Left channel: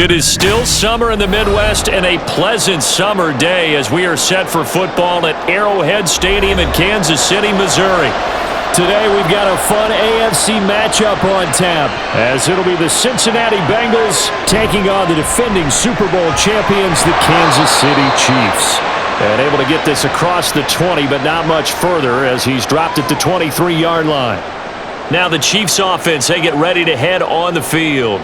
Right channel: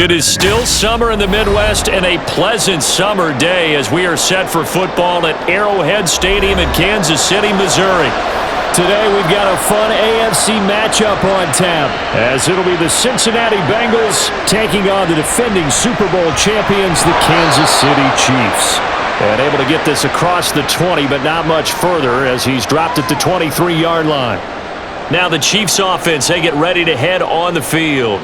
It is still summer in the Midwest and a pleasant summer day as we are set for football at Arrowhead Stadium in Kansas City, Missouri. Today we've got a fun AFC matchup on tap as it'll be the Cincinnati Bengals taking on the defending Super Bowl champions, the Kansas City Chiefs. And able to get this across the 20, but not much further as he's dropped at the 23-yard line. Now the Chiefs offense, they get ready to head on the field.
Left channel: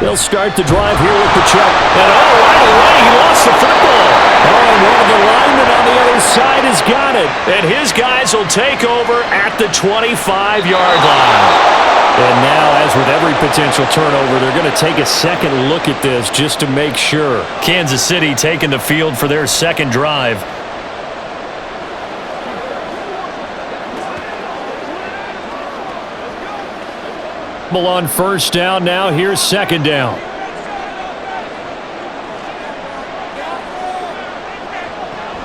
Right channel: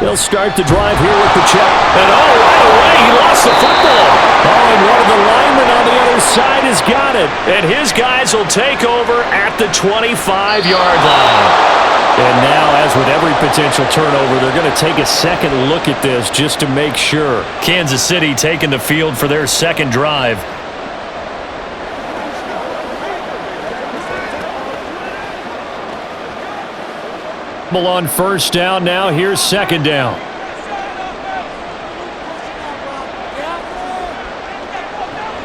They'll start the drive here with the check. And right away, he lost the football. And one of the linemen on the other side has got it. And his guys will take over at the 25-yard line. And now, as with every potential turnover, they're going to take a second look at this just to make sure. Kansas City taking the field for their second drive. On first down now, here's second down.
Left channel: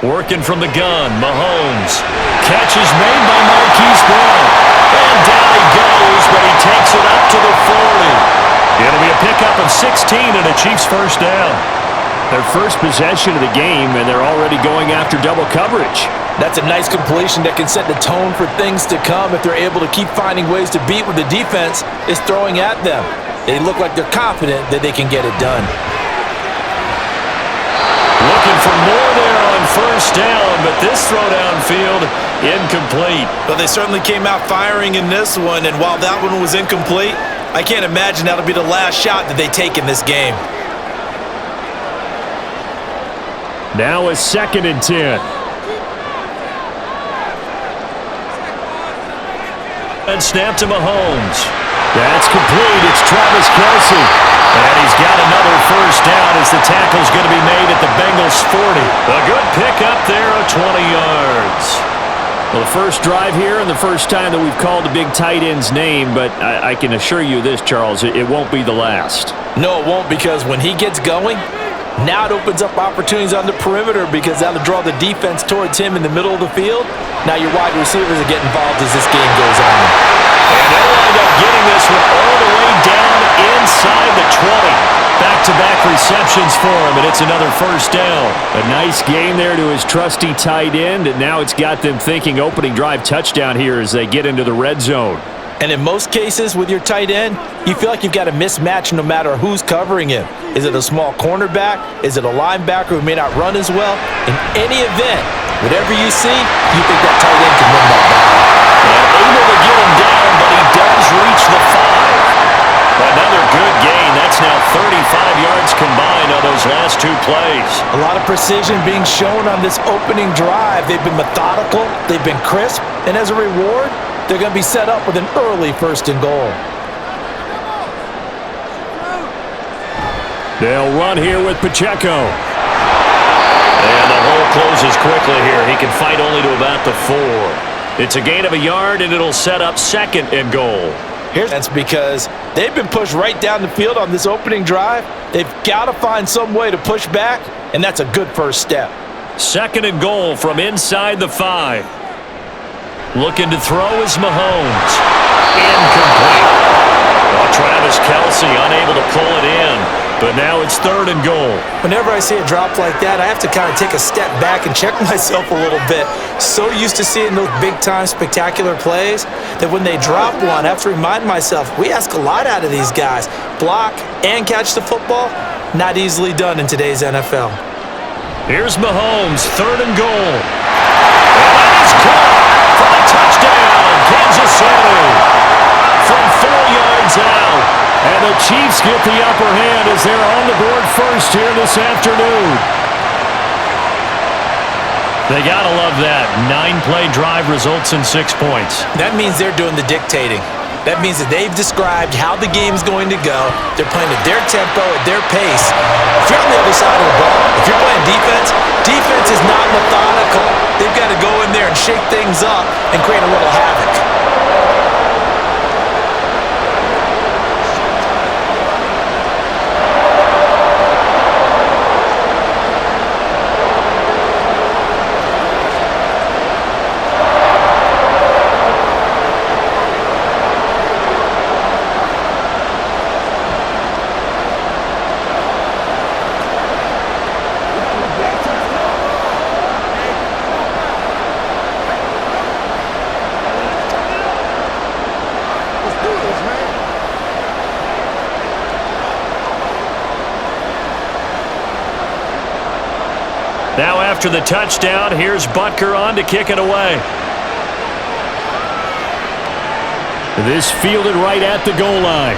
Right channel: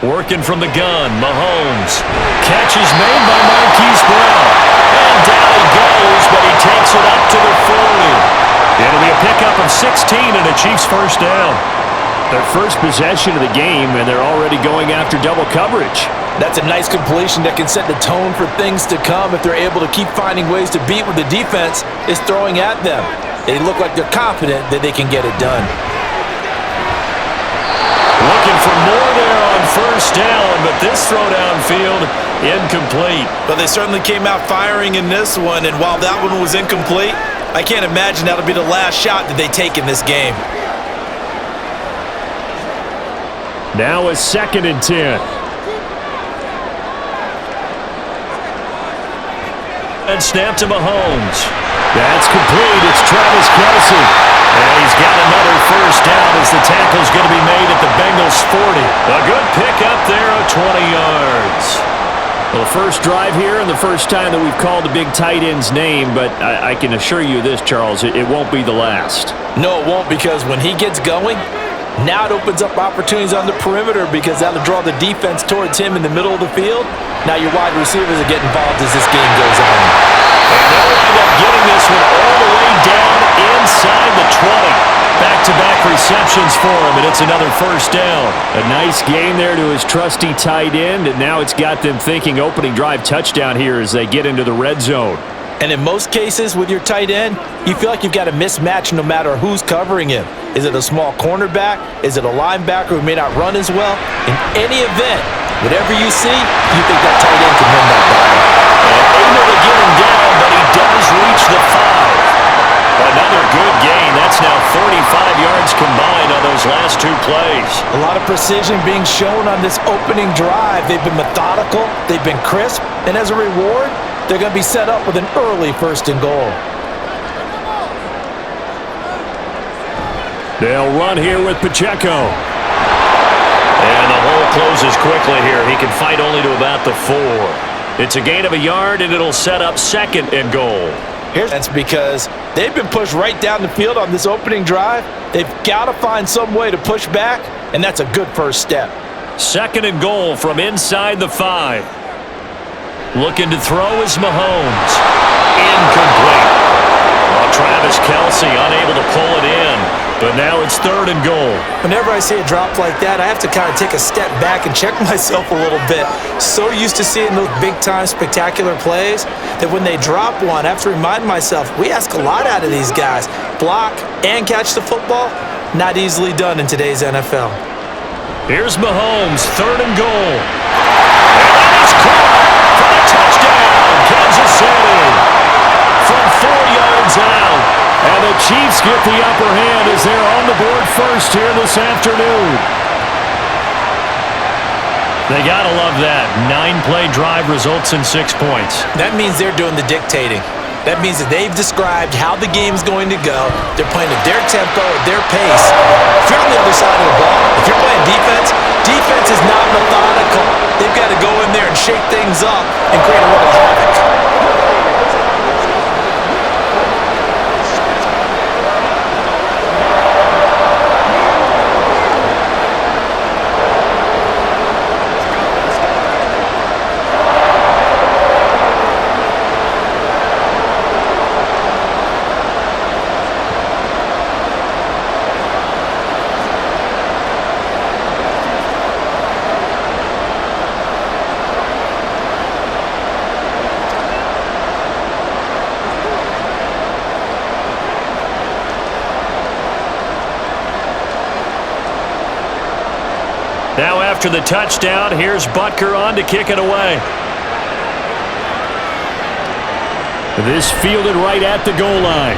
Working from the gun, Mahomes. Catch is made by Marquise Brown. And down he goes, but he takes it up to the 40. It'll be a pickup of 16 and a Chiefs first down. Their first possession of the game, and they're already going after double coverage. That's a nice completion that can set the tone for things to come if they're able to keep finding ways to beat what the defense is throwing at them. They look like they're confident that they can get it done. Looking for more there on first down, but this throw downfield incomplete. But they certainly came out firing in this one, and while that one was incomplete, I can't imagine that'll be the last shot that they take in this game. Now a 2nd and 10. And snap to Mahomes. That's complete. It's Travis Kelce. And he's got another first down as the tackle's going to be made at the Bengals 40. A good pickup there of 20 yards. Well, the first drive here and the first time that we've called the big tight end's name, but I can assure you this, Charles, it won't be the last. No, it won't, because when he gets going, now it opens up opportunities on the perimeter because that'll draw the defense towards him in the middle of the field. Now your wide receivers will get involved as this game goes on. And they'll wind up getting this one all the way down inside the 20. Back-to-back receptions for him, and it's another first down. A nice game there to his trusty tight end, and now it's got them thinking opening drive touchdown here as they get into the red zone. And in most cases with your tight end, you feel like you've got a mismatch no matter who's covering him. Is it a small cornerback? Is it a linebacker who may not run as well? In any event, whatever you see, you think that tight end can win that battle. And able to get him down, but he does reach the 5. Another good gain. That's now 35 yards combined on those last two plays. A lot of precision being shown on this opening drive. They've been methodical. They've been crisp. And as a reward, they're going to be set up with an early 1st and goal. They'll run here with Pacheco. And the hole closes quickly here. He can fight only to about the 4. It's a gain of a yard, and it'll set up 2nd and goal. That's because they've been pushed right down the field on this opening drive. They've got to find some way to push back, and that's a good first step. 2nd and goal from inside the 5. Looking to throw is Mahomes. Incomplete. Well, Travis Kelce unable to pull it in. But now it's 3rd and goal. Whenever I see a drop like that, I have to kind of take a step back and check myself a little bit. So used to seeing those big-time spectacular plays that when they drop one, I have to remind myself, we ask a lot out of these guys. Block and catch the football, not easily done in today's NFL. Here's Mahomes, 3rd and goal. And that is caught for the touchdown, Kansas City. From 4 yards out. And the Chiefs get the upper hand as they're on the board first here this afternoon. They got to love that. 9-play drive results in 6 points. That means they're doing the dictating. That means that they've described how the game's going to go. They're playing at their tempo, at their pace. If you're on the other side of the ball, if you're playing defense, defense is not methodical. They've got to go in there and shake things up and create a little havoc. Now after the touchdown, here's Butker on to kick it away. This fielded right at the goal line.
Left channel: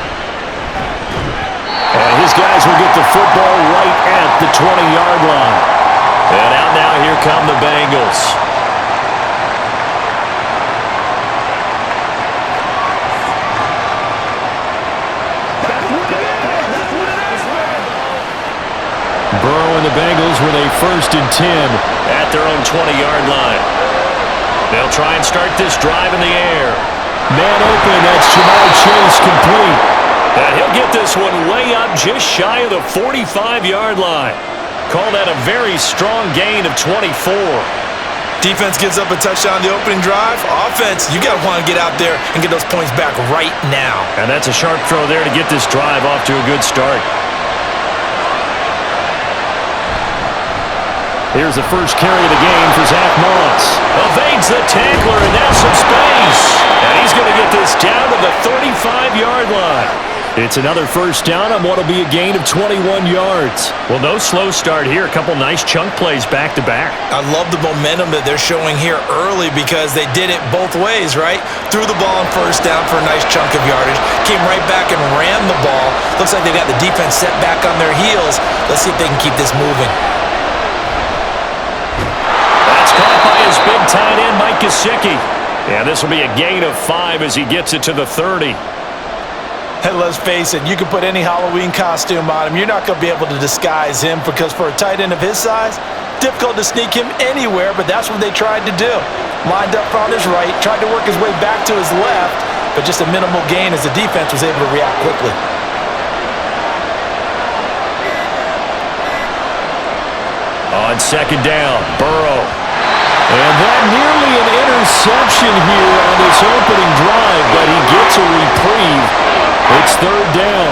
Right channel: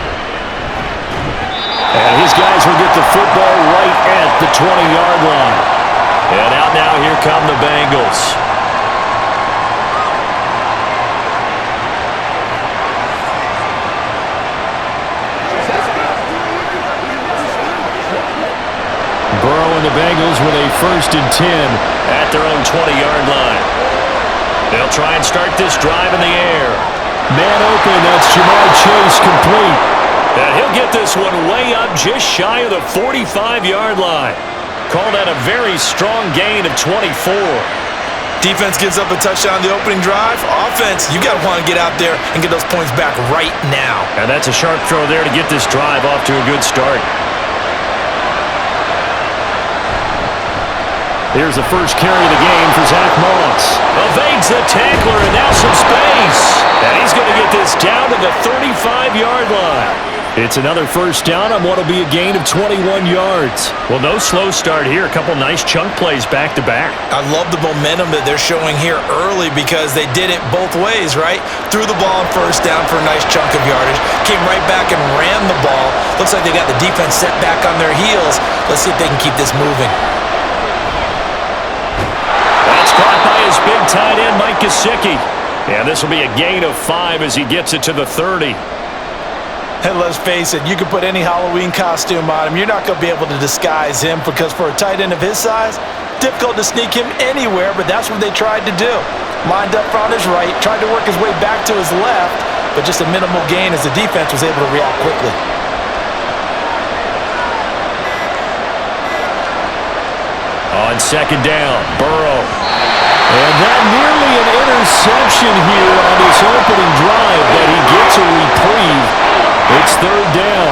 And his guys will get the football right at the 20-yard line. And out now, here come the Bengals. Burrow and the Bengals with a 1st and 10 at their own 20-yard line. They'll try and start this drive in the air. Man open, that's Jamar Chase, complete. And he'll get this one way up just shy of the 45-yard line. Call that a very strong gain of 24. Defense gives up a touchdown on the opening drive. Offense, you got to want to get out there and get those points back right now. And that's a sharp throw there to get this drive off to a good start. Here's the first carry of the game for Zach Moss. Evades the tackler, and now some space. And he's going to get this down to the 35-yard line. It's another first down on what will be a gain of 21 yards. Well, no slow start here. A couple nice chunk plays back-to-back. I love the momentum that they're showing here early because they did it both ways, right? Threw the ball on first down for a nice chunk of yardage. Came right back and ran the ball. Looks like they got the defense set back on their heels. Let's see if they can keep this moving. That's caught by his big tight end, Mike Gesicki. Yeah, this will be a gain of 5 as he gets it to the 30. And let's face it, you can put any Halloween costume on him. You're not going to be able to disguise him because for a tight end of his size, difficult to sneak him anywhere, but that's what they tried to do. Lined up on his right, tried to work his way back to his left, but just a minimal gain as the defense was able to react quickly. On 2nd down, Burrow. And that nearly an interception here on his opening drive, but he gets a reprieve. It's 3rd down.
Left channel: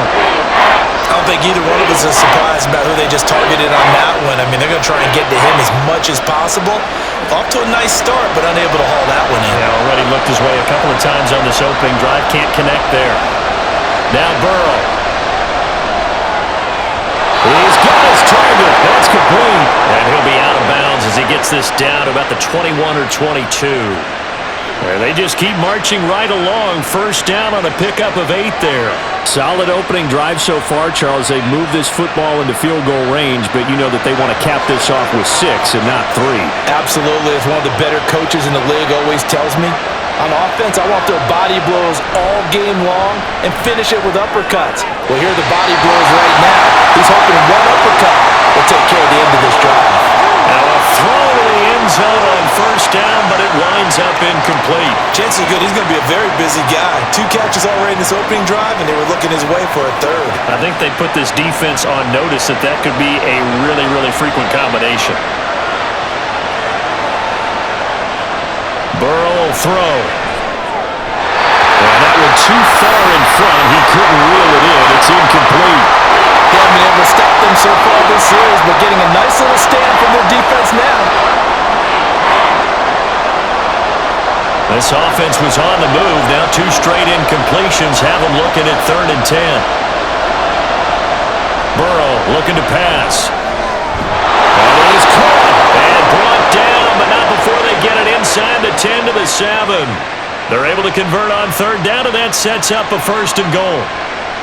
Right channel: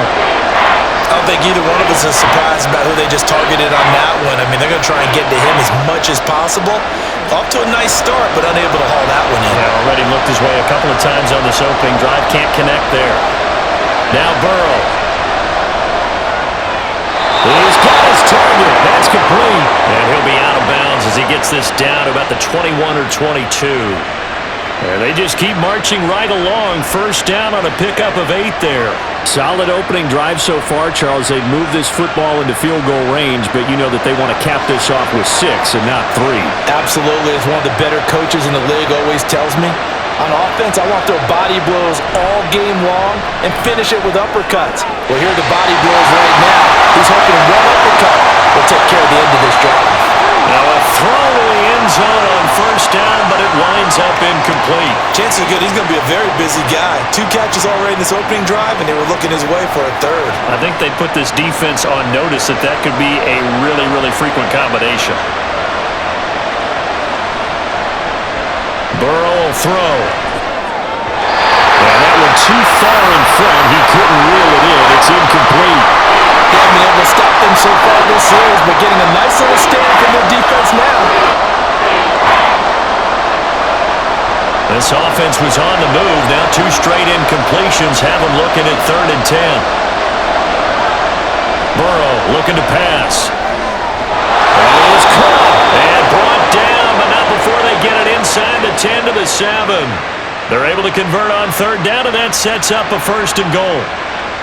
I don't think either one of us is surprised about who they just targeted on that one. I mean, they're going to try and get to him as much as possible. Off to a nice start, but unable to haul that one in. Yeah, already looked his way a couple of times on this opening drive. Can't connect there. Now Burrow. He's got his target. That's complete. And he'll be out of bounds as he gets this down to about the 21 or 22. They just keep marching right along. First down on a pickup of 8 there. Solid opening drive so far, Charles. They've moved this football into field goal range, but you know that they want to cap this off with 6 and not 3. Absolutely. As one of the better coaches in the league always tells me, on offense, I want to throw body blows all game long and finish it with uppercuts. Well, here are the body blows right now. He's hoping one uppercut will take care of the end of this drive. Now a throw to the end zone on first down, but it winds up incomplete. Chances are good he's going to be a very busy guy. 2 catches already in this opening drive, and they were looking his way for a 3rd. I think they put this defense on notice that could be a really, really frequent combination. Burrow will throw. And that one too far in front. He couldn't reel it in. It's incomplete. They haven't been able to stop them so far this series, but getting a nice little stand from their defense now. This offense was on the move. Now 2 straight incompletions have them looking at 3rd and 10. Burrow looking to pass. And it is caught and brought down, but not before they get it inside the 10 to the 7. They're able to convert on 3rd down, and that sets up a 1st and goal.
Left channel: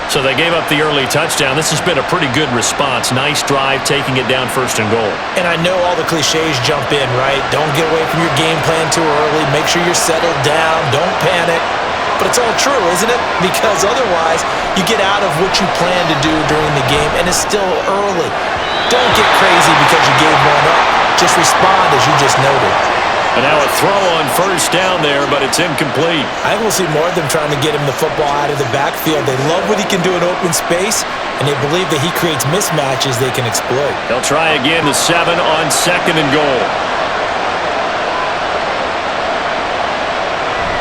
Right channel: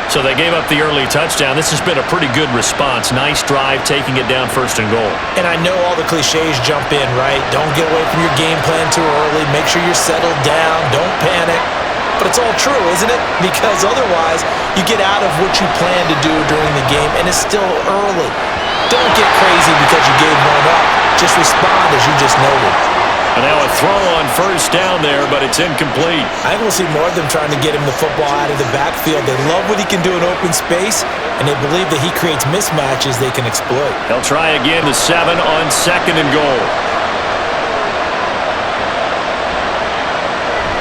So they gave up the early touchdown. This has been a pretty good response. Nice drive, taking it down 1st and goal. And I know all the cliches jump in, right? Don't get away from your game plan too early. Make sure you're settled down. Don't panic. But it's all true, isn't it? Because otherwise, you get out of what you plan to do during the game, and it's still early. Don't get crazy because you gave one up. Just respond as you just noted. And now a throw on first down there, but it's incomplete. I think we'll see more of them trying to get him the football out of the backfield. They love what he can do in open space, and they believe that he creates mismatches they can exploit. They'll try again the 7 on 2nd and goal.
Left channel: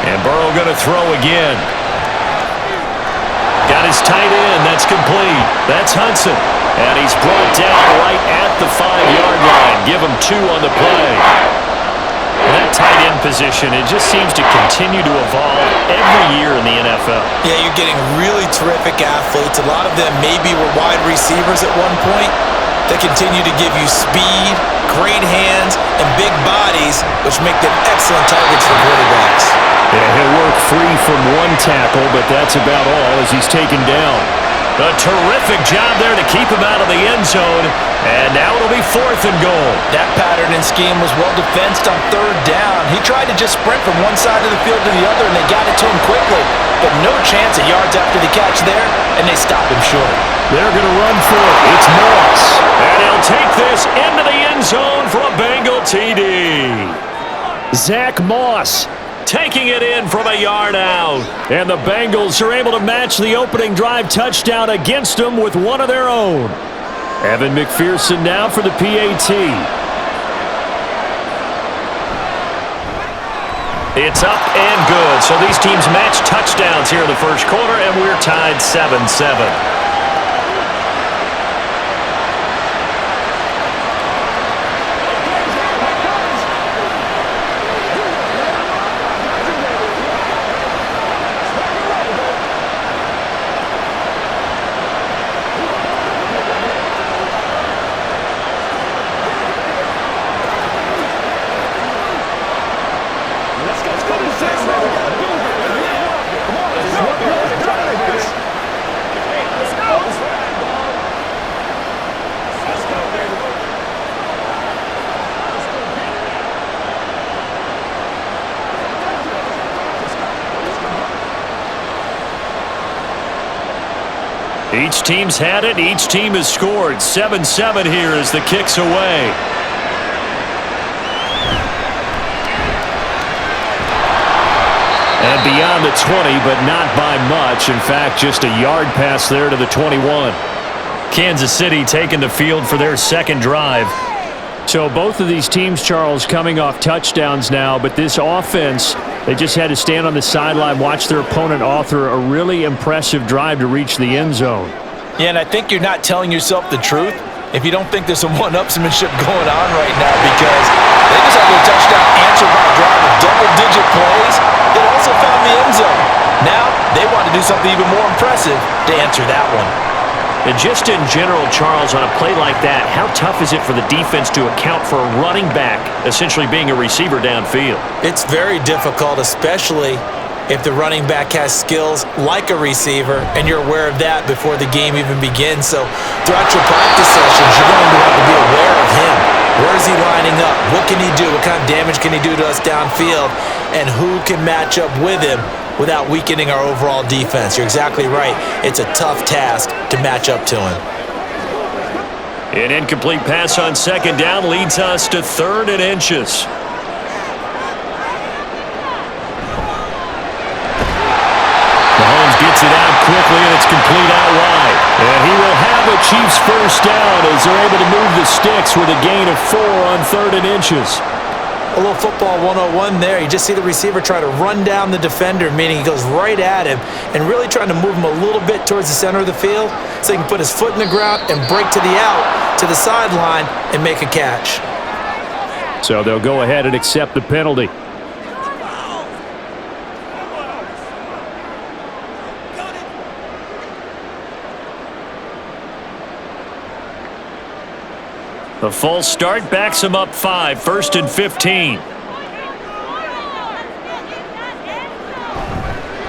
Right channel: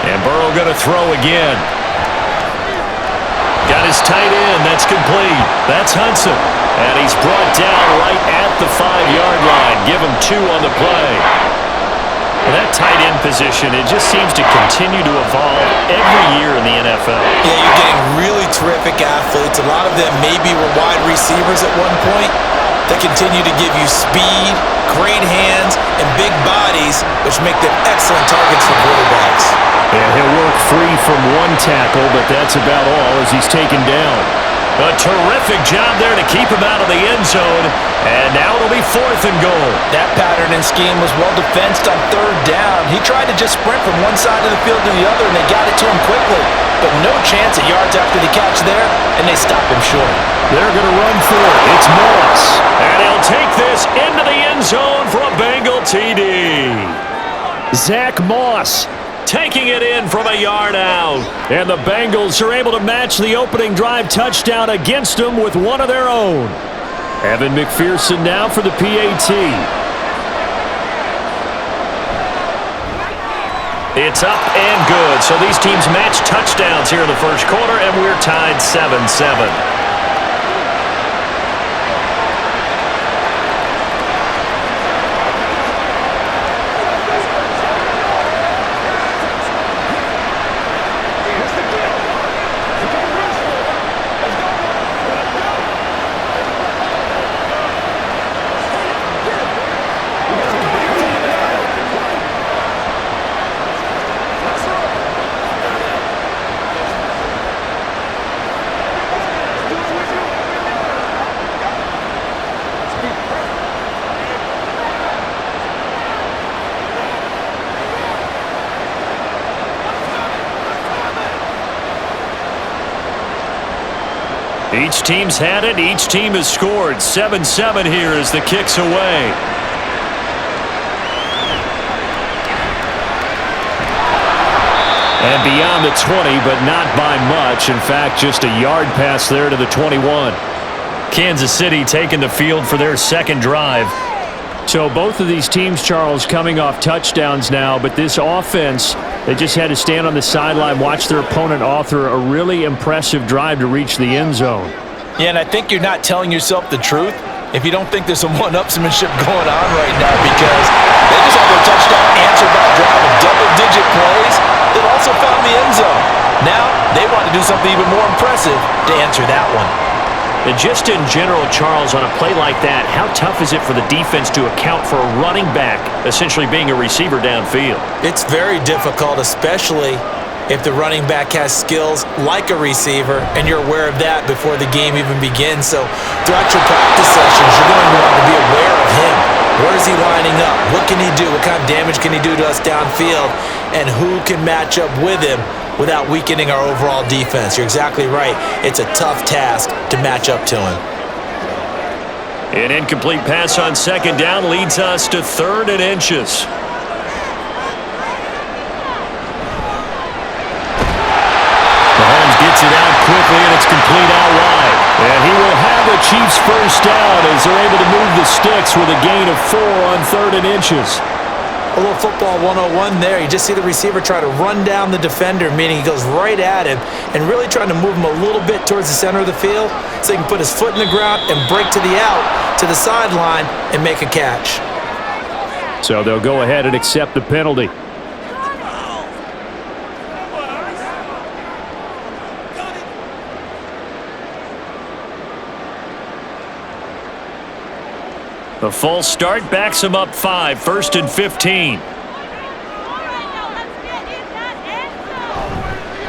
And Burrow going to throw again. Got his tight end. That's complete. That's Hudson. And he's brought down right at the 5-yard line. Give him 2 on the play. And that tight end position, it just seems to continue to evolve every year in the NFL. Yeah, you're getting really terrific athletes. A lot of them maybe were wide receivers at one point. They continue to give you speed, great hands, and big bodies, which make them excellent targets for quarterbacks. Yeah, he'll work free from one tackle, but that's about all as he's taken down. A terrific job there to keep him out of the end zone, and now it'll be 4th and goal. That pattern and scheme was well defensed on 3rd down. He tried to just sprint from one side of the field to the other, and they got it to him quickly. But no chance at yards after the catch there, and they stop him short. They're going to run for it. It's Moss. And he'll take this into the end zone for a Bengal TD. Zach Moss taking it in from a yard out. And the Bengals are able to match the opening drive touchdown against them with one of their own. Evan McPherson now for the PAT. It's up and good. So these teams match touchdowns here in the first quarter, and we're tied 7-7. Each team's had it. Each team has scored. 7-7 here as the kick's away. And beyond the 20, but not by much. In fact, just a yard pass there to the 21. Kansas City taking the field for their second drive. So both of these teams, Charles, coming off touchdowns now, but this offense, they just had to stand on the sideline, watch their opponent author a really impressive drive to reach the end zone. Yeah, and I think you're not telling yourself the truth if you don't think there's some one-upsmanship going on right now, because they just had their touchdown answered by a drive of double-digit plays that also found the end zone. Now they want to do something even more impressive to answer that one. And just in general, Charles, on a play like that, how tough is it for the defense to account for a running back essentially being a receiver downfield? It's very difficult, especially if the running back has skills like a receiver, and you're aware of that before the game even begins. So throughout your practice sessions, you're going to want to be aware of him. Where is he lining up? What can he do? What kind of damage can he do to us downfield? And who can match up with him without weakening our overall defense? You're exactly right. It's a tough task to match up to him. An incomplete pass on second down leads us to 3rd and inches. Mahomes gets it out quickly, and it's complete out wide. And he will have the Chiefs first down as they're able to move the sticks with a gain of 4 on 3rd and inches. A little football 101 there. You just see the receiver try to run down the defender, meaning he goes right at him and really trying to move him a little bit towards the center of the field so he can put his foot in the ground and break to the out, to the sideline, and make a catch. So they'll go ahead and accept the penalty. The false start backs him up 5, 1st and 15.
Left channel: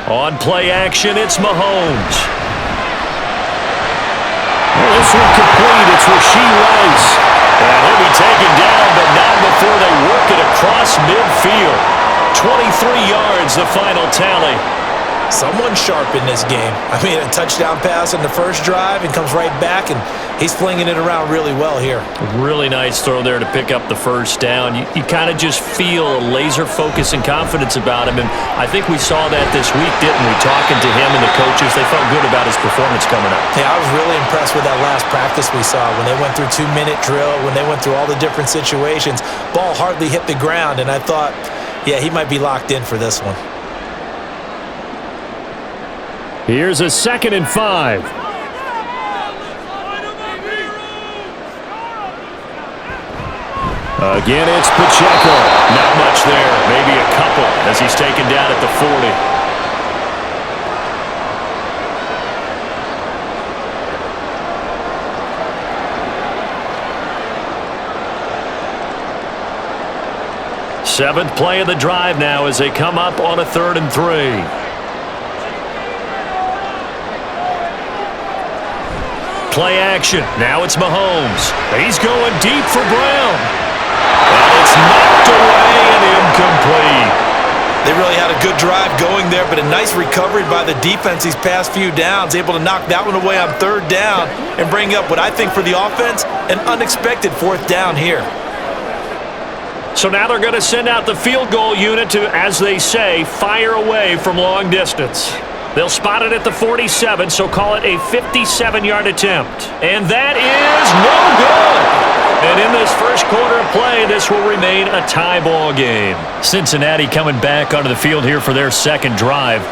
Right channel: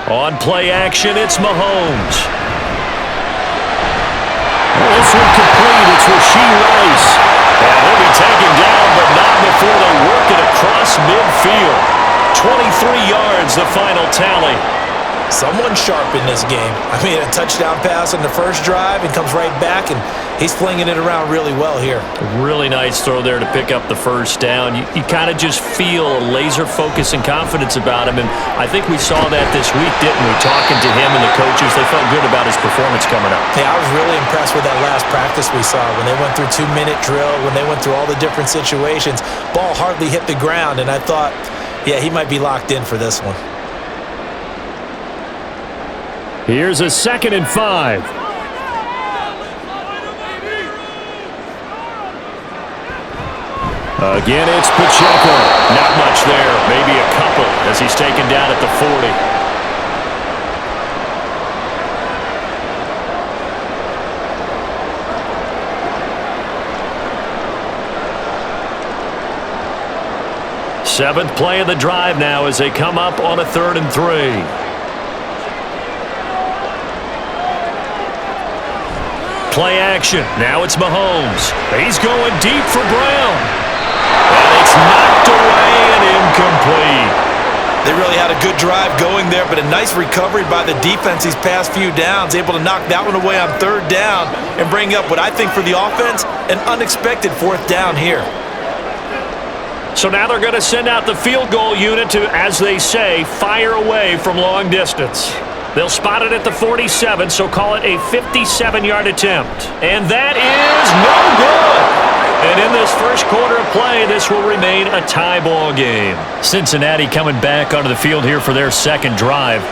On play action, it's Mahomes. Well, this one complete. It's Rashee Rice. And he'll be taken down, but not before they work it across midfield. 23 yards, the final tally. Someone sharp in this game. I mean, a touchdown pass on the first drive and comes right back, and he's flinging it around really well here. Really nice throw there to pick up the first down. You kind of just feel a laser focus and confidence about him, and I think we saw that this week, didn't we? Talking to him and the coaches, they felt good about his performance coming up. Yeah, I was really impressed with that last practice we saw when they went through 2-minute drill, when they went through all the different situations. Ball hardly hit the ground, and I thought, yeah, he might be locked in for this one. Here's a 2nd and 5. Again, it's Pacheco. Not much there. Maybe a couple as he's taken down at the 40. Seventh play of the drive now as they come up on a 3rd and 3. Play action. Now it's Mahomes. He's going deep for Brown. And it's knocked away and incomplete. They really had a good drive going there, but a nice recovery by the defense these past few downs, able to knock that one away on 3rd down and bring up what I think for the offense, an unexpected 4th down here. So now they're going to send out the field goal unit to, as they say, fire away from long distance. They'll spot it at the 47, so call it a 57-yard attempt. And that is no good. And in this first quarter of play, this will remain a tie ball game. Cincinnati coming back onto the field here for their second drive.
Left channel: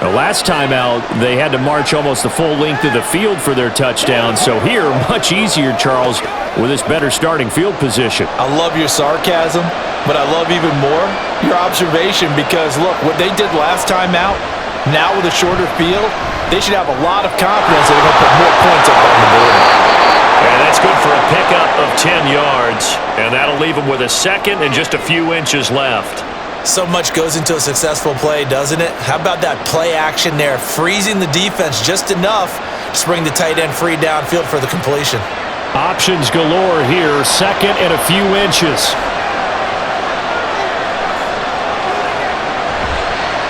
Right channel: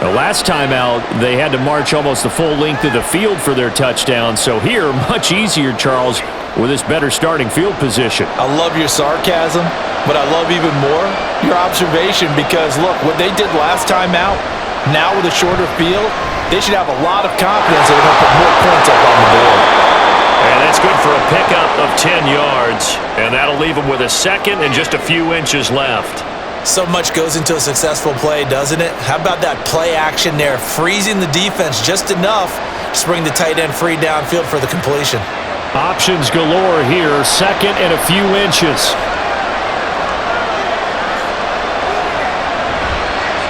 The last time out, they had to march almost the full length of the field for their touchdown. So here, much easier, Charles, with this better starting field position. I love your sarcasm, but I love even more your observation because, look, what they did last time out, now with a shorter field, they should have a lot of confidence that they're going to put more points up on the board. And that's good for a pickup of 10 yards. And that'll leave them with a second and just a few inches left. So much goes into a successful play, doesn't it? How about that play action there, freezing the defense just enough to bring the tight end free downfield for the completion. Options galore here, second and a few inches.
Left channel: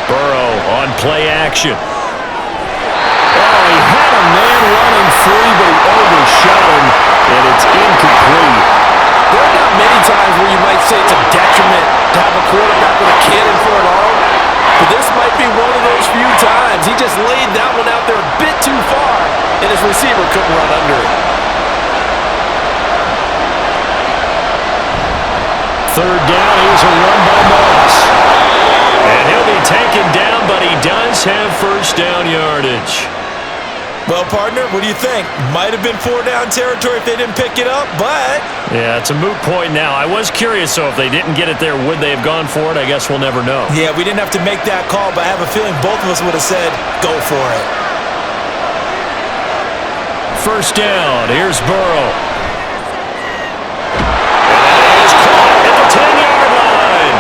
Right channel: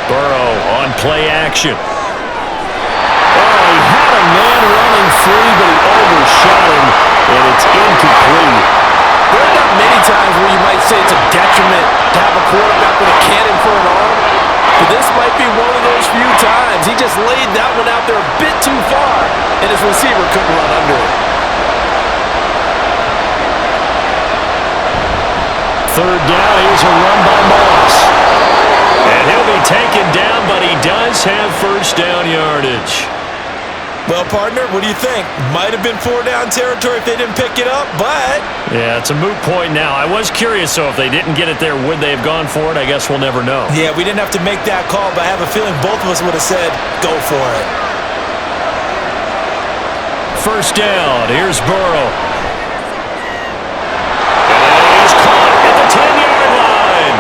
Burrow on play action. Oh, he had a man running free, but he overshot him, and it's incomplete. There are not many times where you might say it's a detriment to have a quarterback with a cannon for an arm, but this might be one of those few times. He just laid that one out there a bit too far, and his receiver couldn't run under it. 3rd down, here's a run by Moss. And he'll be taken down, but he does have first down yardage. Well, partner, what do you think? Might have been 4 down territory if they didn't pick it up, but... Yeah, it's a moot point now. I was curious, so if they didn't get it there, would they have gone for it? I guess we'll never know. Yeah, we didn't have to make that call, but I have a feeling both of us would have said, go for it. First down, here's Burrow. And that is caught at the 10-yard line.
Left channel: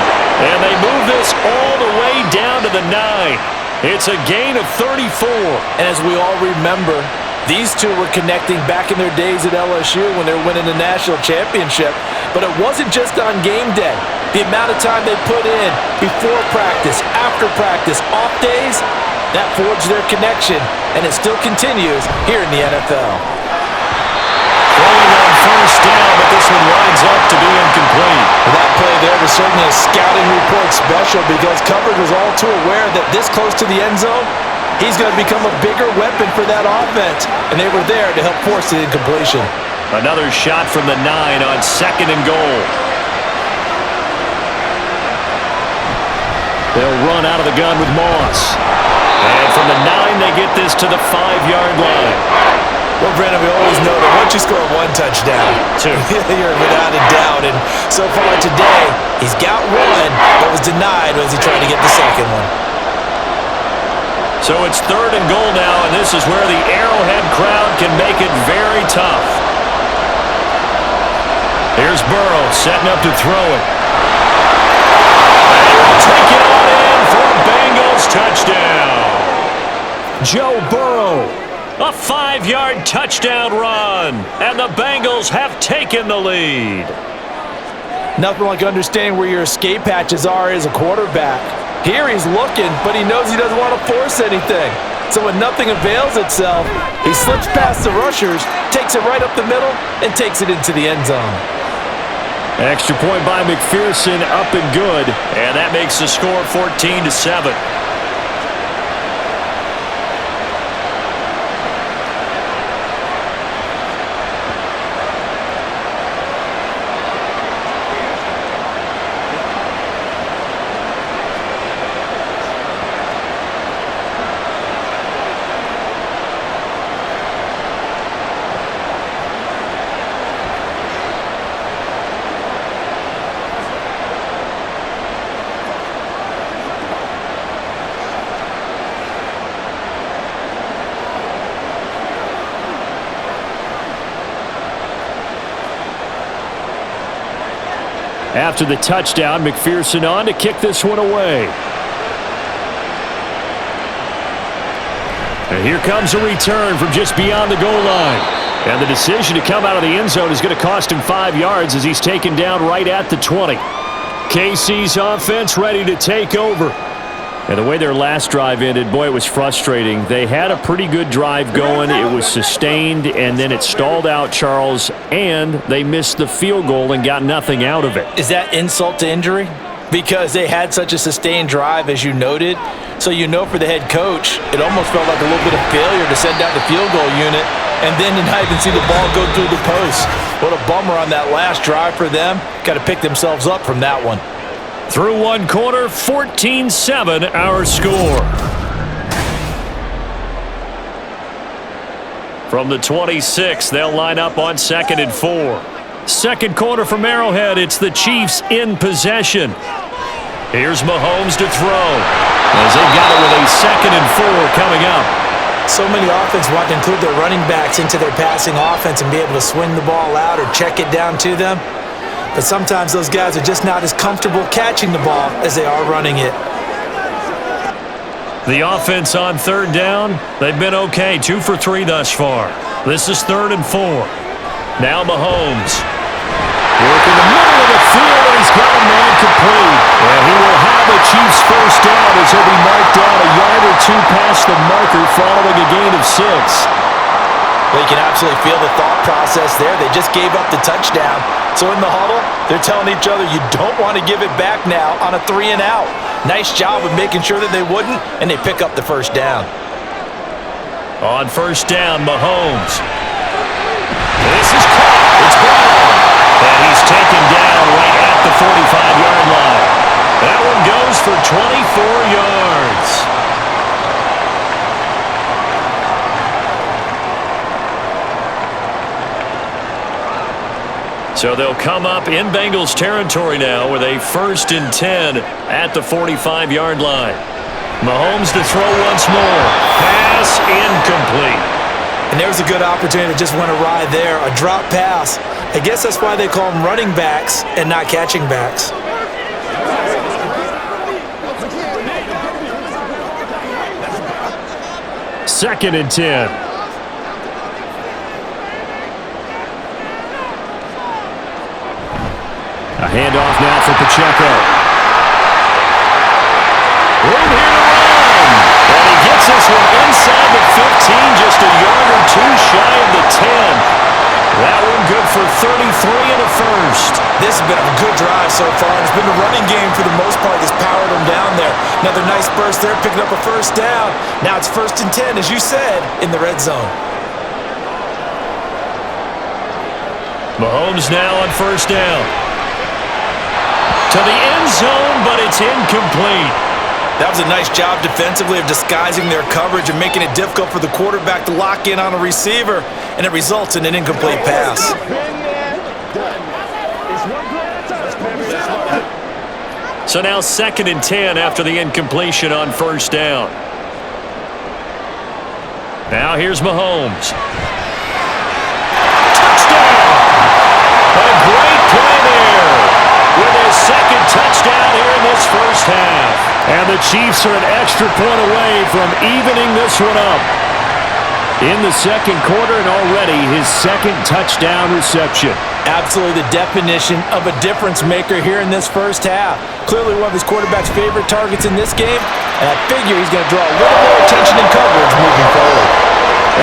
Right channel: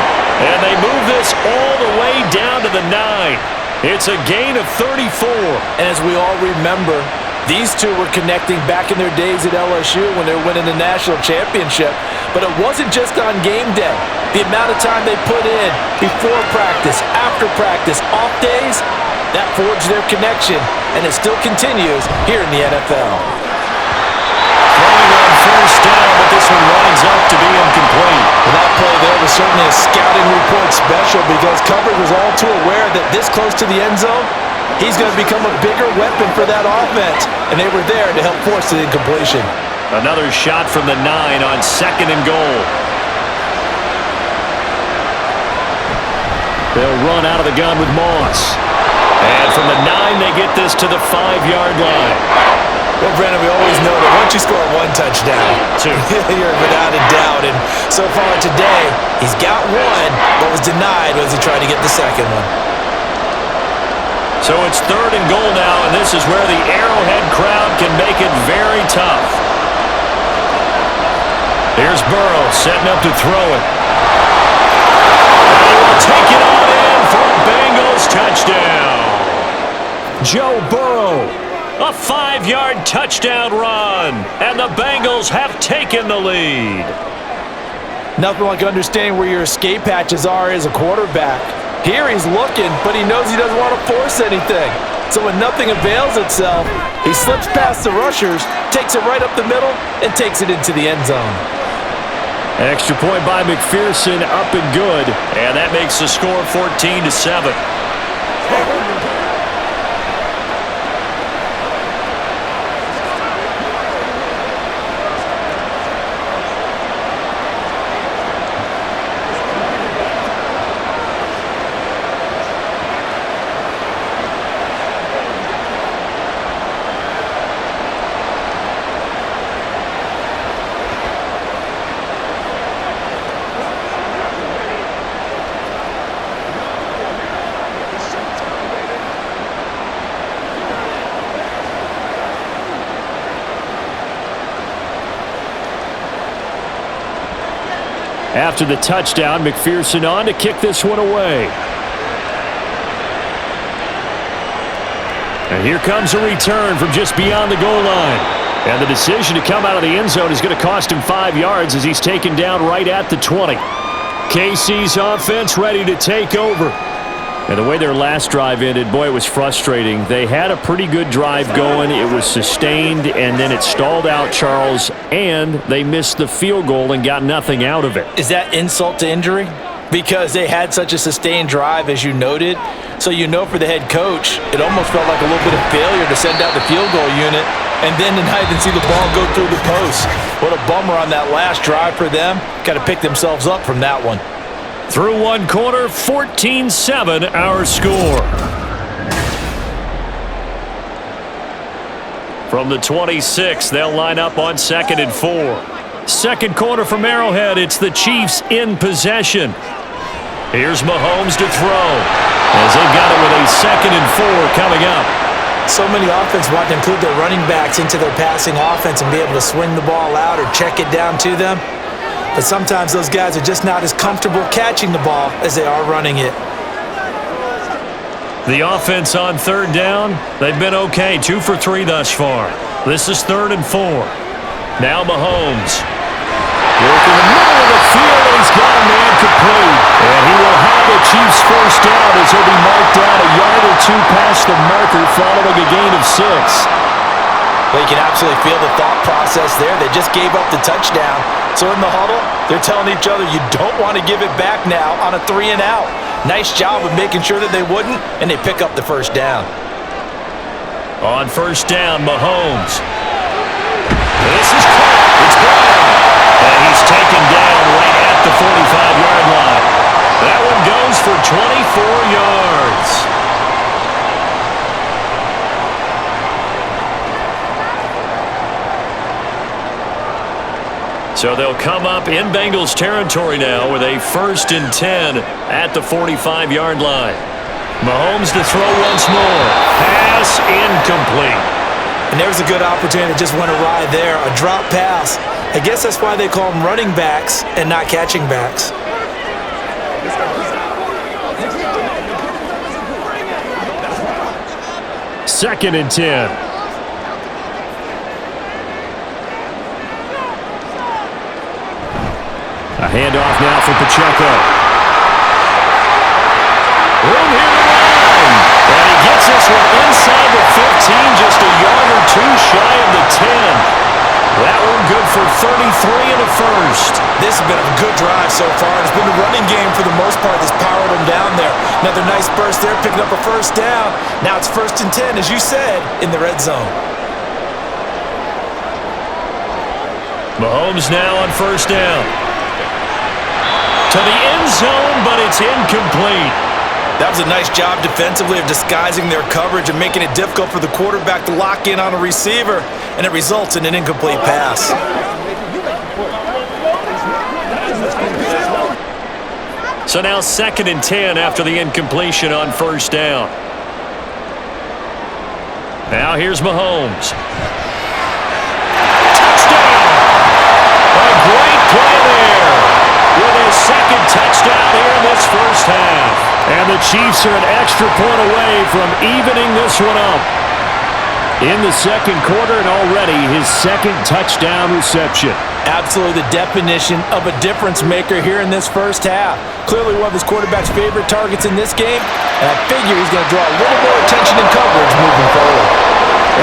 And they move this all the way down to the 9. It's a gain of 34. And as we all remember, these two were connecting back in their days at LSU when they were winning the national championship. But it wasn't just on game day. The amount of time they put in before practice, after practice, off days, that forged their connection. And it still continues here in the NFL. Throwing on first down, but this one winds up to be incomplete. Well, that play there was certainly a scouting report special because coverage was all too aware that this close to the end zone, he's going to become a bigger weapon for that offense. And they were there to help force the incompletion. Another shot from the 9 on 2nd and goal. They'll run out of the gun with Moss. And from the 9, they get this to the 5-yard line. Well, Brandon, we always know that once you score 1 touchdown, 2. You're without a doubt. And so far today, he's got 1, but was denied as he tried to get the second one. So it's 3rd and goal now, and this is where the Arrowhead crowd can make it very tough. Here's Burrow setting up to throw it. And he will take it on in for a Bengals touchdown. Joe Burrow. A 5-yard touchdown run, and the Bengals have taken the lead. Nothing like understanding where your escape hatches are as a quarterback. Here he's looking, but he knows he doesn't want to force anything. So when nothing avails itself, he slips past the rushers, takes it right up the middle, and takes it into the end zone. Extra point by McPherson, up and good, and that makes the score 14-7. After the touchdown, McPherson on to kick this one away. And here comes a return from just beyond the goal line. And the decision to come out of the end zone is going to cost him 5 yards as he's taken down right at the 20. KC's offense ready to take over. And the way their last drive ended, boy, it was frustrating. They had a pretty good drive going. It was sustained, and then it stalled out, Charles, and they missed the field goal and got nothing out of it. Is that insult to injury? Because they had such a sustained drive, as you noted. So you know for the head coach, it almost felt like a little bit of failure to send out the field goal unit and then to not even see the ball go through the post. What a bummer on that last drive for them. Got to pick themselves up from that one. Through one quarter, 14-7 our score. From the 26, they'll line up on 2nd and 4. Second quarter from Arrowhead, it's the Chiefs in possession. Here's Mahomes to throw as they've got it with a 2nd and 4 coming up. So many offense want to include their running backs into their passing offense and be able to swing the ball out or check it down to them. But sometimes those guys are just not as comfortable catching the ball as they are running it. The offense on 3rd down, they've been okay, 2 for 3 thus far. This is 3rd and 4. Now Mahomes. Work in the middle of the field, and he's got a man complete. And he will have the Chiefs first down as he'll be marked down a yard or 2 past the marker following a gain of 6. Well, you can absolutely feel the thought process there. They just gave up the touchdown. So in the huddle, they're telling each other, you don't want to give it back now on a 3 and out. Nice job of making sure that they wouldn't, and they pick up the first down. On 1st down, Mahomes. This is caught. It's Brown. And he's taken down right at the 45-yard line. That one goes for 24 yards. So they'll come up in Bengals territory now with a 1st and 10 at the 45-yard line. Mahomes to throw once more. Pass incomplete. And there's a good opportunity that just went awry there, a drop pass. I guess that's why they call them running backs and not catching backs. Second and 10. A handoff now for Pacheco. Room here to run. And he gets this one inside the 15, just a yard or 2 shy of the 10. That one good for 33 and a first. This has been a good drive so far. It's been the running game for the most part that's powered them down there. Another nice burst there, picking up a first down. Now it's 1st and 10, as you said, in the red zone. Mahomes now on 1st down. To the end zone, but it's incomplete. That was a nice job defensively of disguising their coverage and making it difficult for the quarterback to lock in on a receiver, and it results in an incomplete pass. So now 2nd and 10 after the incompletion on 1st down. Now here's Mahomes. Touchdown! A great play there with his 2nd touchdown here in this first half. And the Chiefs are an extra point away from evening this one up. In the 2nd quarter, and already his 2nd touchdown reception. Absolutely the definition of a difference maker here in this first half. Clearly one of his quarterback's favorite targets in this game, and I figure he's going to draw a little more attention and coverage moving forward.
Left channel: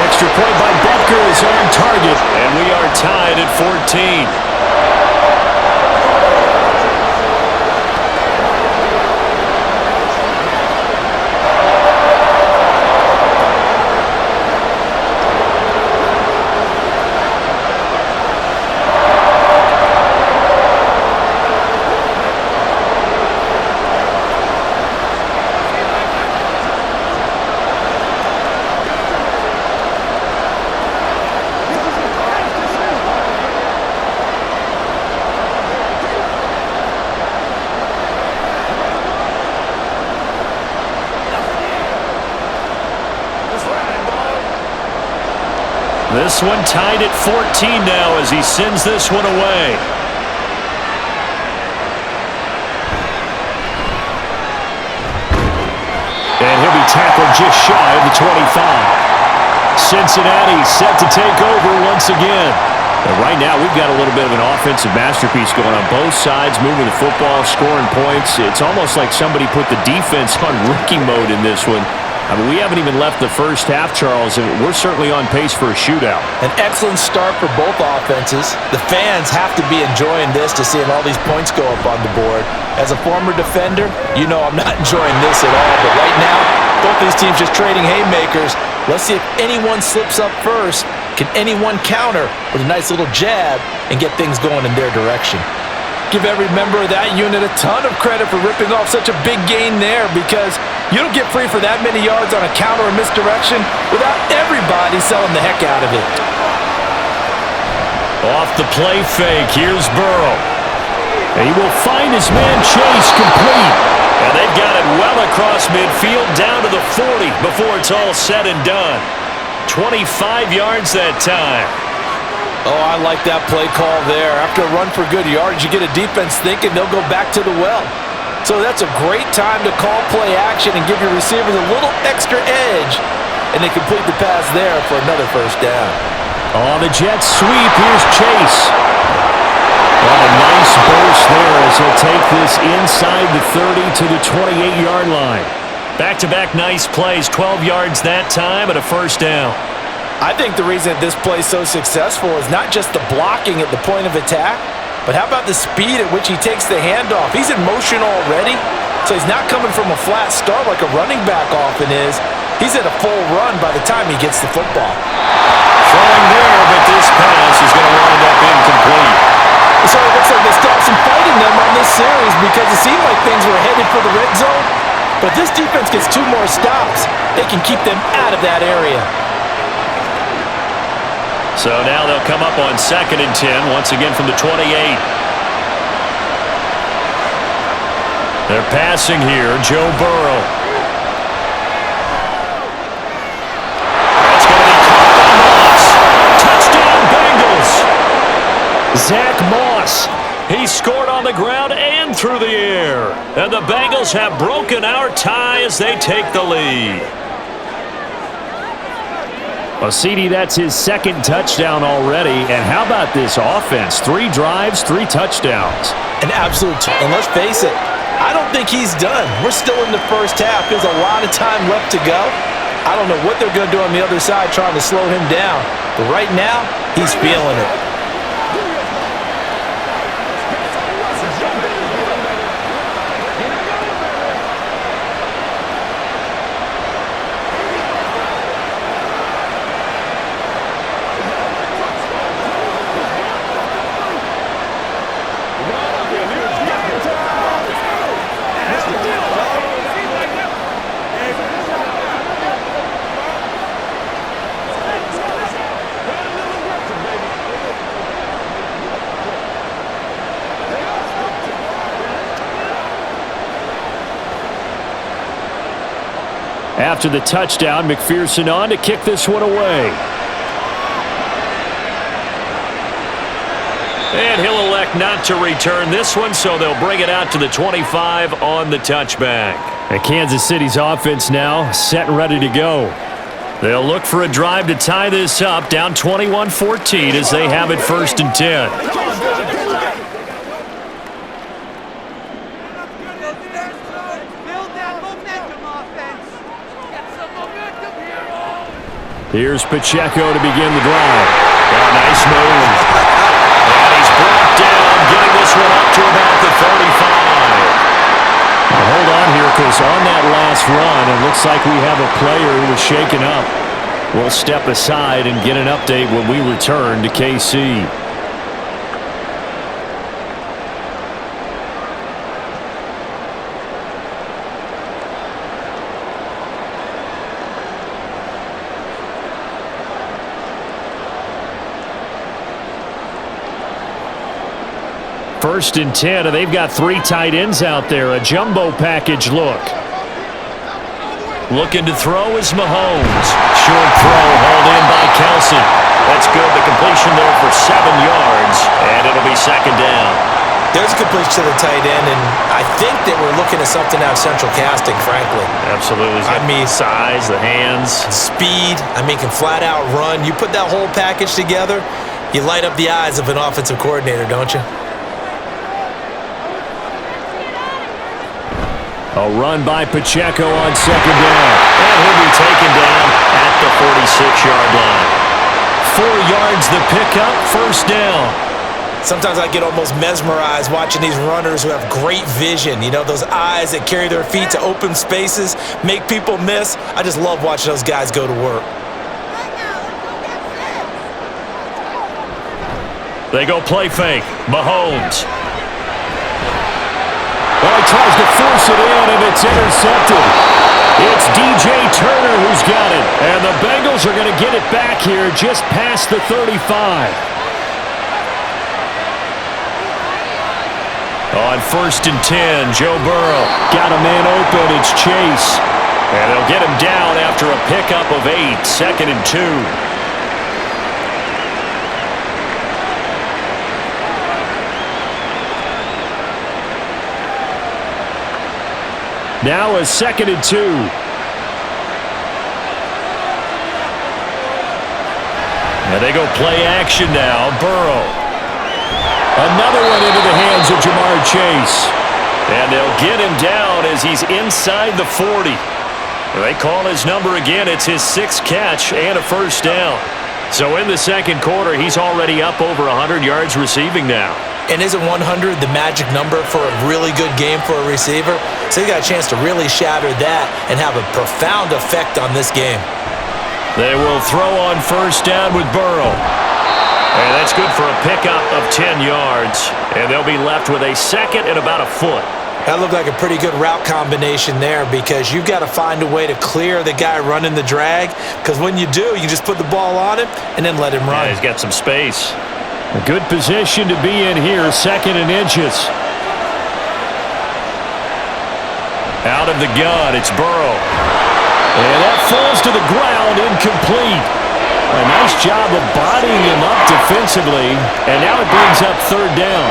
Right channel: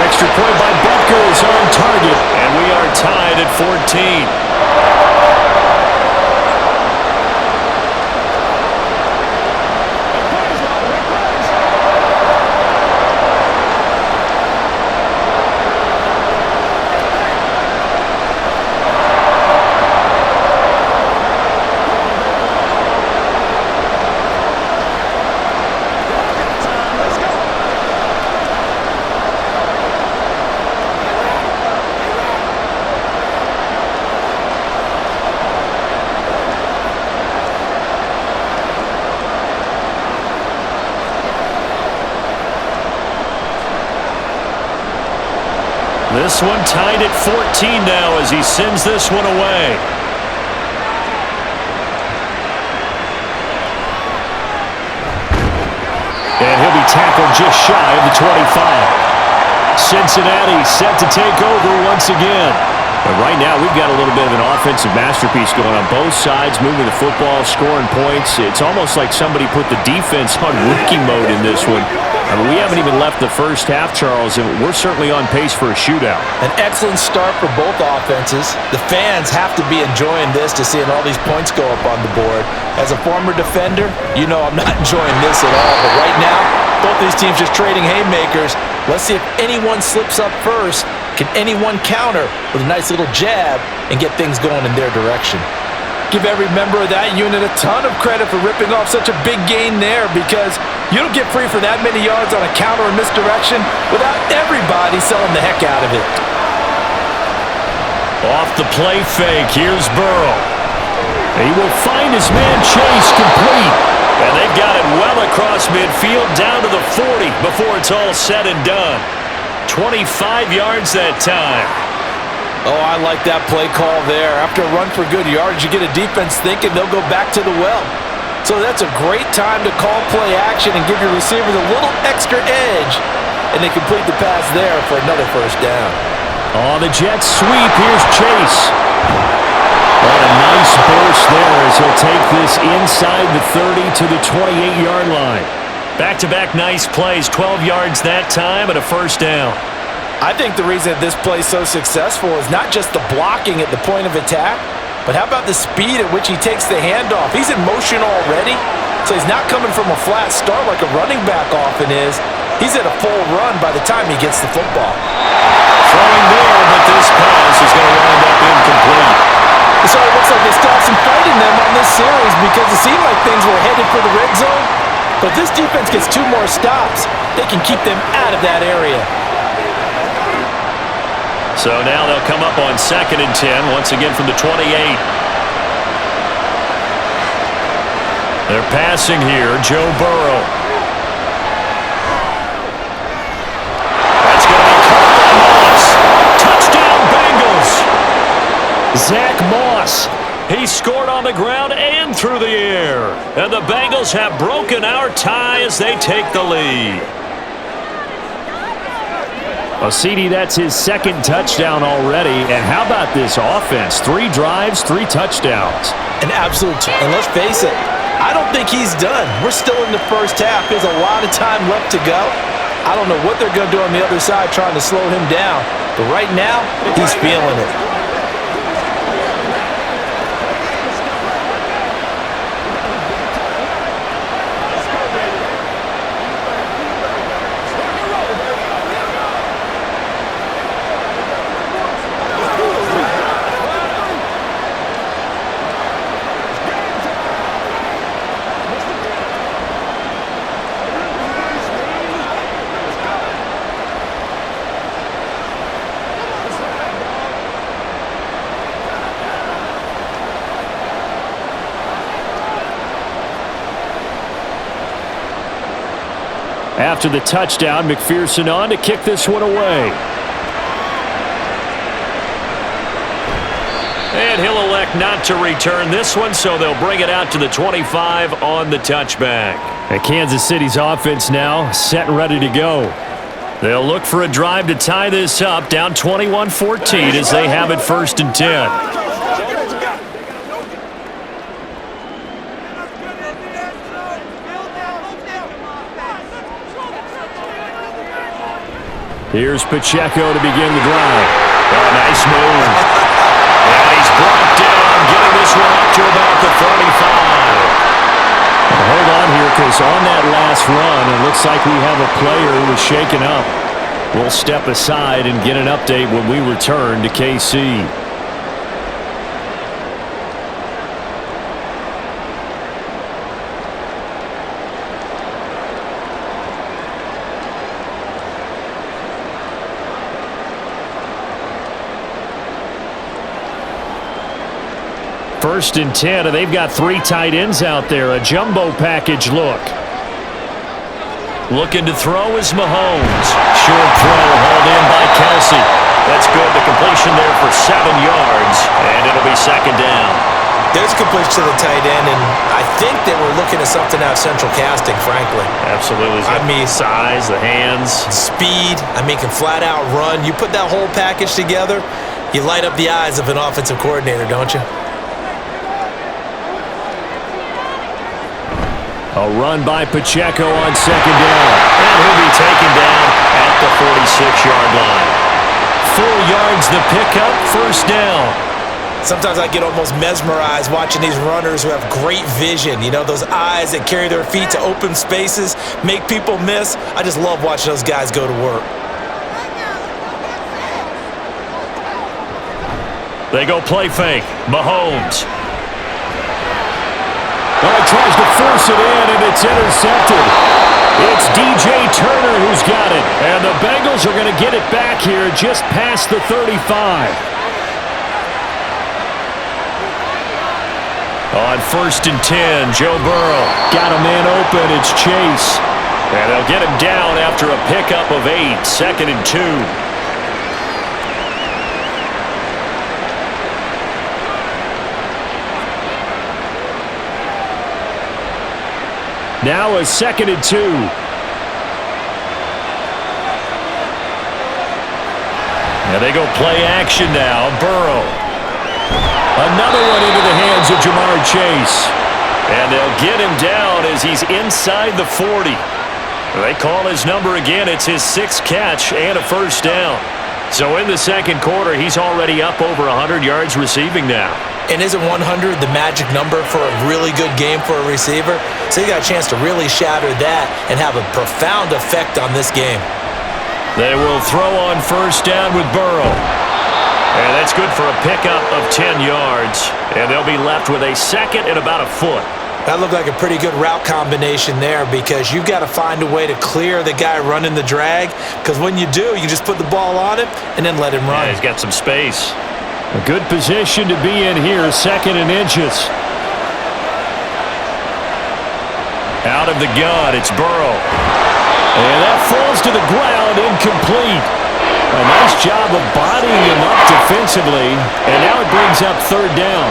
Extra point by Butker is on target, and we are tied at 14. This one tied at 14 now as he sends this one away. And he'll be tackled just shy of the 25. Cincinnati set to take over once again. And right now, we've got a little bit of an offensive masterpiece going on both sides, moving the football, scoring points. It's almost like somebody put the defense on rookie mode in this one. I mean, we haven't even left the first half, Charles, and we're certainly on pace for a shootout. An excellent start for both offenses. The fans have to be enjoying this to seeing all these points go up on the board. As a former defender, you know I'm not enjoying this at all. But right now, both these teams just trading haymakers. Let's see if anyone slips up first. Can anyone counter with a nice little jab and get things going in their direction? Give every member of that unit a ton of credit for ripping off such a big gain there, because you don't get free for that many yards on a counter or misdirection without everybody selling the heck out of it. Off the play fake, here's Burrow. He will find his man Chase complete. And they've got it well across midfield down to the 40 before it's all said and done. 25 yards that time. Oh, I like that play call there. After a run for good yards, you get a defense thinking they'll go back to the well. So that's a great time to call play action and give your receivers a little extra edge. And they complete the pass there for another first down. On the jet sweep, here's Chase. What a nice burst there as he'll take this inside the 30 to the 28-yard line. Back-to-back nice plays, 12 yards that time and a first down. I think the reason that this play is so successful is not just the blocking at the point of attack, but how about the speed at which he takes the handoff? He's in motion already, so he's not coming from a flat start like a running back often is. He's at a full run by the time he gets the football. Throwing there, but this pass is going to wind up incomplete. So it looks like they still have some fight in them on this series, because it seemed like things were headed for the red zone. But if this defense gets 2 more stops, they can keep them out of that area. So now they'll come up on 2nd and 10, once again from the 28. They're passing here, Joe Burrow. That's going to be caught by Moss. Touchdown, Bengals. Zach Moss. He scored on the ground and through the air. And the Bengals have broken our tie as they take the lead. Well, CD, that's his 2nd touchdown already. And how about this offense? 3 drives, 3 touchdowns. An absolute, and let's face it, I don't think he's done. We're still in the first half. There's a lot of time left to go. I don't know what they're going to do on the other side trying to slow him down. But right now, he's feeling it. After the touchdown, McPherson on to kick this one away. And he'll elect not to return this one, so they'll bring it out to the 25 on the touchback. And Kansas City's offense now set and ready to go. They'll look for a drive to tie this up, down 21-14 as they have it 1st and 10. Here's Pacheco to begin the drive. Oh, nice move. And he's brought down, getting this one up to about the 35. Well, hold on here, because on that last run, it looks like we have a player who was shaken up. We'll step aside and get an update when we return to KC. First and 10, and they've got 3 tight ends out there. A jumbo package look. Looking to throw is Mahomes. Short throw hauled in by Kelsey. That's good. The completion there for 7 yards, and it'll be 2nd down. There's a completion to the tight end, and I think they were looking at something out of central casting, frankly. Absolutely. I mean, size, the hands. Speed, can flat out run. You put that whole package together, you light up the eyes of an offensive coordinator, don't you? A run by Pacheco on second down. And he'll be taken down at the 46-yard line. 4 yards the pickup, first down. Sometimes I get almost mesmerized watching these runners who have great vision. You know, those eyes that carry their feet to open spaces, make people miss. I just love watching those guys go to work. They go play fake. Mahomes. Well, he tries to force it in, and it's intercepted. It's DJ Turner who's got it. And the Bengals are going to get it back here just past the 35. On 1st and 10, Joe Burrow got a man open. It's Chase. And they'll get him down after a pickup of 8, 2nd and 2. Now a 2nd and 2. And they go play action now. Burrow. Another one into the hands of Jamar Chase. And they'll get him down as he's inside the 40. They call his number again. It's his 6th catch and a first down. So in the second quarter, he's already up over 100 yards receiving now. And isn't 100 the magic number for a really good game for a receiver? So he got a chance to really shatter that and have a profound effect on this game. They will throw on first down with Burrow. And that's good for a pickup of 10 yards. And they'll be left with a 2nd and about a foot. That looked like a pretty good route combination there because you've got to find a way to clear the guy running the drag. Because when you do, you just put the ball on him and then let him run. Yeah, he's got some space. A good position to be in here, 2nd and inches. Out of the gun, it's Burrow. And that falls to the ground, incomplete. A nice job of bodying him up defensively, and now it brings up 3rd down.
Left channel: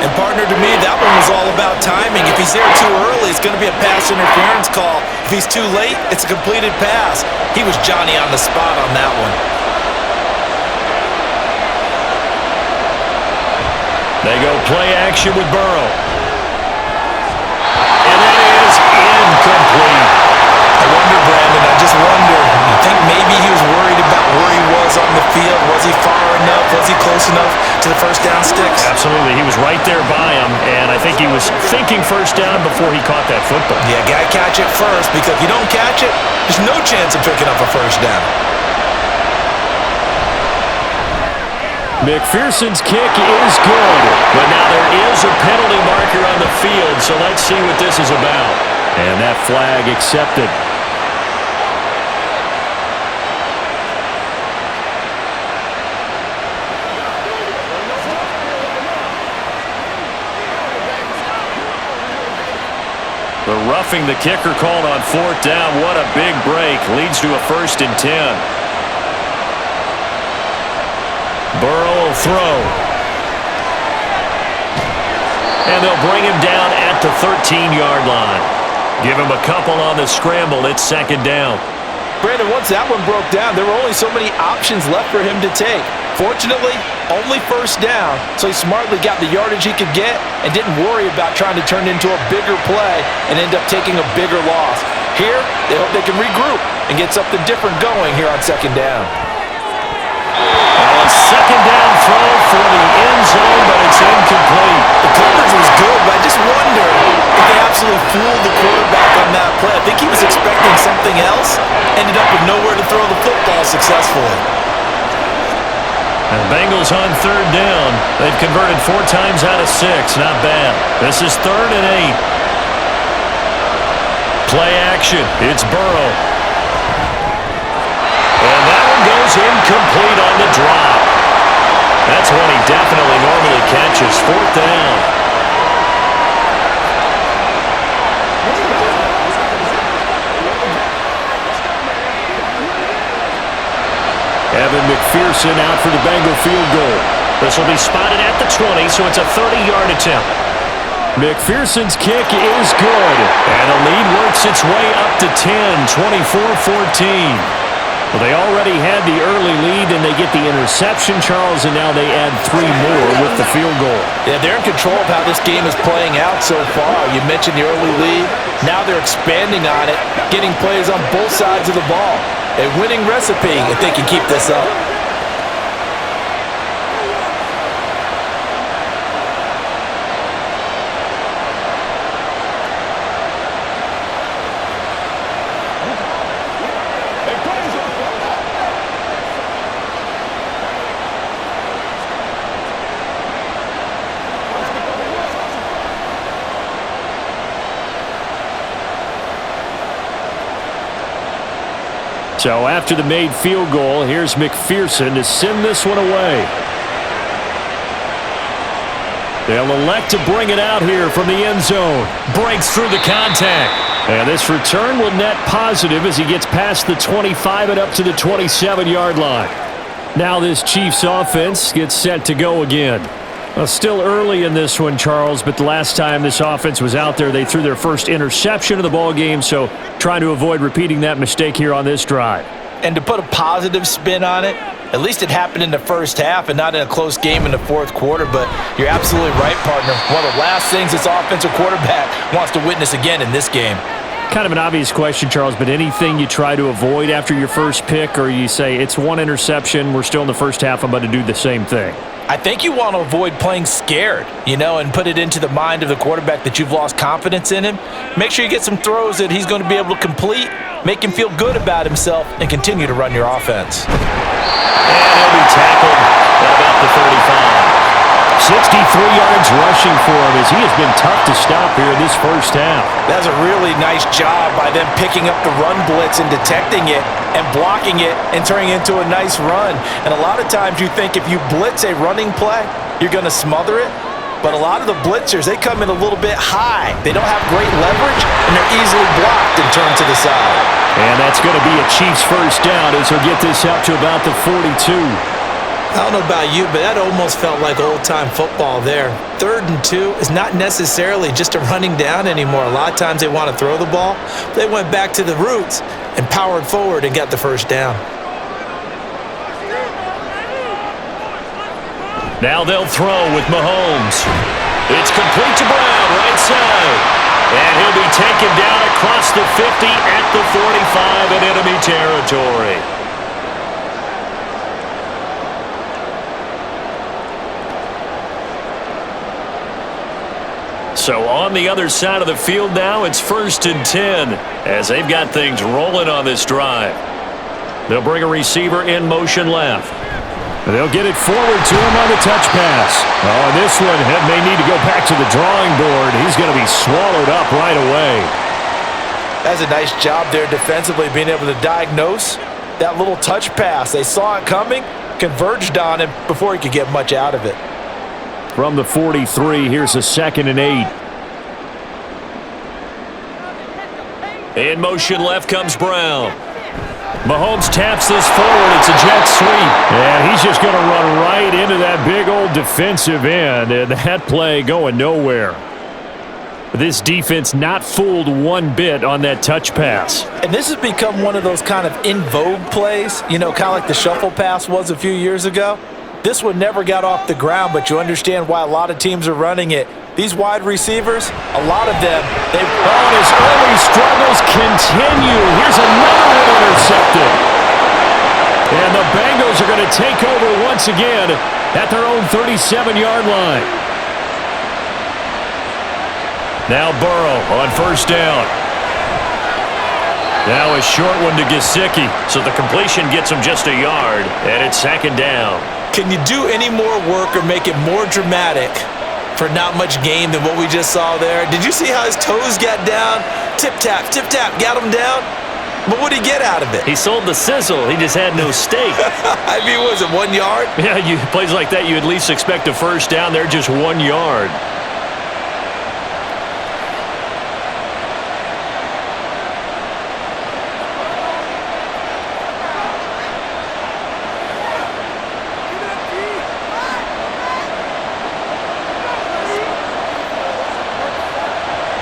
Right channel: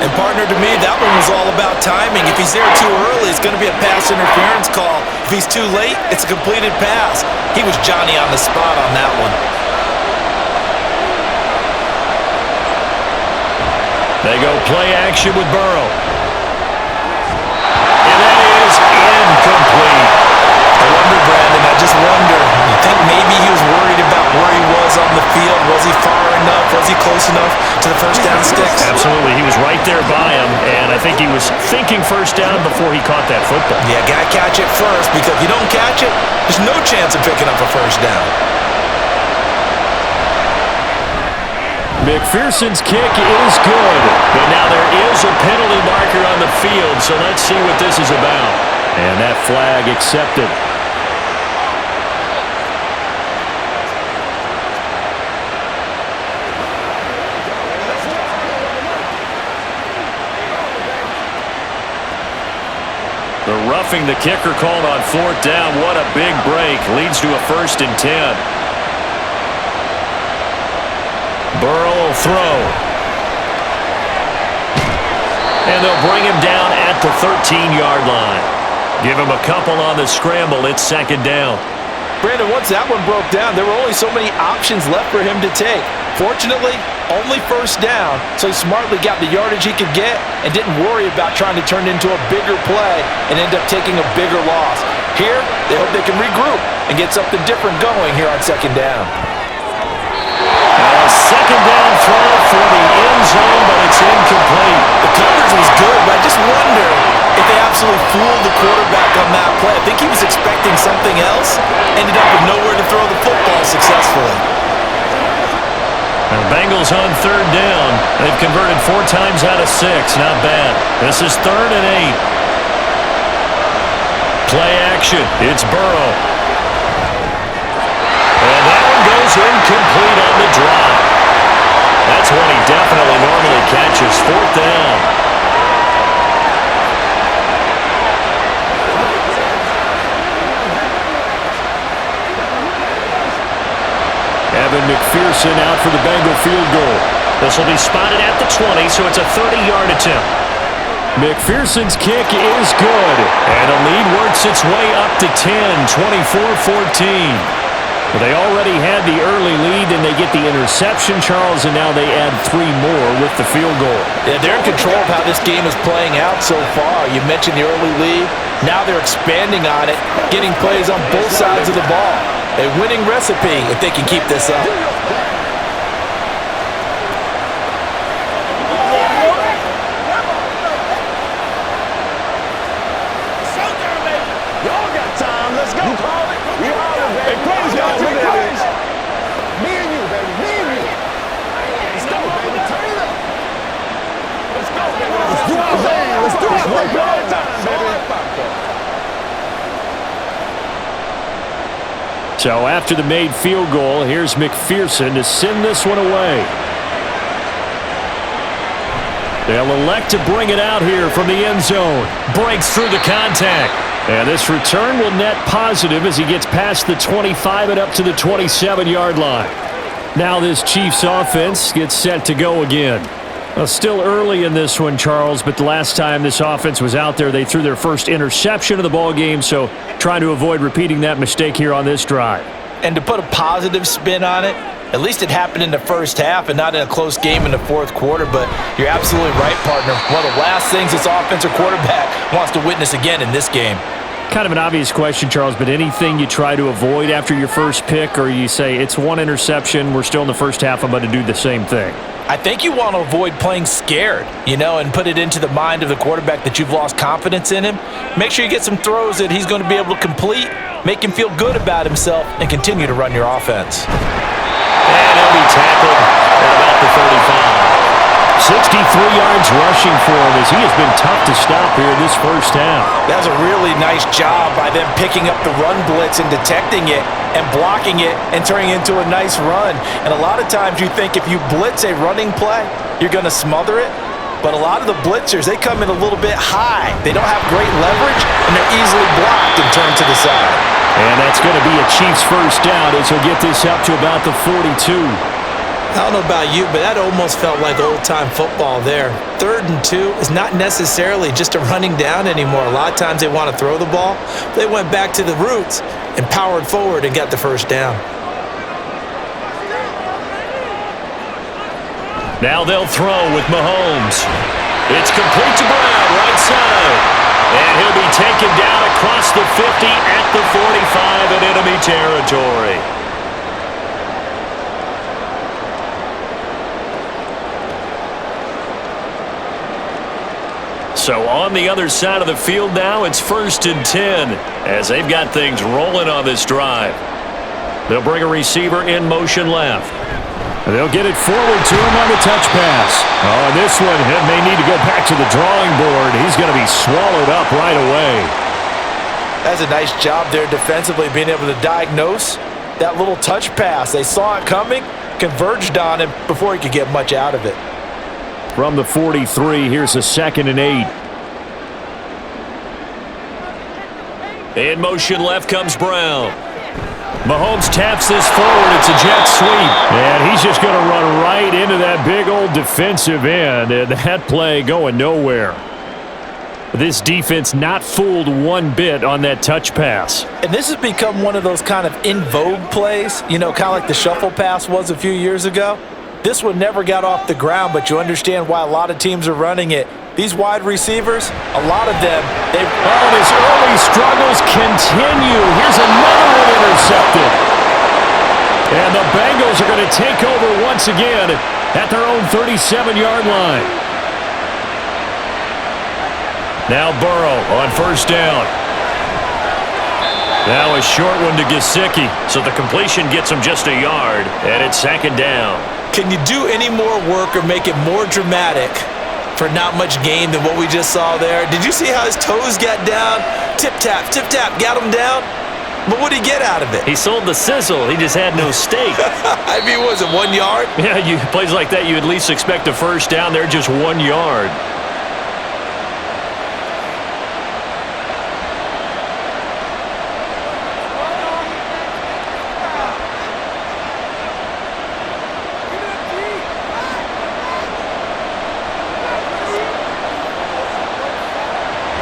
And partner, to me, that one was all about timing. If he's there too early, it's going to be a pass interference call. If he's too late, it's a completed pass. He was Johnny on the spot on that one. They go play action with Burrow. And that is incomplete. I wonder, Brandon, I just wonder, you think maybe he was worried about where he was on the field? Was he far enough? Was he close enough to the first down sticks? Absolutely. He was right there by him, and I think he was thinking first down before he caught that football. Yeah, got to catch it first, because if you don't catch it, there's no chance of picking up a first down. McPherson's kick is good, but now there is a penalty marker on the field, so let's see what this is about. And that flag accepted. The roughing the kicker called on 4th down. What a big break. Leads to a 1st and 10. Burrow will throw. And they'll bring him down at the 13-yard line. Give him a couple on the scramble. It's 2nd down. Brandon, once that one broke down, there were only so many options left for him to take. Fortunately, only first down, so he smartly got the yardage he could get and didn't worry about trying to turn it into a bigger play and end up taking a bigger loss. Here, they hope they can regroup and get something different going here on 2nd down. Now a 2nd down throw for the end zone, but it's incomplete. The coverage was good, but I just wonder if they absolutely fooled the quarterback on that play. I think he was expecting something else, ended up with nowhere to throw the football successfully. And the Bengals on 3rd down. They've converted 4 times out of 6. Not bad. This is 3rd and 8. Play action. It's Burrow. And that one goes incomplete on the drop. That's one he definitely normally catches. 4th down. Evan McPherson out for the Bengal field goal. This will be spotted at the 20, so it's a 30-yard attempt. McPherson's kick is good, and the lead works its way up to 10, 24-14. Well, they already had the early lead, and they get the interception, Charles, and now they add 3 more with the field goal. Yeah, they're in control of how this game is playing out so far. You mentioned the early lead. Now they're expanding on it, getting plays on both sides of the ball. A winning recipe if they can keep this up. So after the made field goal, here's McPherson to send this one away. They'll elect to bring it out here from the end zone. Breaks through the contact. And this return will net positive as he gets past the 25 and up to the 27-yard line. Now this Chiefs offense gets set to go again. Well, still early in this one, Charles, but the last time this offense was out there, they threw their first interception of the ball game, so trying to avoid repeating that mistake here on this drive. And to put a positive spin on it, at least it happened in the first half and not in a close game in the fourth quarter, but you're absolutely right, partner. One of the last things this offensive quarterback wants to witness again in this game. Kind of an obvious question, Charles, but anything you try to avoid after your first pick, or you say it's one interception, we're still in the first half, I'm going to do the same thing? I think you want to avoid playing scared, and put it into the mind of the quarterback that you've lost confidence in him. Make sure you get some throws that he's going to be able to complete, make him feel good about himself, and continue to run your offense. And he'll be tackled at about the 35. 63 yards rushing for him as he has been tough to stop here in this first half. That's a really nice job by them picking up the run blitz and detecting it and blocking it and turning it into a nice run. And a lot of times you think if you blitz a running play, you're going to smother it. But a lot of the blitzers, they come in a little bit high. They don't have great leverage, and they're easily blocked and turned to the side. And that's going to be a Chiefs first down as he'll get this up to about the 42. I don't know about you, but that almost felt like old-time football there. 3rd and 2 is not necessarily just a running down anymore. A lot of times they want to throw the ball. They went back to the roots and powered forward and got the first down. Now they'll throw with Mahomes. It's complete to Brown, right side. And he'll be taken down across the 50 at the 45 in enemy territory. So on the other side of the field now, it's 1st and 10 as they've got things rolling on this drive. They'll bring a receiver in motion left. They'll get it forward to him on the touch pass. Oh, and this one may need to go back to the drawing board. He's going to be swallowed up right away. That's a nice job there defensively, being able to diagnose that little touch pass. They saw it coming, converged on him before he could get much out of it. From the 43, here's a 2nd and 8. In motion left comes Brown. Mahomes taps this forward. It's a jet sweep. And he's just going to run right into that big old defensive end. And that play going nowhere. This defense not fooled one bit on that touch pass. And this has become one of those kind of in vogue plays, kind of like the shuffle pass was a few years ago. This one never got off the ground, but you understand why a lot of teams are running it. These wide receivers, a lot of them, they've... Oh, and his early struggles continue. Here's another one intercepted. And the Bengals are going to take over once again at their own 37-yard line. Now Burrow on first down. Now a short one to Gesicki, so the completion gets him just a yard, and it's 2nd down. Can you do any more work or make it more dramatic for not much gain than what we just saw there? Did you see how his toes got down? Tip-tap, got him down. But what did he get out of it? He sold the sizzle. He just had no steak. I mean, was it 1 yard? Yeah, plays like that, you at least expect a first down. They're just 1 yard.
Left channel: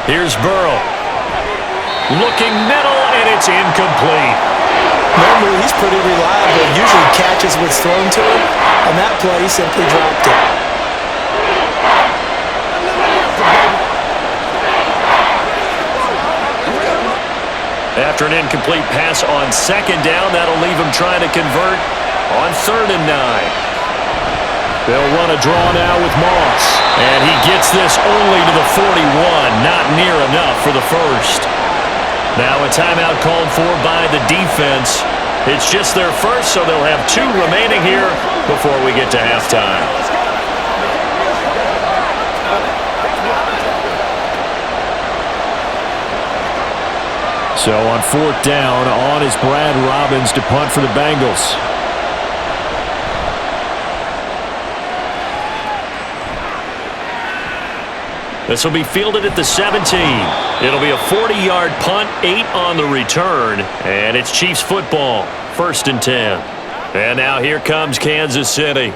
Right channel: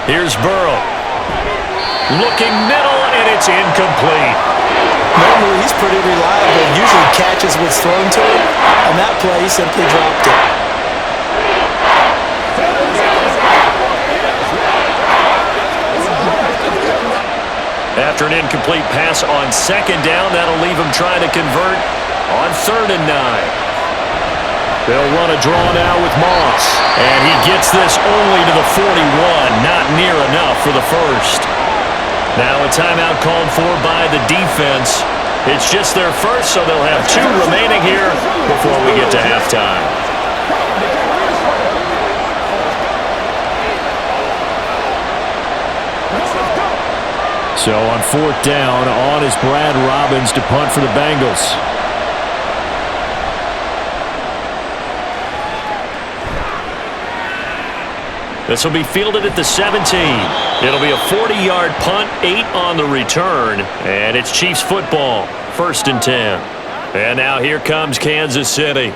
Here's Burrow. Looking middle, and it's incomplete. Normally, he's pretty reliable. Usually catches what's thrown to him. On that play, he simply dropped it. After an incomplete pass on second down, that'll leave him trying to convert on 3rd and 9. They'll run a draw now with Moss. And he gets this only to the 41, not near enough for the first. Now a timeout called for by the defense. It's just their first, so they'll have 2 remaining here before we get to halftime. So on 4th down, on is Brad Robbins to punt for the Bengals. This will be fielded at the 17. It'll be a 40-yard punt, 8 on the return, and it's Chiefs football, 1st and 10. And now here comes Kansas City.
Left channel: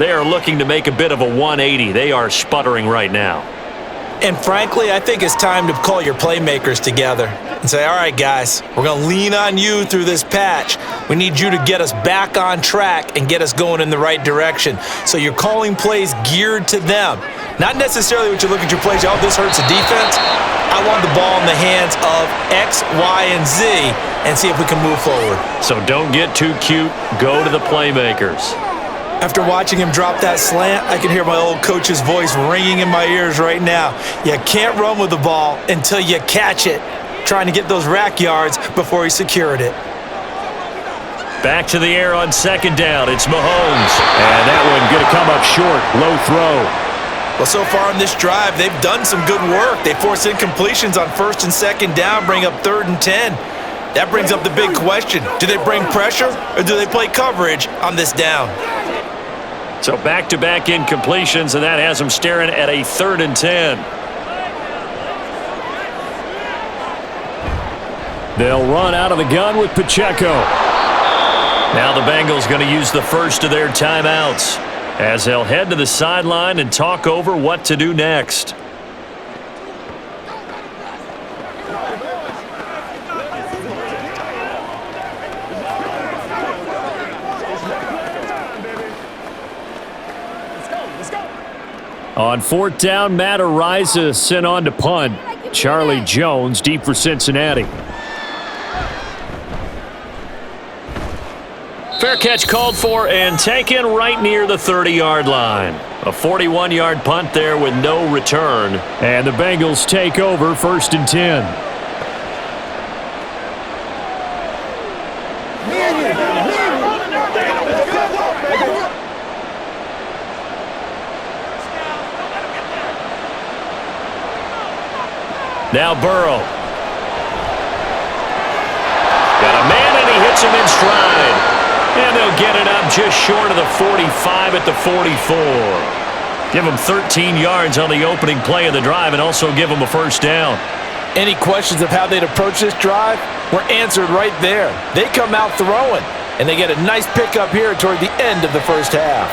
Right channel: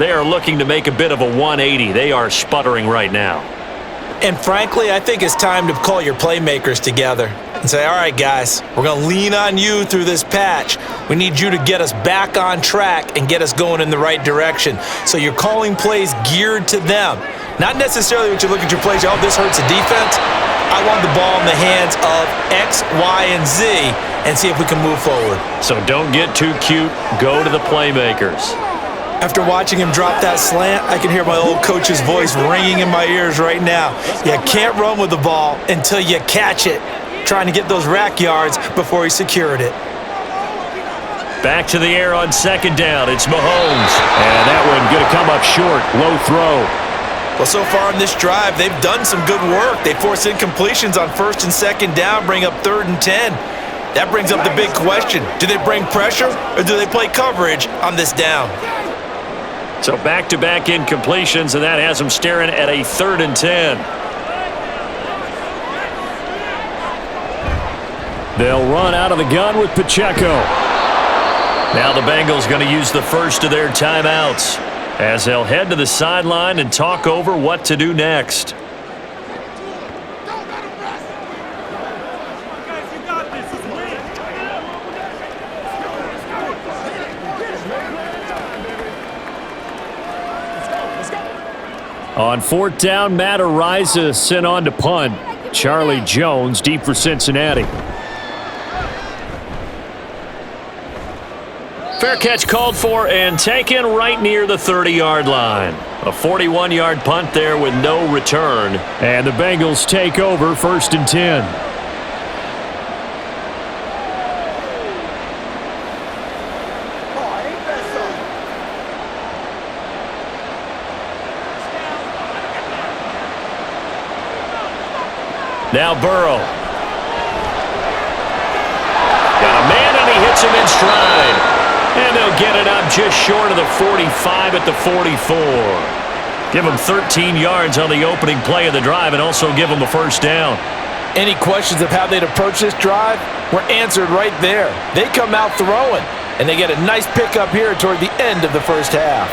They are looking to make a bit of a 180. They are sputtering right now. And frankly, I think it's time to call your playmakers together and say, all right, guys, we're going to lean on you through this patch. We need you to get us back on track and get us going in the right direction. So you're calling plays geared to them. Not necessarily what you look at your plays, oh, this hurts the defense. I want the ball in the hands of X, Y, and Z and see if we can move forward. So don't get too cute. Go to the playmakers. After watching him drop that slant, I can hear my old coach's voice ringing in my ears right now. You can't run with the ball until you catch it. Trying to get those rack yards before he secured it. Back to the air on 2nd down. It's Mahomes. And that one going to come up short. Low throw. Well, so far in this drive, they've done some good work. They force incompletions on 1st and 2nd down, bring up 3rd and 10. That brings up the big question. Do they bring pressure or do they play coverage on this down? So back-to-back incompletions, and that has them staring at a 3rd and 10. They'll run out of the gun with Pacheco. Now the Bengals going to use the first of their timeouts as they'll head to the sideline and talk over what to do next. On 4th down, Matt Araiza sent on to punt. Charlie Jones deep for Cincinnati. Fair catch called for and taken right near the 30-yard line. A 41-yard punt there with no return. And the Bengals take over 1st and 10. Now Burrow. Got a man and he hits him in stride. And they'll get it up just short of the 45 at the 44. Give them 13 yards on the opening play of the drive and also give them a 1st down. Any questions of how they'd approach this drive were answered right there. They come out throwing, and they get a nice pickup here toward the end of the 1st half.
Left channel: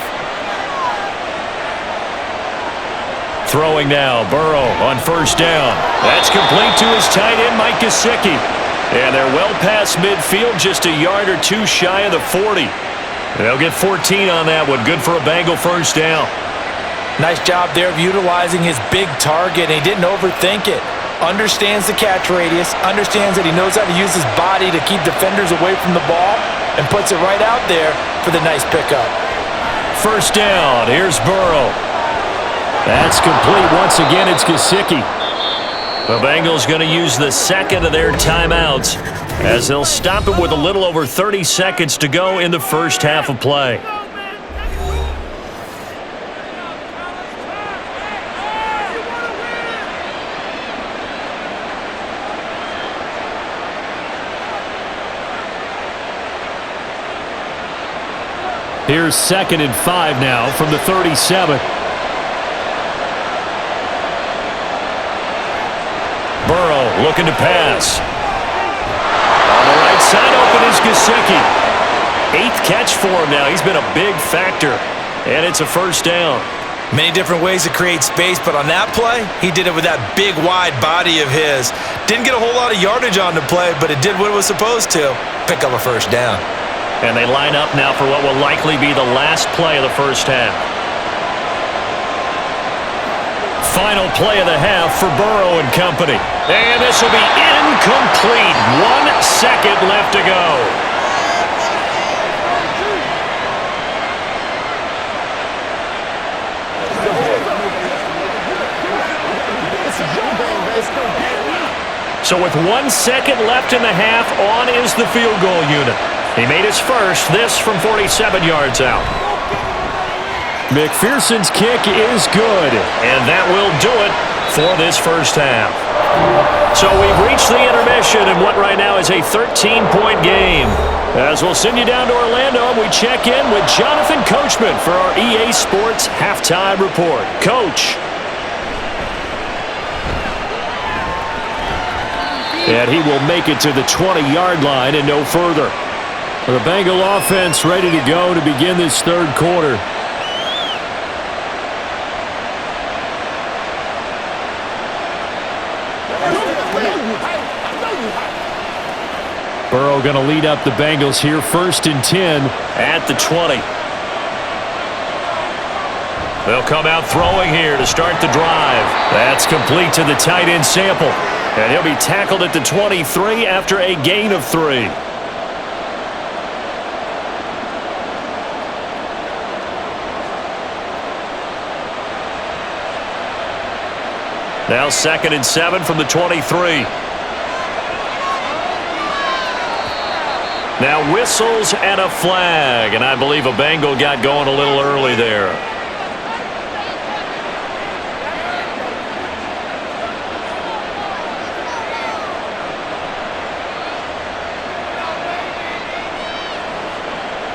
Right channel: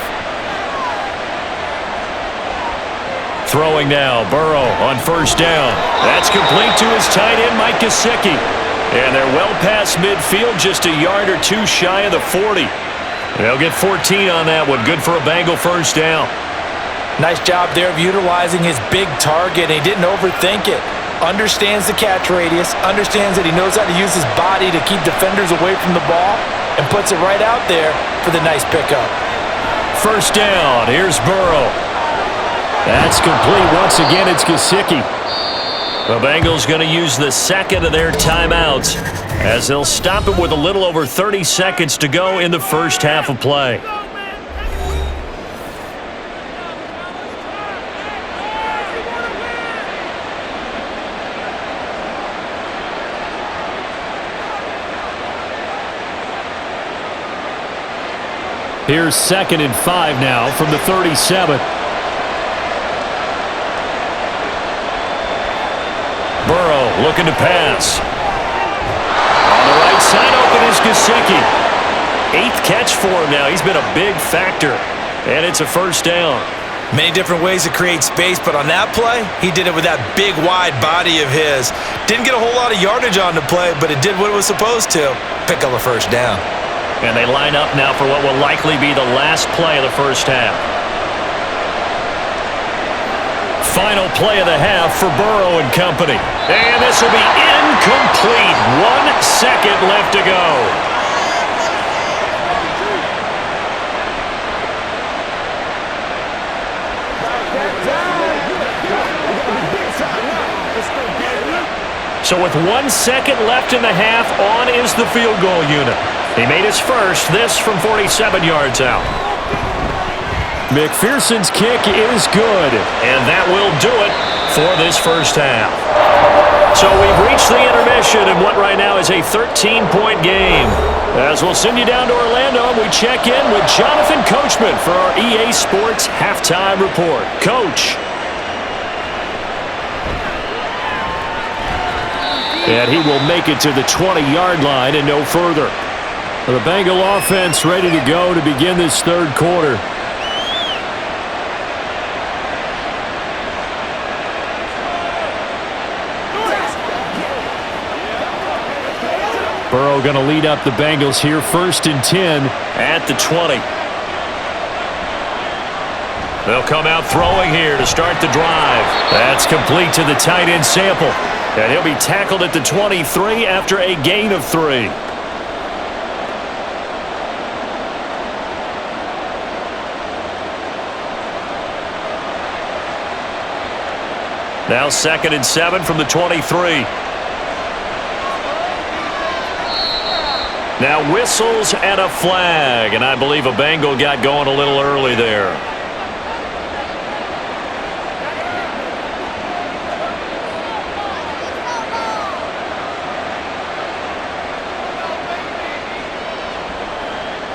Throwing now, Burrow on 1st down. That's complete to his tight end, Mike Gesicki. And they're well past midfield, just a yard or 2 shy of the 40. They'll get 14 on that one. Good for a Bengal 1st down. Nice job there of utilizing his big target, and he didn't overthink it. Understands the catch radius, understands that he knows how to use his body to keep defenders away from the ball, and puts it right out there for the nice pickup. 1st down. Here's Burrow. That's complete. Once again, it's Gesicki. The Bengals going to use the 2nd of their timeouts as they'll stop it with a little over 30 seconds to go in the 1st half of play. Here's 2nd and 5 now from the 37. Burrow looking to pass. On the right side open is Gesicki. 8th catch for him now. He's been a big factor. And it's a 1st down. Many different ways to create space, but on that play, he did it with that big, wide body of his. Didn't get a whole lot of yardage on the play, but it did what it was supposed to. Pick up a first down. And they line up now for what will likely be the last play of the first half. Final play of the half for Burrow and company. And this will be incomplete. 1 second left to go. So with 1 second left in the half, on is the field goal unit. He made his first, this from 47 yards out. McPherson's kick is good, and that will do it for this first half. So we've reached the intermission in what right now is a 13-point game. As we'll send you down to Orlando, we check in with Jonathan Coachman for our EA Sports Halftime Report. Coach. And he will make it to the 20-yard line and no further. The Bengal offense ready to go to begin this third quarter. Burrow going to lead up the Bengals here, 1st and 10 at the 20. They'll come out throwing here to start the drive. That's complete to the tight end Sample. And he'll be tackled at the 23 after a gain of 3. Now 2nd and 7 from the 23. Now whistles and a flag, and I believe a Bengal got going a little early there.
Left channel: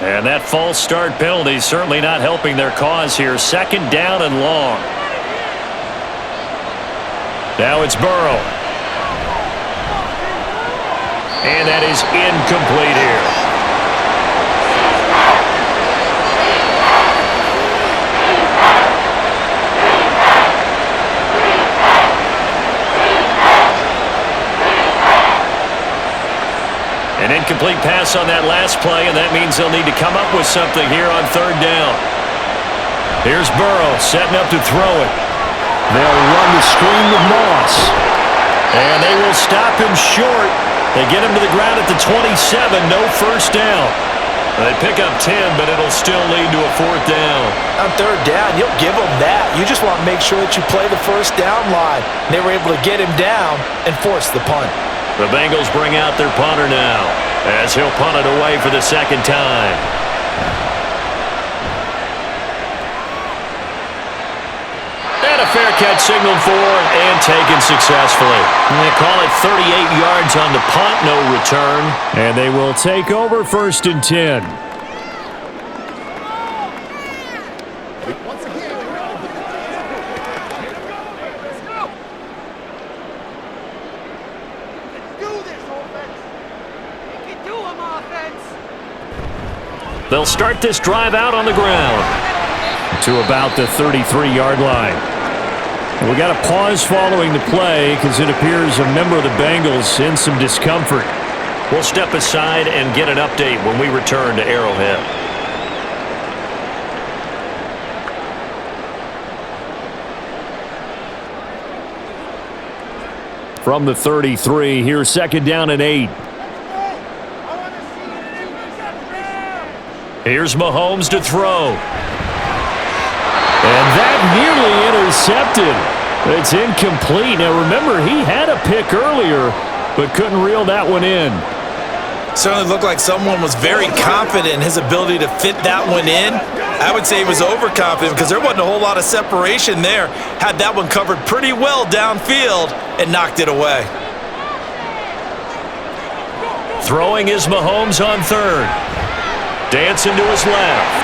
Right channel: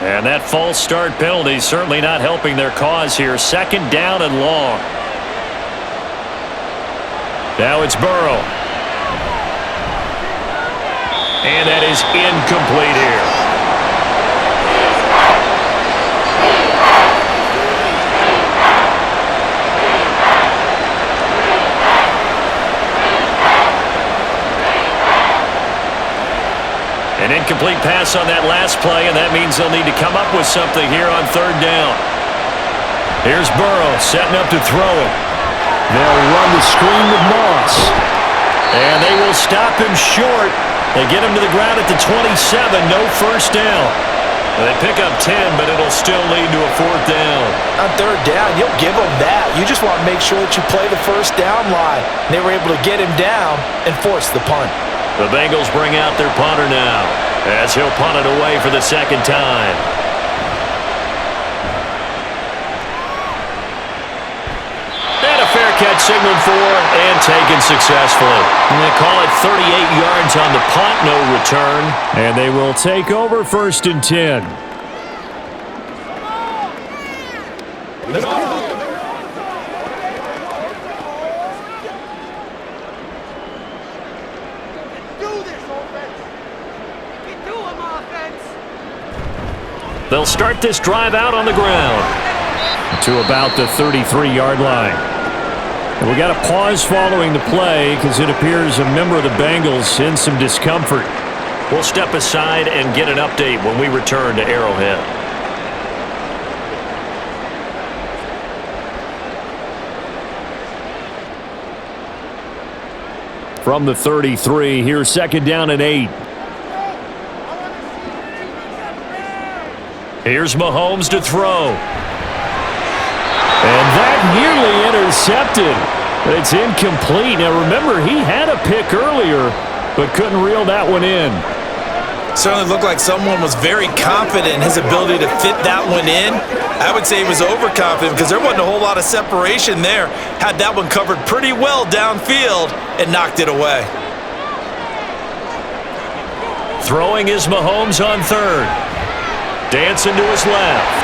And that false start penalty certainly not helping their cause here. 2nd down and long. Now it's Burrow. And that is incomplete here. An incomplete pass on that last play, and that means they'll need to come up with something here on 3rd down. Here's Burrow setting up to throw it. They'll run the screen with Moss. And they will stop him short. They get him to the ground at the 27, no first down. They pick up 10, but it'll still lead to a 4th down. On 3rd down, you'll give them that. You just want to make sure that you play the first down line. They were able to get him down and force the punt. The Bengals bring out their punter now, as he'll punt it away for the 2nd time. And a fair catch signaled for and taken successfully. And they call it 38 yards on the punt, no return. And they will take over 1st and 10. They'll start this drive out on the ground to about the 33-yard line. And we got a pause following the play because it appears a member of the Bengals in some discomfort. We'll step aside and get an update when we return to Arrowhead. From the 33, here's 2nd down and 8. Here's Mahomes to throw. And that nearly intercepted. It's incomplete. Now remember, he had a pick earlier, but couldn't reel that one in. Certainly looked like someone was very confident in his ability to fit that one in. I would say he was overconfident because there wasn't a whole lot of separation there. Had that one covered pretty well downfield and knocked it away. Throwing is Mahomes on 3rd. Dancing to his left.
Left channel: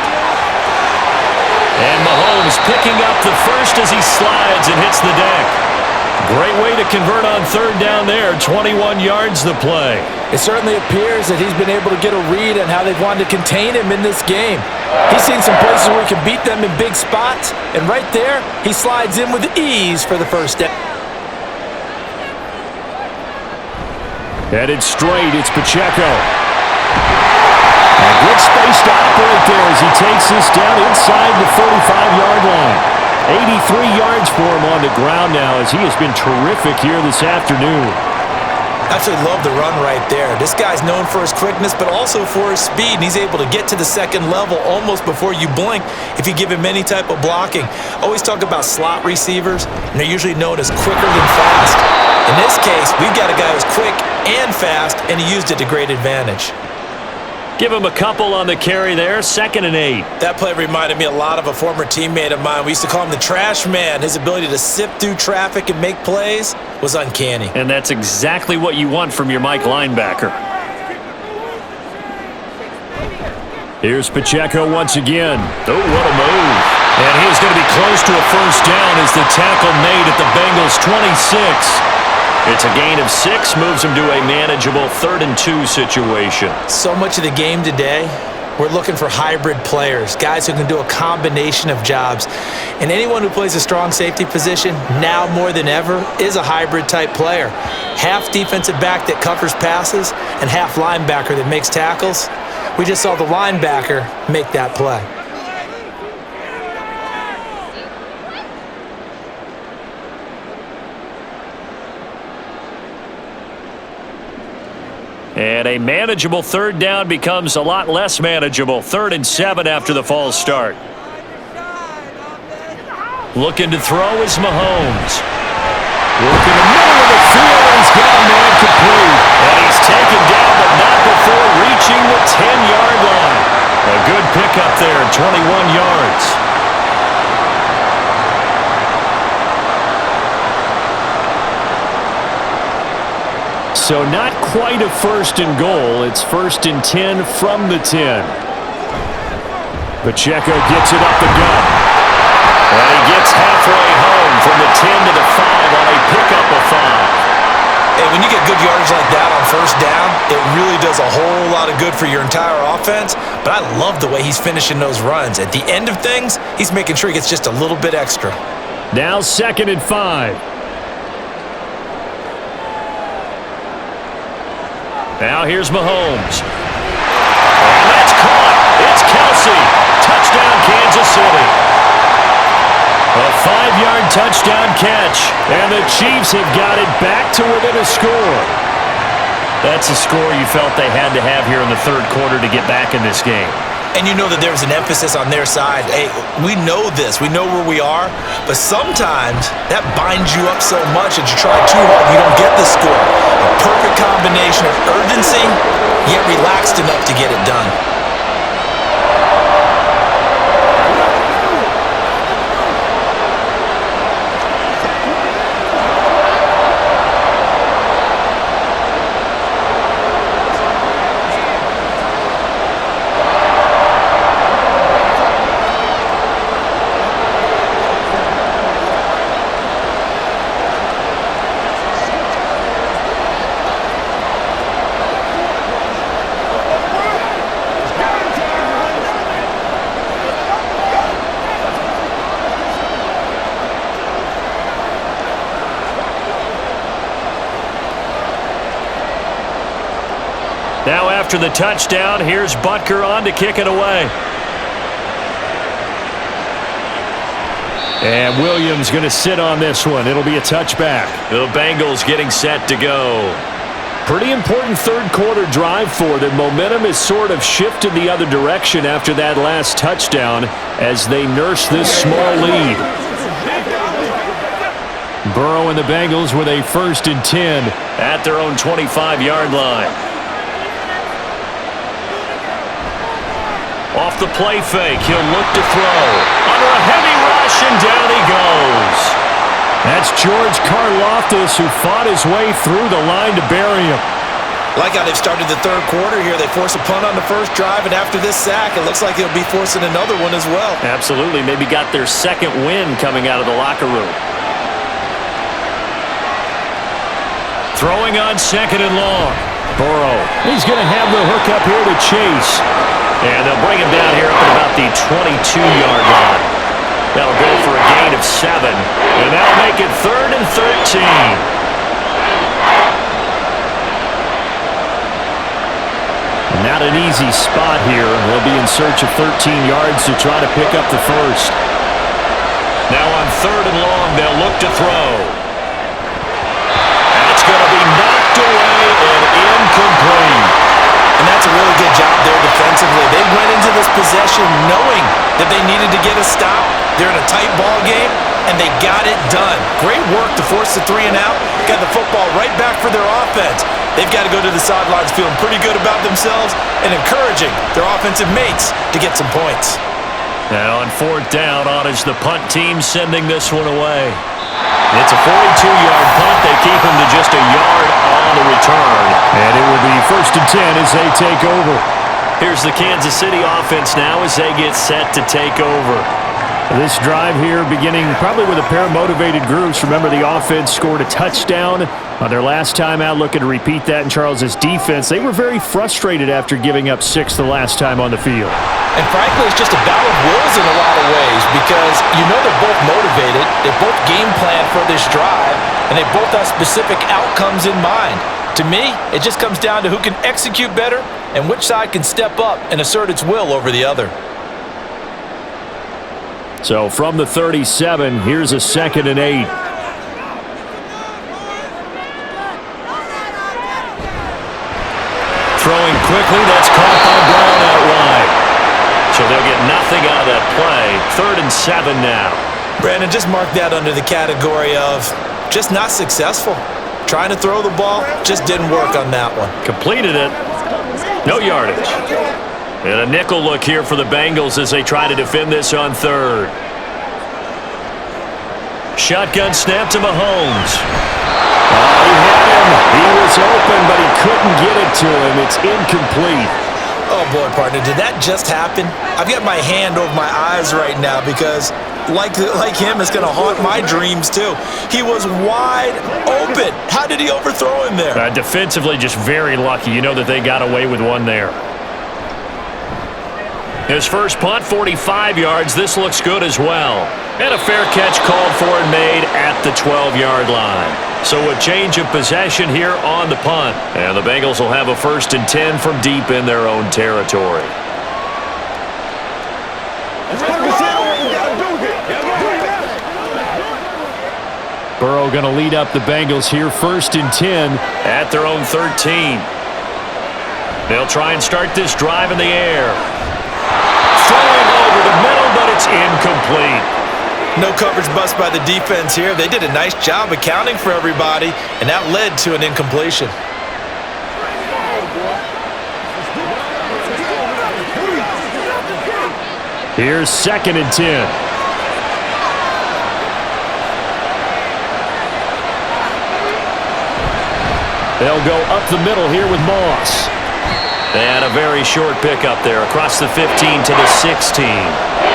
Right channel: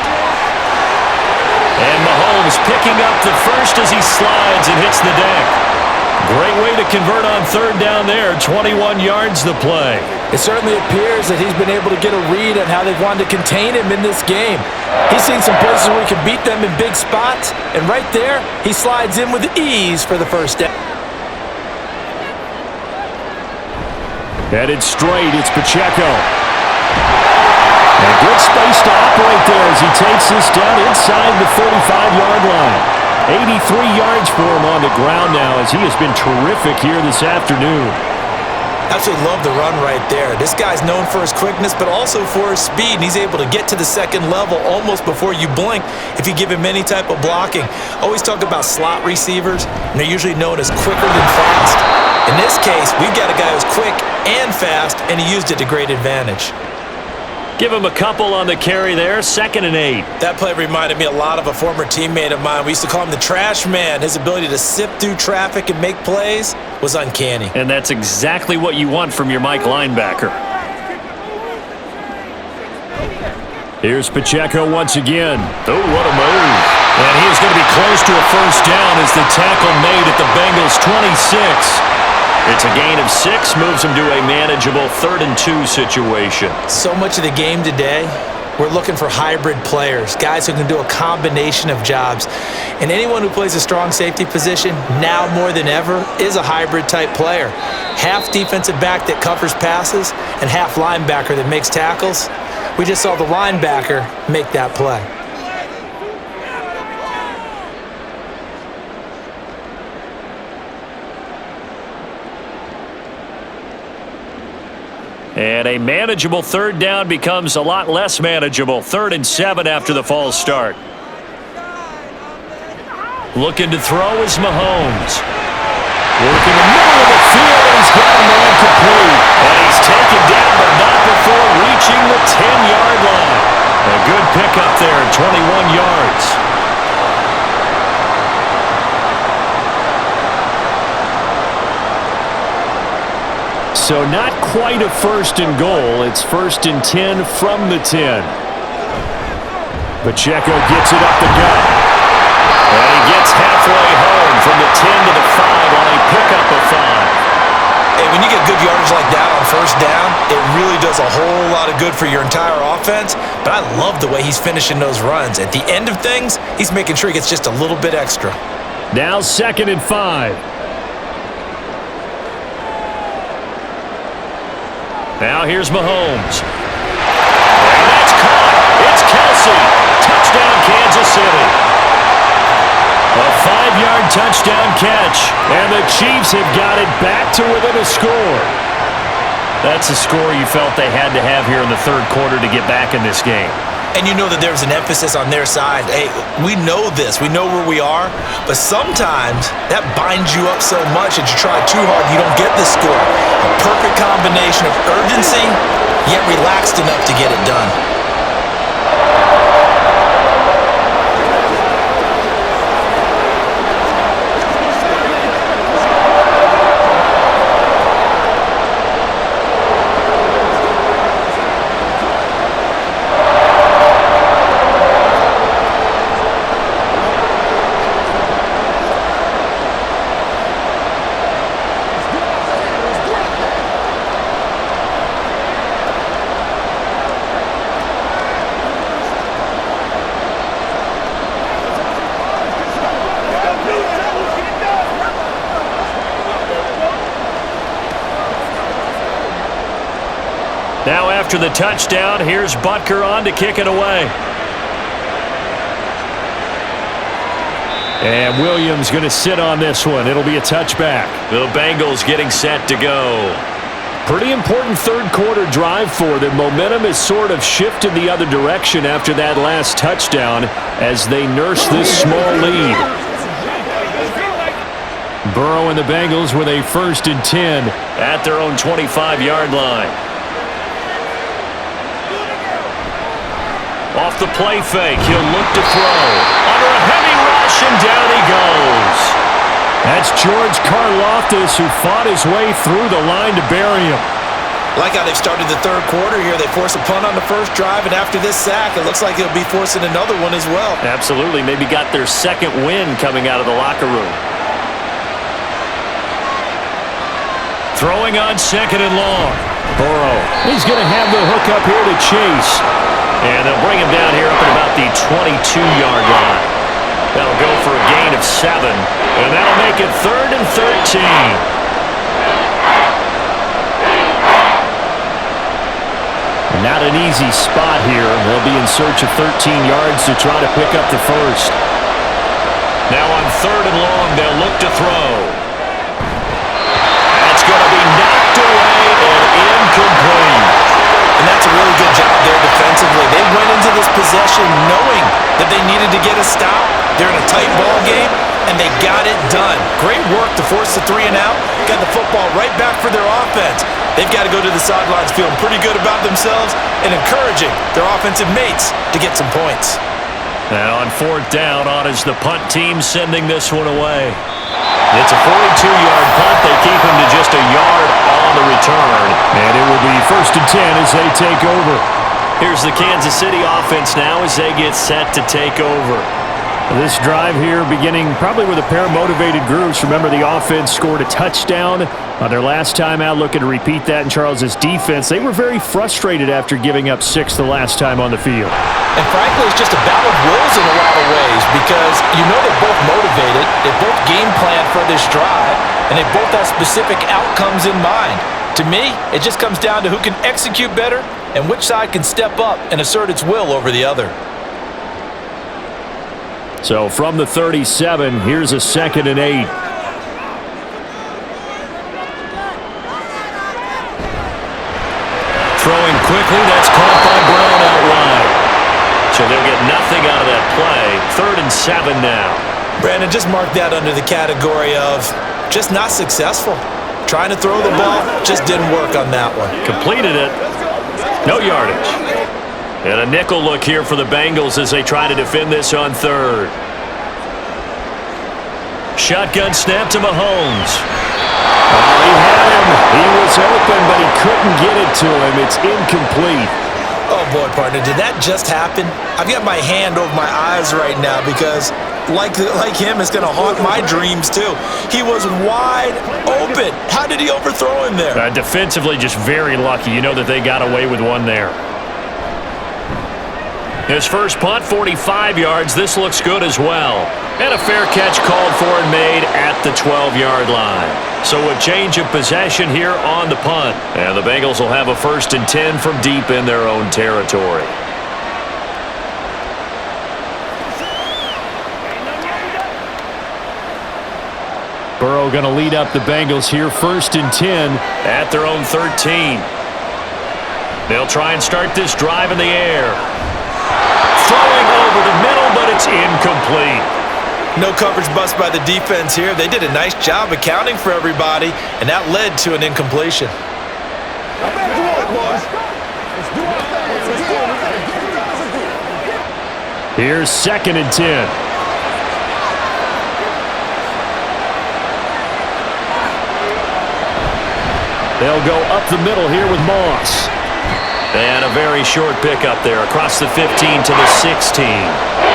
And Mahomes picking up the first as he slides and hits the deck. Great way to convert on 3rd down there. 21 yards the play. It certainly appears that he's been able to get a read on how they've wanted to contain him in this game. He's seen some places where he can beat them in big spots, and right there, he slides in with ease for the first down. Headed straight, it's Pacheco. And good space to operate there as he takes this down inside the 35-yard line. 83 yards for him on the ground now as he has been terrific here this afternoon. Absolutely love the run right there. This guy's known for his quickness, but also for his speed, and he's able to get to the second level almost before you blink if you give him any type of blocking. Always talk about slot receivers, and they're usually known as quicker than fast. In this case, we've got a guy who's quick and fast, and he used it to great advantage. Give him a couple on the carry there, 2nd and 8. That play reminded me a lot of a former teammate of mine. We used to call him the trash man. His ability to sift through traffic and make plays was uncanny. And that's exactly what you want from your Mike linebacker. Here's Pacheco once again. Oh, what a move. And he is going to be close to a first down as the tackle made at the Bengals' 26. It's a gain of 6, moves him to a manageable 3rd and 2 situation. So much of the game today, we're looking for hybrid players, guys who can do a combination of jobs. And anyone who plays a strong safety position, now more than ever, is a hybrid type player. Half defensive back that covers passes and half linebacker that makes tackles. We just saw the linebacker make that play. And a manageable 3rd down becomes a lot less manageable. 3rd and 7 after the false start. Looking to throw is Mahomes. Working the middle of the field, and he's got a man complete. And he's taken down, but not before reaching the 10-yard line. A good pickup there, 21 yards. So not quite a 1st and goal. It's 1st and 10 from the 10. Pacheco gets it up the gut. And he gets halfway home from the 10 to the 5 on a pickup of 5. Hey, when you get good yardage like that on first down, it really does a whole lot of good for your entire offense. But I love the way he's finishing those runs. At the end of things, he's making sure he gets just a little bit extra. Now 2nd and 5. Now here's Mahomes. And that's caught. It's Kelsey. Touchdown, Kansas City. A 5-yard touchdown catch. And the Chiefs have got it back to within a score. That's a score you felt they had to have here in the 3rd quarter to get back in this game. And you know that there was an emphasis on their side. Hey, we know this. We know where we are. But sometimes that binds you up so much that you try too hard and you don't get the score. A perfect combination of urgency, yet relaxed enough to get it done. Now after the touchdown, here's Butker on to kick it away. And Williams going to sit on this one. It'll be a touchback. The Bengals getting set to go. Pretty important 3rd quarter drive for them. Momentum has sort of shifted the other direction after that last touchdown as they nurse this small lead. Burrow and the Bengals with a 1st and 10 at their own 25-yard line. Off the play fake, he'll look to throw. Under a heavy rush, and down he goes. That's George Karlaftis, who fought his way through the line to bury him. Like how they've started the 3rd quarter here. They force a punt on the first drive, and after this sack, it looks like they'll be forcing another one as well. Absolutely. Maybe got their 2nd win coming out of the locker room. Throwing on 2nd and long. Burrow. He's going to have the hook up here to Chase. And they'll bring him down here up at about the 22-yard line. That'll go for a gain of 7. And that'll make it 3rd and 13. And not an easy spot here. They'll be in search of 13 yards to try to pick up the first. Now on 3rd and long, they'll look to throw. That's going to be knocked away and incomplete. And that's a really good job there defensively. They went into this possession knowing that they needed to get a stop. They're in a tight ball game, and they got it done. Great work to force the 3 and out. Got the football right back for their offense. They've got to go to the sidelines feeling pretty good about themselves and encouraging their offensive mates to get some points. And on 4th down, on is the punt team sending this one away. It's a 42-yard punt. They keep him to just a yard on the return. And it will be 1st and 10 as they take over. Here's the Kansas City offense now as they get set to take over. This drive here beginning probably with a pair of motivated groups. Remember, the offense scored a touchdown on their last time out, looking to repeat that in Charles's defense. They were very frustrated after giving up 6 the last time on the field. And frankly, it's just a battle of wills in a lot of ways because you know they're both motivated, they both game plan for this drive, and they both have specific outcomes in mind. To me, it just comes down to who can execute better and which side can step up and assert its will over the other. So from the 37, here's a 2nd and 8. Throwing quickly, that's caught by Brown out wide. So they'll get nothing out of that play. 3rd and 7 now. Brandon, just mark that under the category of just not successful. Trying to throw the ball, just didn't work on that one. Completed it. No yardage. And a nickel look here for the Bengals as they try to defend this on 3rd. Shotgun snap to Mahomes. Oh, he had him. He was open, but he couldn't get it to him. It's incomplete. Oh, boy, partner, did that just happen? I've got my hand over my eyes right now because, like him, it's going to haunt my dreams, too. He was wide open. How did he overthrow him there? Defensively, just very lucky. You know that they got away with one there. His first punt, 45 yards. This looks good as well. And a fair catch called for and made at the 12-yard line. So a change of possession here on the punt. And the Bengals will have a 1st and 10 from deep in their own territory. Burrow going to lead up the Bengals here, 1st and 10 at their own 13. They'll try and start this drive in the air. Throwing over the middle, but it's incomplete. No coverage bust by the defense here. They did a nice job accounting for everybody, and that led to an incompletion. Here's 2nd and 10. They'll go up the middle here with Moss. And a very short pickup there across the 15 to the 16.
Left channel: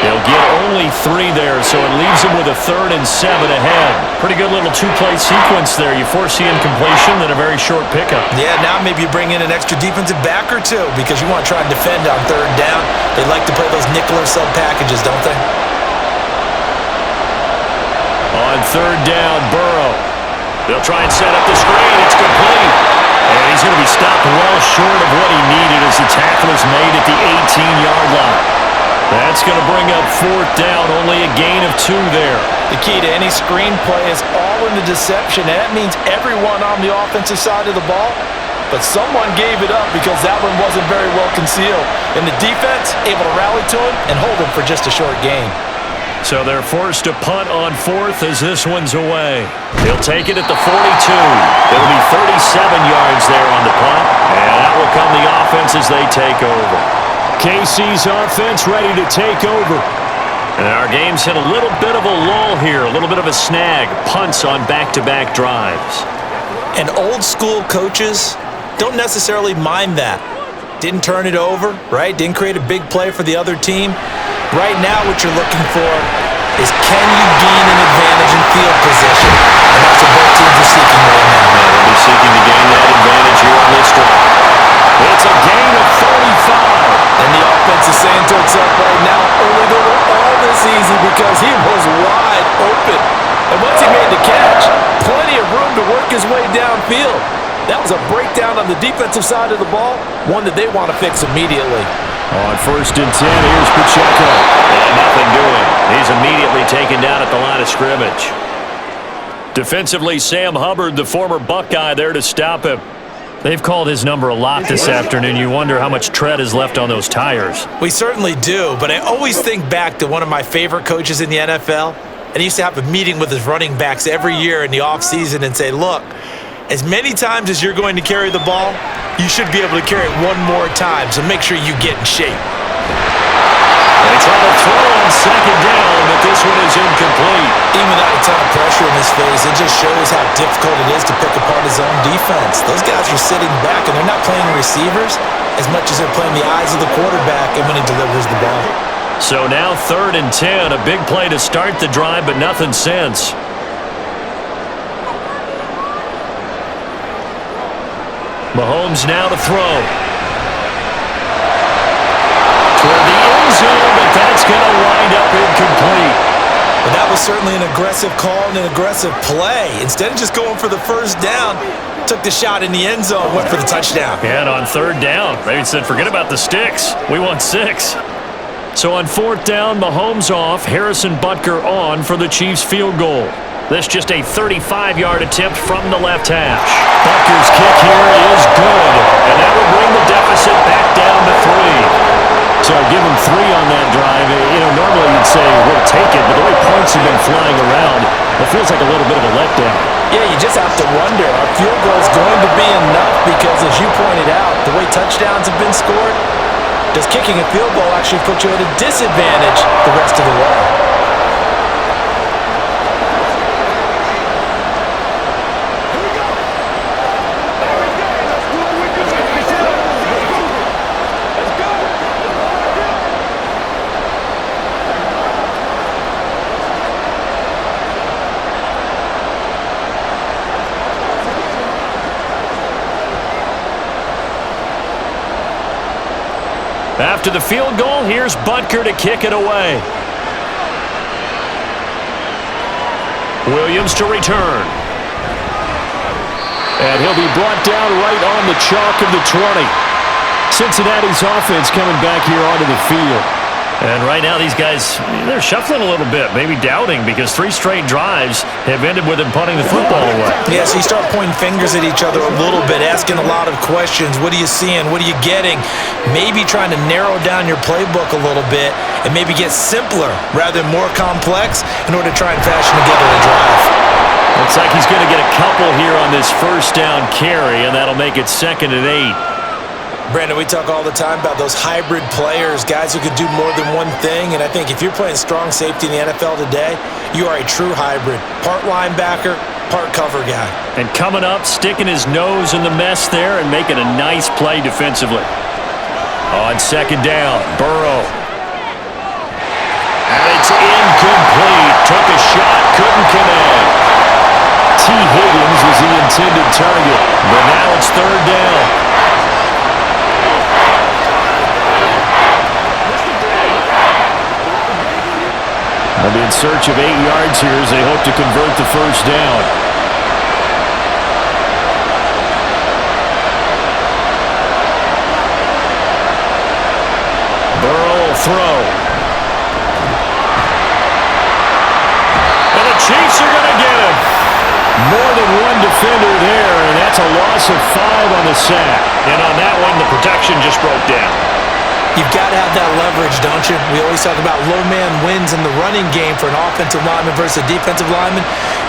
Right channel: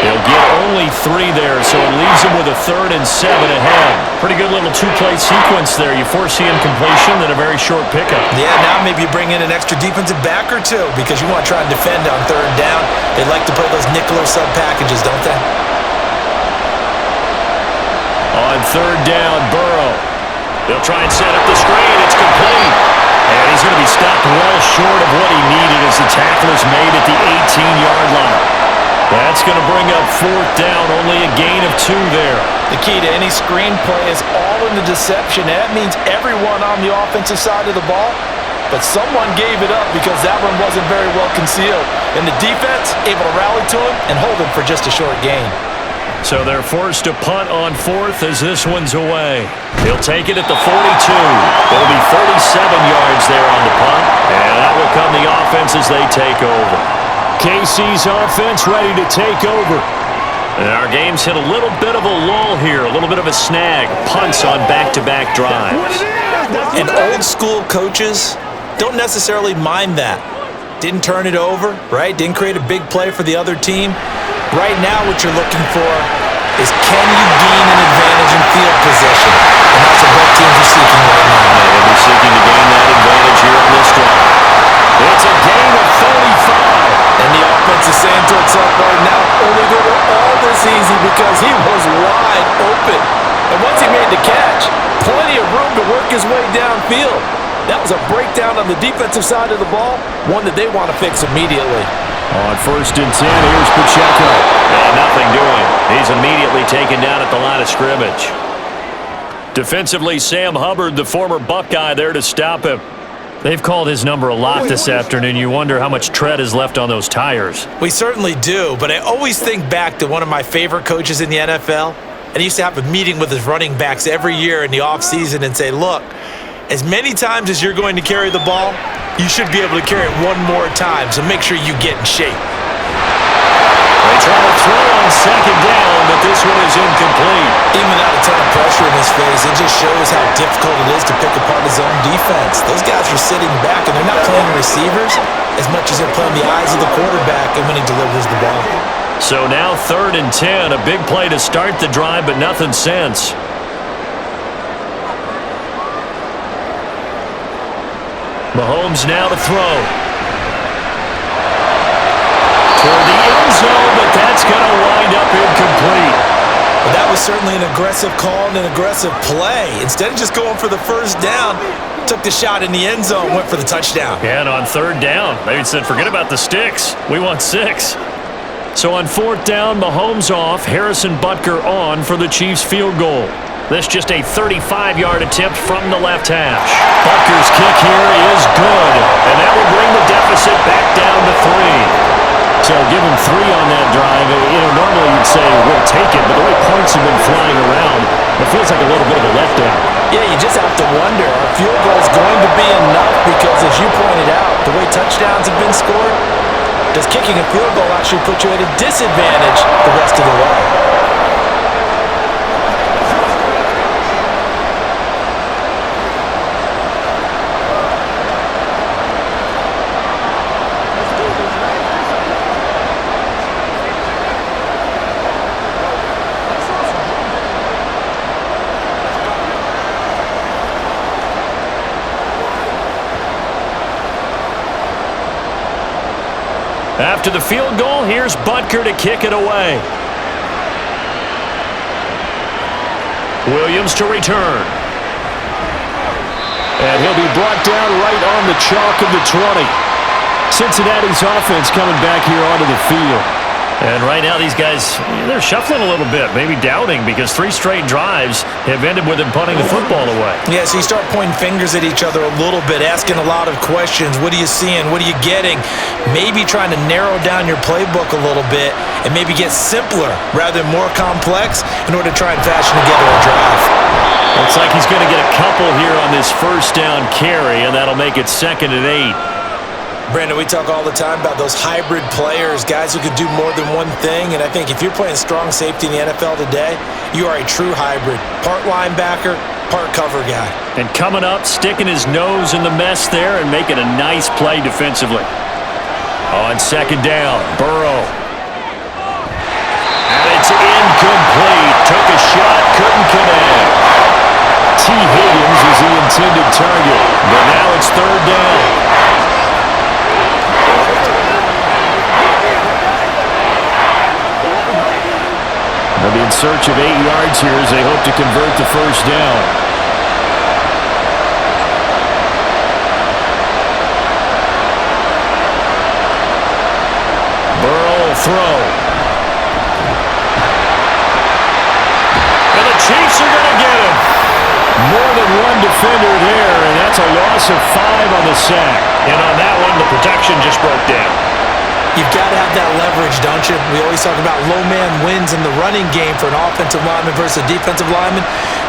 They'll get only 3 there, so it leaves them with a 3rd and 7 ahead. Pretty good little 2-play sequence there. You foresee incompletion, then a very short pickup. Yeah, now maybe you bring in an extra defensive back or two because you want to try and defend on 3rd down. They like to play those nickel or sub packages, don't they? On 3rd down, Burrow. They'll try and set up the screen. It's complete. And he's going to be stopped well short of what he needed as the tackle is made at the 18-yard line. That's going to bring up 4th down, only a gain of 2 there. The key to any screenplay is all in the deception, and that means everyone on the offensive side of the ball. But someone gave it up because that one wasn't very well concealed. And the defense able to rally to him and hold him for just a short gain. So they're forced to punt on 4th as this one's away. He'll take it at the 42. It'll be 37 yards there on the punt. And that will come the offense as they take over. KC's offense ready to take over. And our game's hit a little bit of a lull here, a little bit of a snag. Punts on back-to-back drives. And old-school coaches don't necessarily mind that. Didn't turn it over, right? Didn't create a big play for the other team. Right now, what you're looking for is can you gain an advantage in field position? And that's what both teams are seeking right now. Yeah, they'll be seeking to gain that advantage here on this drive. It's a gain of 35. And the offense is saying to itself right now, only they were all this easy because he was wide open. And once he made the catch, plenty of room to work his way downfield. That was a breakdown on the defensive side of the ball, one that they want to fix immediately. On 1st and 10, here's Pacheco. And nothing doing. He's immediately taken down at the line of scrimmage. Defensively, Sam Hubbard, the former Buckeye, there to stop him. They've called his number a lot this afternoon. You wonder how much tread is left on those tires. We certainly do, but I always think back to one of my favorite coaches in the NFL, and he used to have a meeting with his running backs every year in the offseason and say, look, as many times as you're going to carry the ball, you should be able to carry it one more time, so make sure you get in shape. They try to throw on 2nd down, but this one is incomplete. Even without a ton of pressure in his face, it just shows how difficult it is to pick apart his own defense. Those guys are sitting back, and they're not playing receivers as much as they're playing the eyes of the quarterback and when he delivers the ball. So now 3rd and 10, a big play to start the drive, but nothing since. Mahomes now to throw. Toward the end zone, but that's going to wind up incomplete. But that was certainly an aggressive call and an aggressive play. Instead of just going for the first down, took the shot in the end zone, went for the touchdown. And on 3rd down, they said, forget about the sticks. We want 6. So on 4th down, Mahomes off, Harrison Butker on for the Chiefs field goal. This just a 35-yard attempt from the left hash. Butker's kick here is good, and that will bring the deficit back down to 3. So give him 3 on that drive. You know, normally you'd say we'll take it, but the way points have been flying around, it feels like a little bit of a letdown. Yeah, you just have to wonder, are field goals going to be enough? Because as you pointed out, the way touchdowns have been scored, does kicking a field goal actually put you at a disadvantage the rest of the way? After the field goal, here's Butker to kick it away. Williams to return. And he'll be brought down right on the chalk of the 20. Cincinnati's offense coming back here onto the field. And right now these guys, they're shuffling a little bit, maybe doubting, because 3 straight drives have ended with them punting the football away. Yeah, so you start pointing fingers at each other a little bit, asking a lot of questions. What are you seeing? What are you getting? Maybe trying to narrow down your playbook a little bit and maybe get simpler rather than more complex in order to try and fashion together a drive. Looks like he's going to get a couple here on this 1st down carry, and that'll make it 2nd and 8. Brandon, we talk all the time about those hybrid players, guys who could do more than one thing, and I think if you're playing strong safety in the NFL today, you are a true hybrid. Part linebacker, part cover guy. And coming up, sticking his nose in the mess there and making a nice play defensively. On 2nd down, Burrow. And it's incomplete. Took a shot, couldn't connect. T. Higgins was the intended target, but now it's 3rd down. They'll be in search of 8 yards here as they hope to convert the 1st down. Burrow will throw. And the Chiefs are going to get him. More than one defender there, and that's a loss of 5 on the sack. And on that one, the protection just broke down. You've got to have that leverage, don't you? We always talk about low man wins in the running game for an offensive lineman versus a defensive lineman.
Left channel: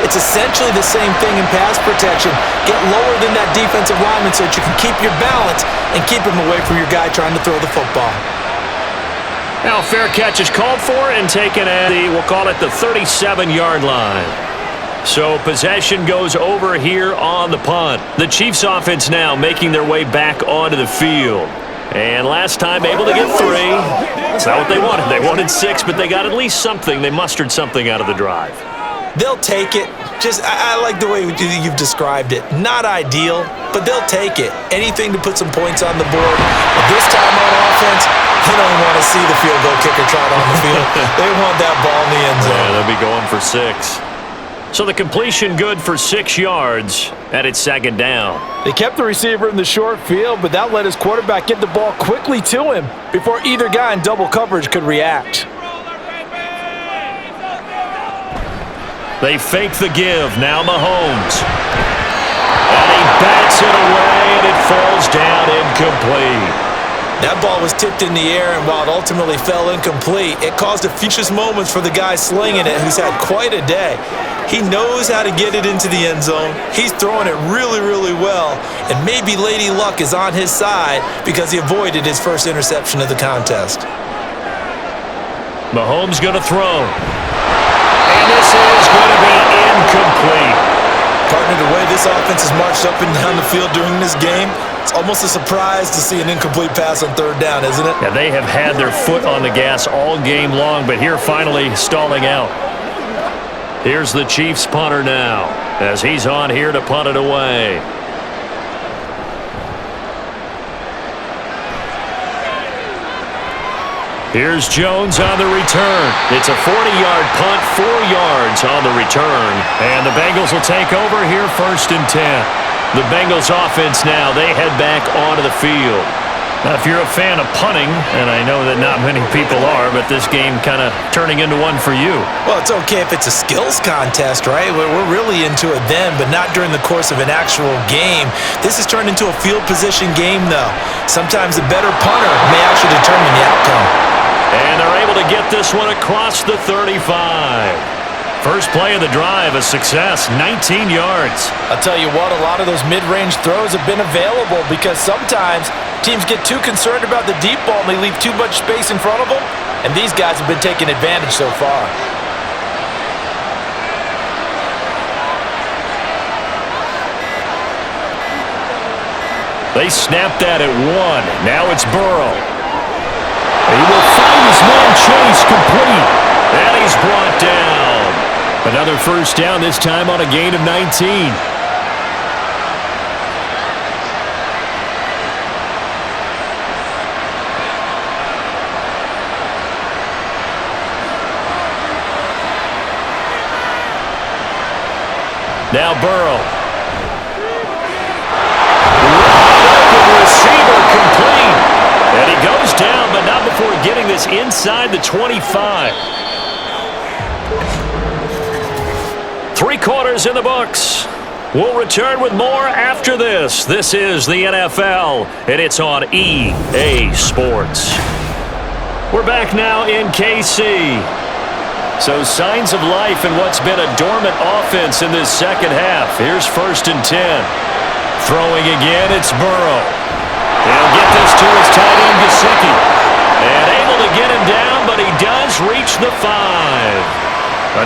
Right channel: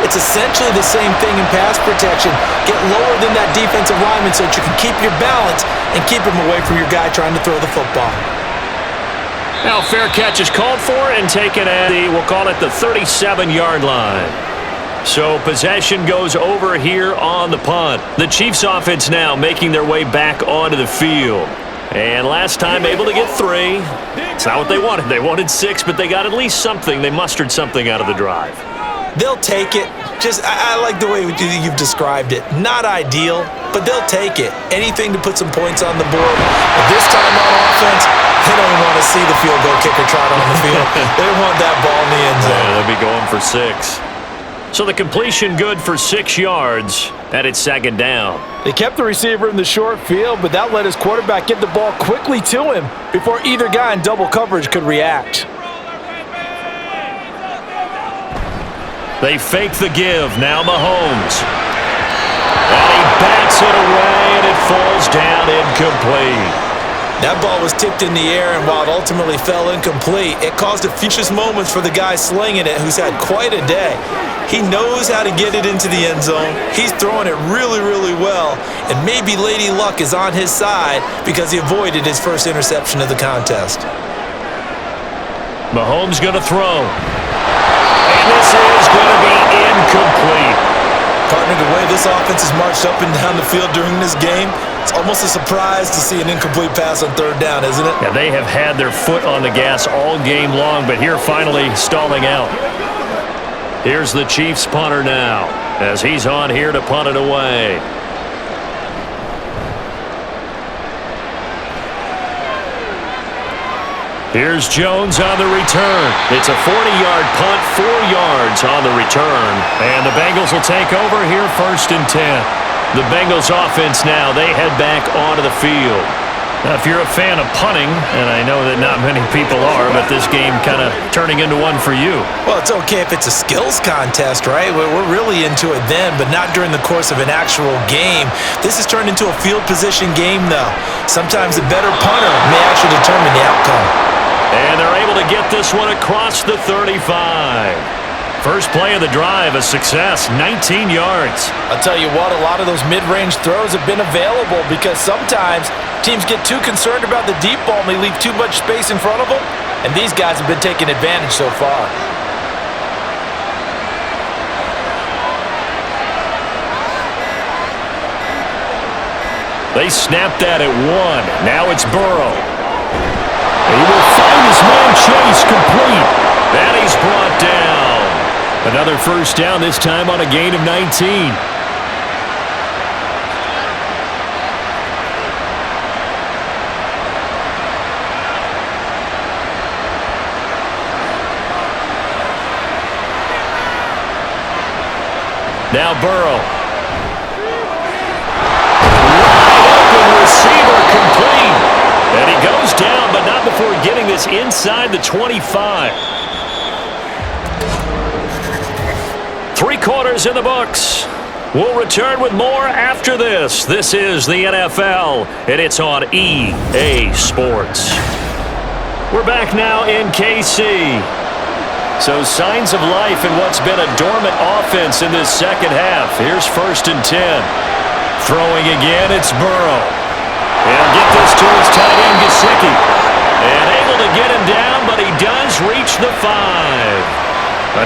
It's essentially the same thing in pass protection. Get lower than that defensive lineman so that you can keep your balance and keep him away from your guy trying to throw the football. Now fair catch is called for and taken at the, we'll call it the 37-yard line. So possession goes over here on the punt. The Chiefs offense now making their way back onto the field. And last time able to get 3. It's not what they wanted. They wanted 6, but they got at least something. They mustered something out of the drive. They'll take it. I like the way you've described it. Not ideal, but they'll take it. Anything to put some points on the board. But this time on offense, they don't even want to see the field goal kicker trot on the field. They want that ball in the end zone. Yeah, they'll be going for 6. So the completion good for 6 yards, and it's 2nd down. They kept the receiver in the short field, but that let his quarterback get the ball quickly to him before either guy in double coverage could react. They fake the give. Now Mahomes. And he bats it away, and it falls down incomplete. That ball was tipped in the air, and while it ultimately fell incomplete, it caused a few moments for the guy slinging it, who's had quite a day. He knows how to get it into the end zone. He's throwing it really, really well, and maybe Lady Luck is on his side because he avoided his first interception of the contest. Mahomes going to throw. And this is going to be incomplete. Partner, the way this offense has marched up and down the field during this game, it's almost a surprise to see an incomplete pass on 3rd down, isn't it? Yeah, they have had their foot on the gas all game long, but here finally stalling out. Here's the Chiefs punter now, as he's on here to punt it away. Here's Jones on the return. It's a 40-yard punt, 4 yards on the return. And the Bengals will take over here 1st and 10. The Bengals offense now, they head back onto the field. Now, if you're a fan of punting, and I know that not many people are, but this game kind of turning into one for you. Well, it's okay if it's a skills contest, right? We're really into it then, but not during the course of an actual game. This has turned into a field position game, though. Sometimes the better punter may actually determine the outcome. And they're able to get this one across the 35. First play of the drive, a success, 19 yards. I'll tell you what, a lot of those mid-range throws have been available because sometimes teams get too concerned about the deep ball and they leave too much space in front of them, and these guys have been taking advantage so far. They snapped that at 1. Now it's Burrow. He will find his man Chase complete. And he's brought down. Another 1st down, this time on a gain of 19. Now Burrow. Wide open receiver complete. And he goes down, but not before getting this inside the 25. 3 quarters in the books. We'll return with more after this. This is the NFL, and it's on EA Sports. We're back now in KC. So signs of life in what's been a dormant offense in this 2nd half. Here's 1st and 10. Throwing again, it's Burrow. He'll get this to his tight end, Gesicki. And able to get him down, but he does reach the 5.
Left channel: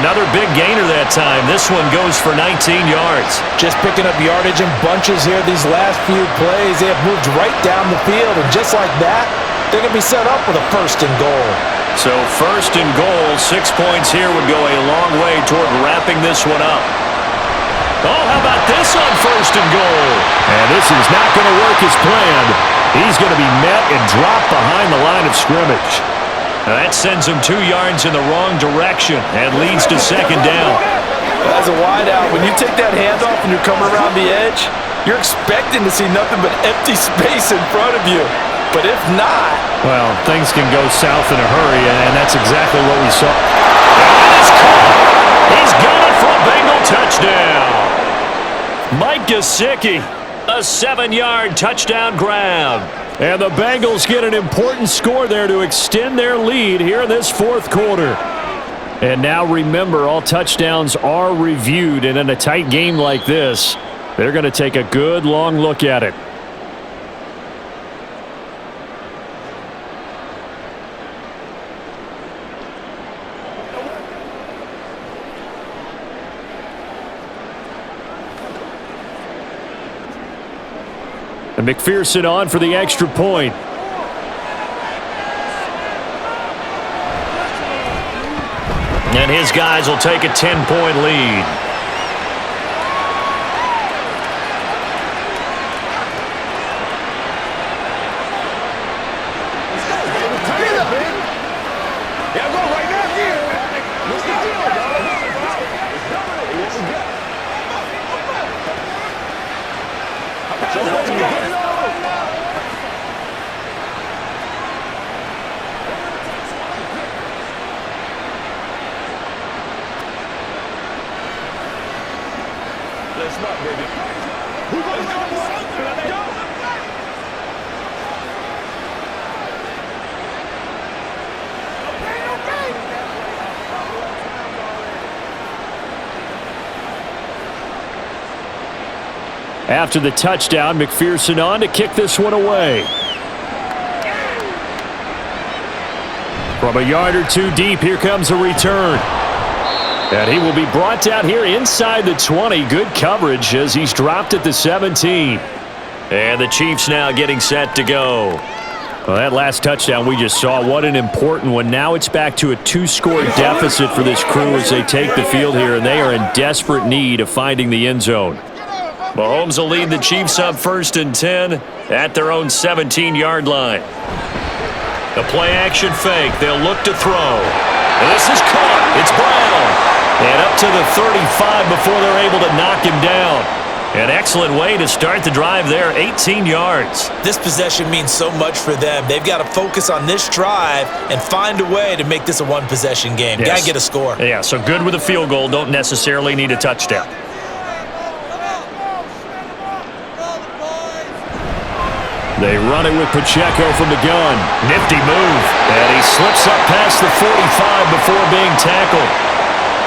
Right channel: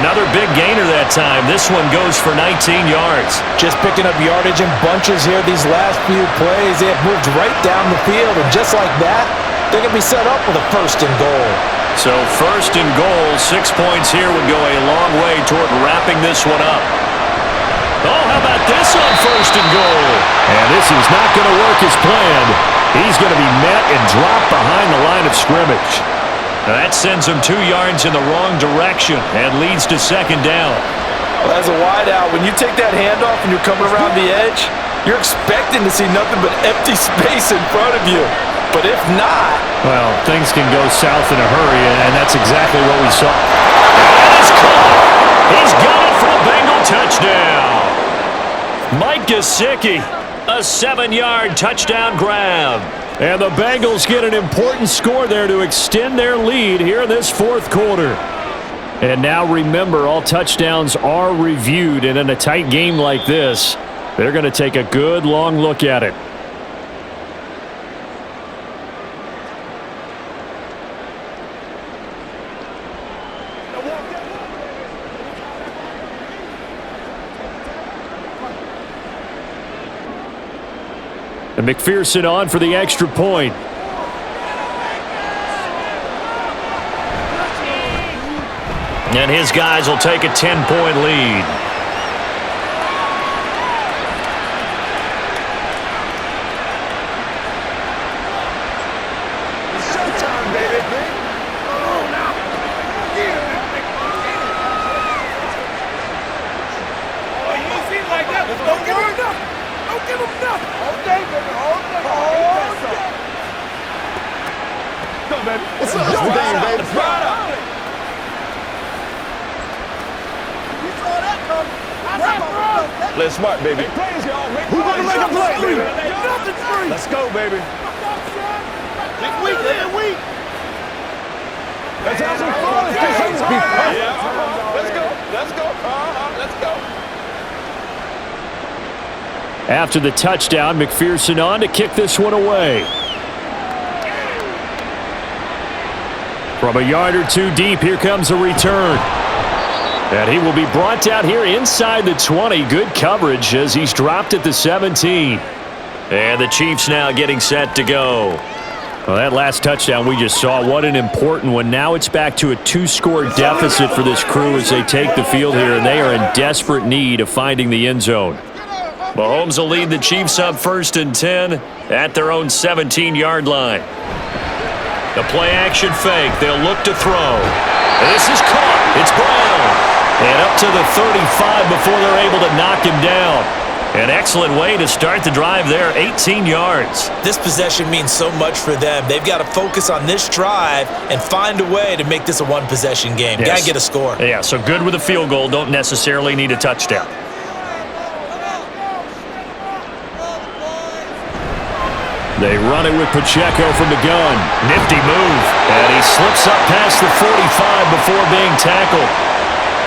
Another big gainer that time. This one goes for 19 yards. Just picking up yardage in bunches here these last few plays. They have moved right down the field, and just like that, they're going to be set up with a 1st and goal. So 1st and goal, 6 points here would go a long way toward wrapping this one up. Oh, how about this on 1st and goal? And this is not going to work as planned. He's going to be met and dropped behind the line of scrimmage. Now that sends him 2 yards in the wrong direction and leads to 2nd down. Well, as a wideout, when you take that handoff and you're coming around the edge, you're expecting to see nothing but empty space in front of you. But if not... Well, things can go south in a hurry, and that's exactly what we saw. And it is caught. He's got it for a Bengal touchdown. Mike Gesicki, a 7-yard touchdown grab. And the Bengals get an important score there to extend their lead here in this 4th quarter. And now remember, all touchdowns are reviewed, and in a tight game like this, they're going to take a good long look at it. And McPherson on for the extra point. And his guys will take a 10-point lead. Play smart, baby. Who's gonna make a play? Let's go, baby. After the touchdown, McPherson on to kick this one away. From a yard or two deep, here comes a return. And he will be brought down here inside the 20. Good coverage as he's dropped at the 17. And the Chiefs now getting set to go. Well, that last touchdown we just saw, what an important one. Now it's back to a 2-score deficit for this crew as they take the field here, and they are in desperate need of finding the end zone. Mahomes will lead the Chiefs up 1st and 10 at their own 17-yard line. The play-action fake. They'll look to throw. And this is caught. It's Brown. And up to the 35 before they're able to knock him down. An excellent way to start the drive there, 18 yards. This possession means so much for them. They've got to focus on this drive and find a way to make this a one-possession game. Yes. Got to get a score. Yeah, so good with a field goal. Don't necessarily need a touchdown. They run it with Pacheco from the gun. Nifty move. And he slips up past the 45 before being tackled.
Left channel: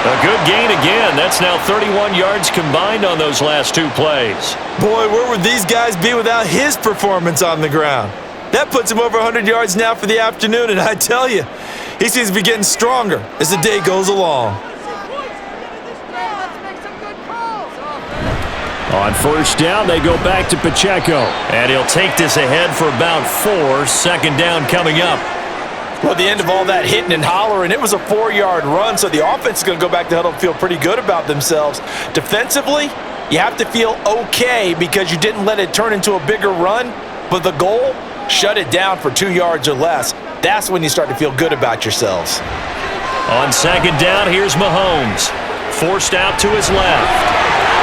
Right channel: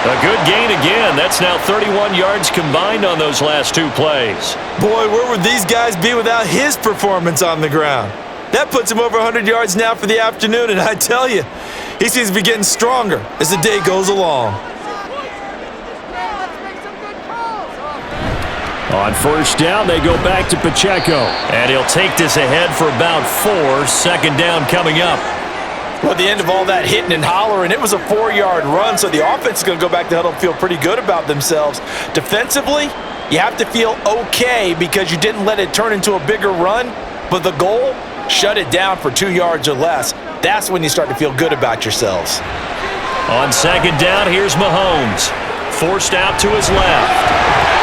A good gain again. That's now 31 yards combined on those last 2 plays. Boy, where would these guys be without his performance on the ground? That puts him over 100 yards now for the afternoon, and I tell you, he seems to be getting stronger as the day goes along. On 1st down, they go back to Pacheco. And he'll take this ahead for about 4. 2nd down coming up. Well, at the end of all that hitting and hollering, it was a 4-yard run, so the offense is going to go back to huddle and feel pretty good about themselves. Defensively, you have to feel okay because you didn't let it turn into a bigger run, but the goal, shut it down for 2 yards or less. That's when you start to feel good about yourselves. On 2nd down, here's Mahomes. Forced out to his left.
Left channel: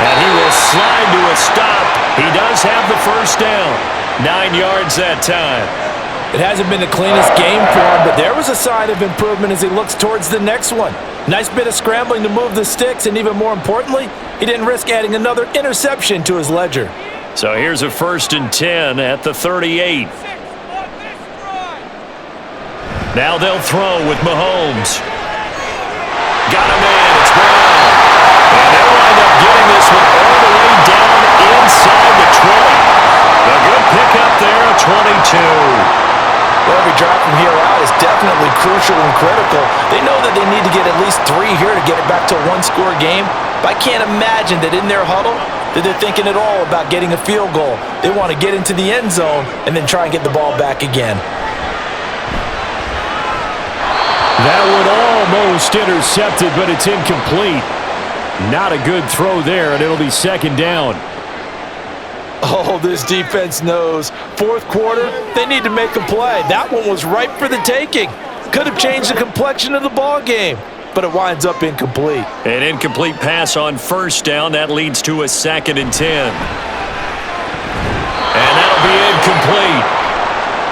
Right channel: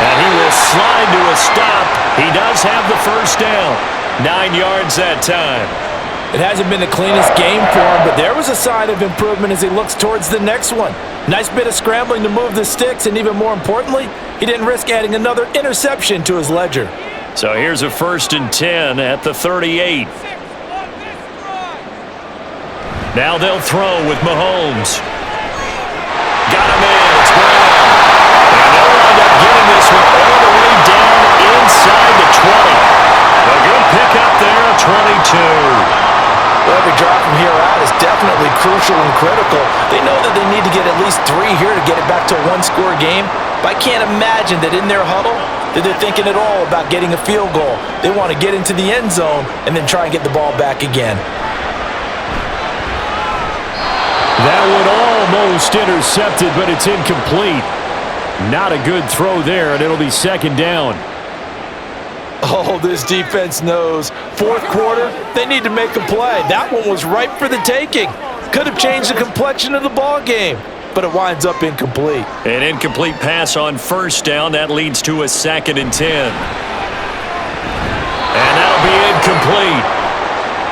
And he will slide to a stop. He does have the 1st down. 9 yards that time. It hasn't been the cleanest game for him, but there was a sign of improvement as he looks towards the next one. Nice bit of scrambling to move the sticks, and even more importantly, he didn't risk adding another interception to his ledger. So here's a 1st and 10 at the 38. Now they'll throw with Mahomes. Got him in. It's Brown. And they'll wind up getting this one all the way down inside the 20. A good pickup there, a 22. Well, every drive from here out is definitely crucial and critical. They know that they need to get at least 3 here to get it back to a 1-score game. But I can't imagine that in their huddle that they're thinking at all about getting a field goal. They want to get into the end zone and then try and get the ball back again. That one almost intercepted, but it's incomplete. Not a good throw there, and it'll be 2nd down. Oh, this defense knows. 4th quarter, they need to make a play. That one was ripe for the taking. Could have changed the complexion of the ball game, but it winds up incomplete. An incomplete pass on 1st down. That leads to a 2nd and 10. And that'll be incomplete.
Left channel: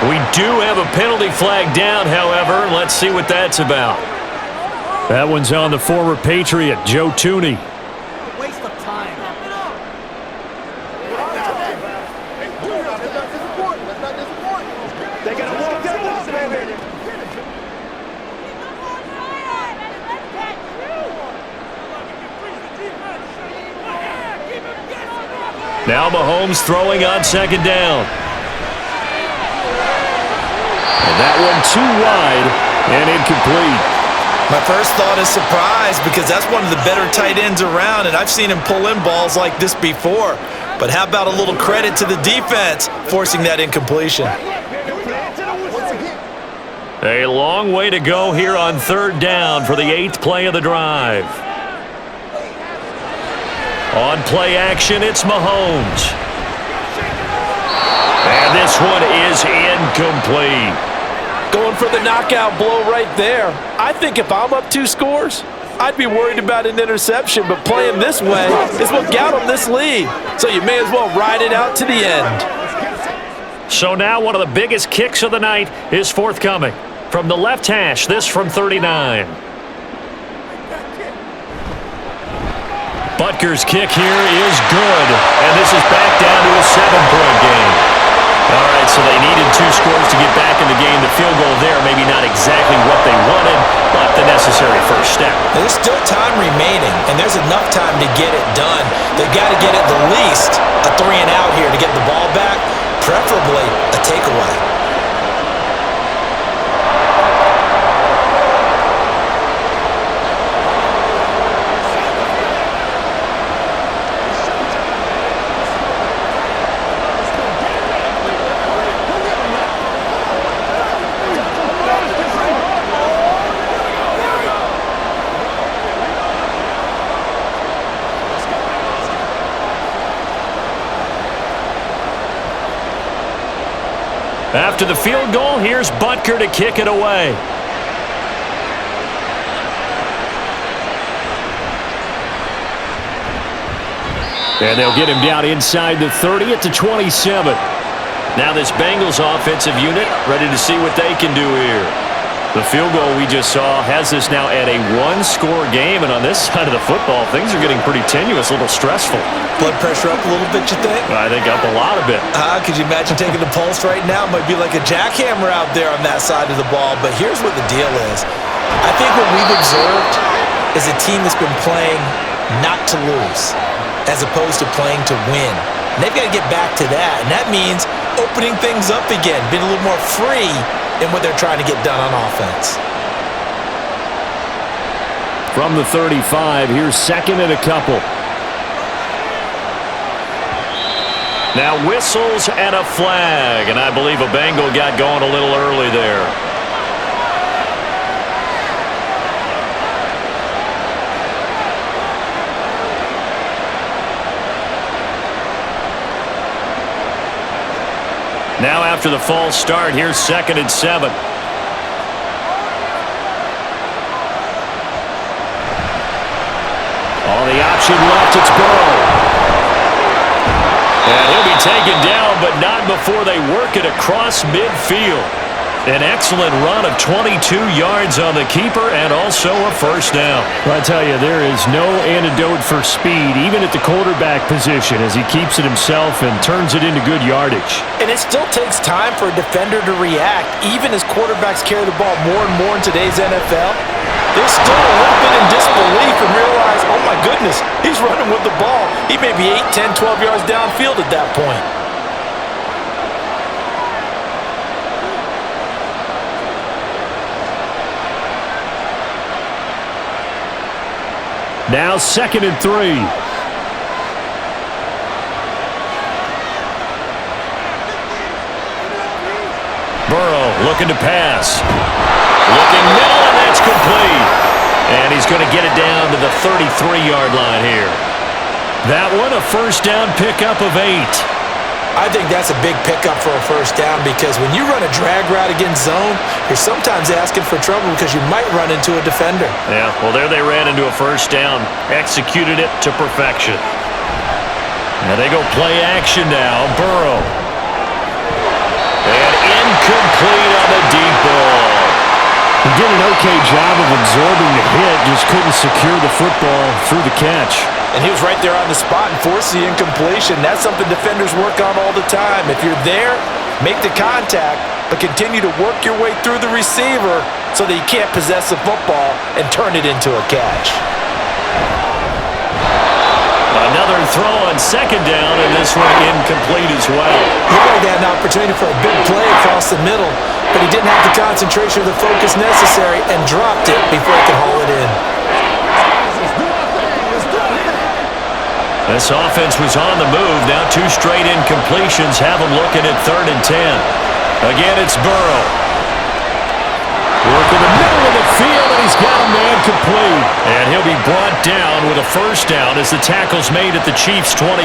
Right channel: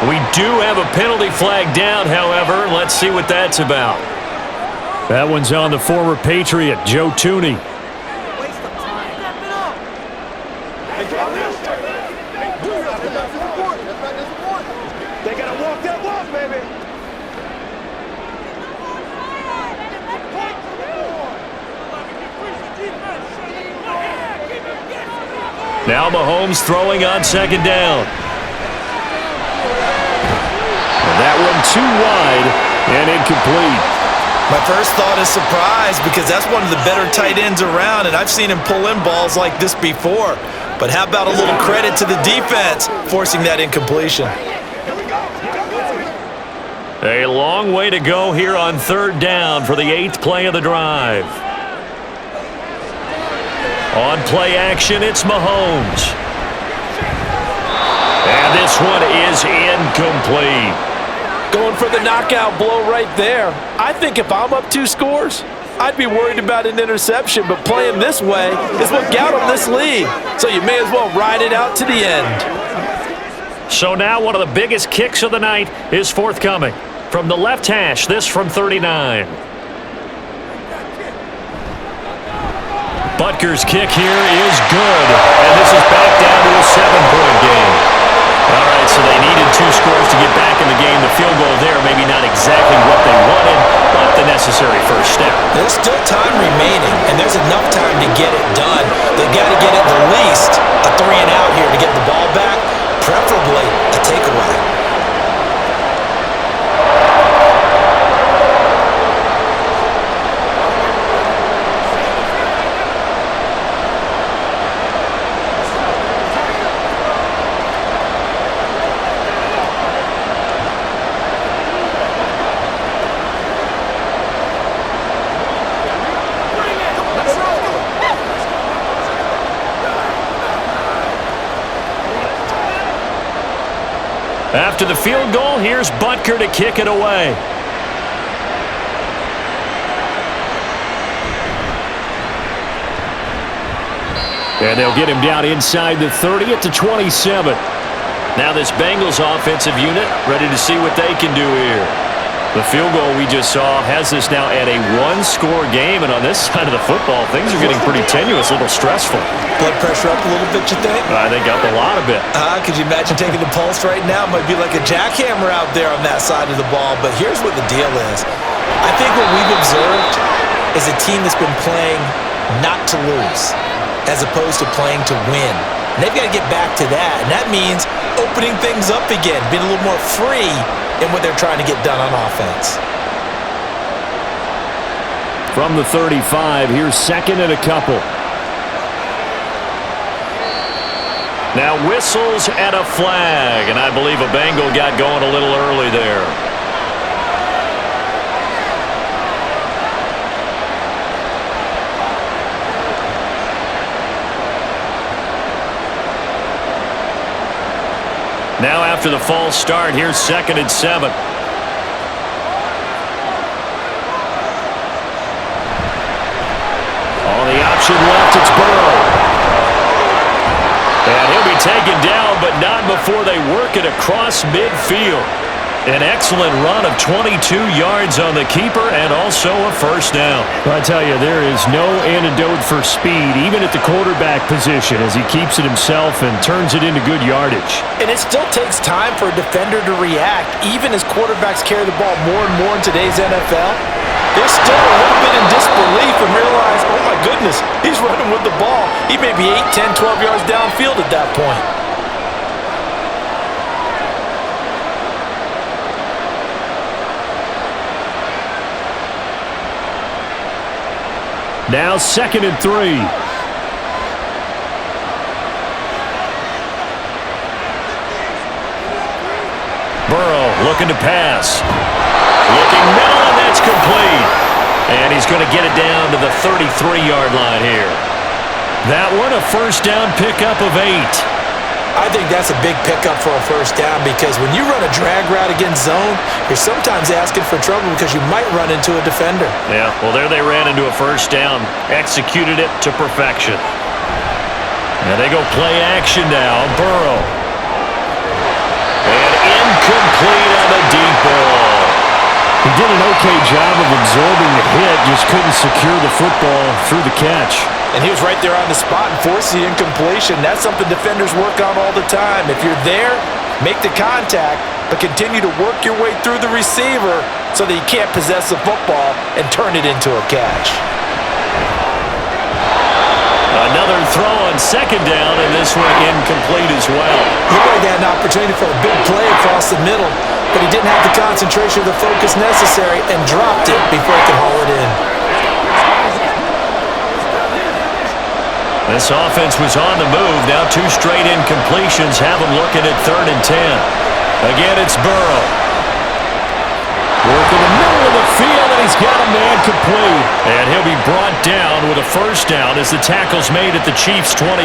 We do have a penalty flag down, however. Let's see what that's about. That one's on the former Patriot, Joe Tooney. Waste of time. They gotta walk that walk, baby. Now Mahomes throwing on 2nd down. And that one too wide and incomplete. My first thought is surprise because that's one of the better tight ends around, and I've seen him pull in balls like this before. But how about a little credit to the defense forcing that incompletion? A long way to go here on third down for the 8th play of the drive. On play action, it's Mahomes. And this one is incomplete. Going for the knockout blow right there. I think if I'm up 2 scores, I'd be worried about an interception, but playing this way is what got him this lead. So you may as well ride it out to the end. So now one of the biggest kicks of the night is forthcoming. From the left hash, this from 39. Butker's kick here is good, and this is back down to a 7-point game. All right, so they needed 2 scores to get back in the game. The field goal there, maybe not exactly what they wanted, but the necessary first step. There's still time remaining, and there's enough time to get it done. They've got to get at the least a 3-and-out here to get the ball back, preferably a takeaway. After the field goal, here's Butker to kick it away. And they'll get him down inside the 30 at the 27. Now this Bengals offensive unit ready to see what they can do here. The field goal we just saw has this now at a 1-score game, and on this side of the football, things are getting pretty tenuous, a little stressful. Blood pressure up a little bit, you think? I think up a lot of it. Could you imagine taking the pulse right now? It might be like a jackhammer out there on that side of the ball, but here's what the deal is. I think what we've observed is a team that's been playing not to lose as opposed to playing to win. And they've got to get back to that, and that means opening things up again, being a little more free in what they're trying to get done on offense. From the 35, here's 2nd and a couple. Now whistles and a flag, and I believe a Bengal got going a little early there. Now after the false start, here's 2nd and 7. On the option left, it's Burrow. And he'll be taken down, but not before they work it across midfield. An excellent run of 22 yards on the keeper and also a first down. Well, I tell you, there is no antidote for speed, even at the quarterback position, as he keeps it himself and turns it into good yardage. And it still takes time for a defender to react, even as quarterbacks carry the ball more and more in today's NFL. They're still a little bit in disbelief and realize, oh my goodness, he's running with the ball. He may be 8, 10, 12 yards downfield at that point. Now 2nd and 3. Burrow looking to pass. Looking middle, and that's complete. And he's going to get it down to the 33-yard line here. That one, a first down pickup of 8. I think that's a big pickup for a first down because when you run a drag route against zone, you're sometimes asking for trouble because you might run into a defender. Yeah, well, there they ran into a first down, executed it to perfection. And they go play action now. Burrow. And incomplete on the deep ball. He did an okay job of absorbing the hit, just couldn't secure the football through the catch. And he was right there on the spot and forced the incompletion. That's something defenders work on all the time. If you're there, make the contact, but continue to work your way through the receiver so that you can't possess the football and turn it into a catch. Another throw on 2nd down, and this one incomplete as well. He really had an opportunity for a big play across the middle, but he didn't have the concentration or the focus necessary and dropped it before he could haul it in. This offense was on the move. Now 2 straight incompletions have them looking at 3rd and 10. Again, it's Burrow. Working the middle of the field, and he's got a man complete. And he'll be brought down with a first down as the tackle's made at the Chiefs' 21.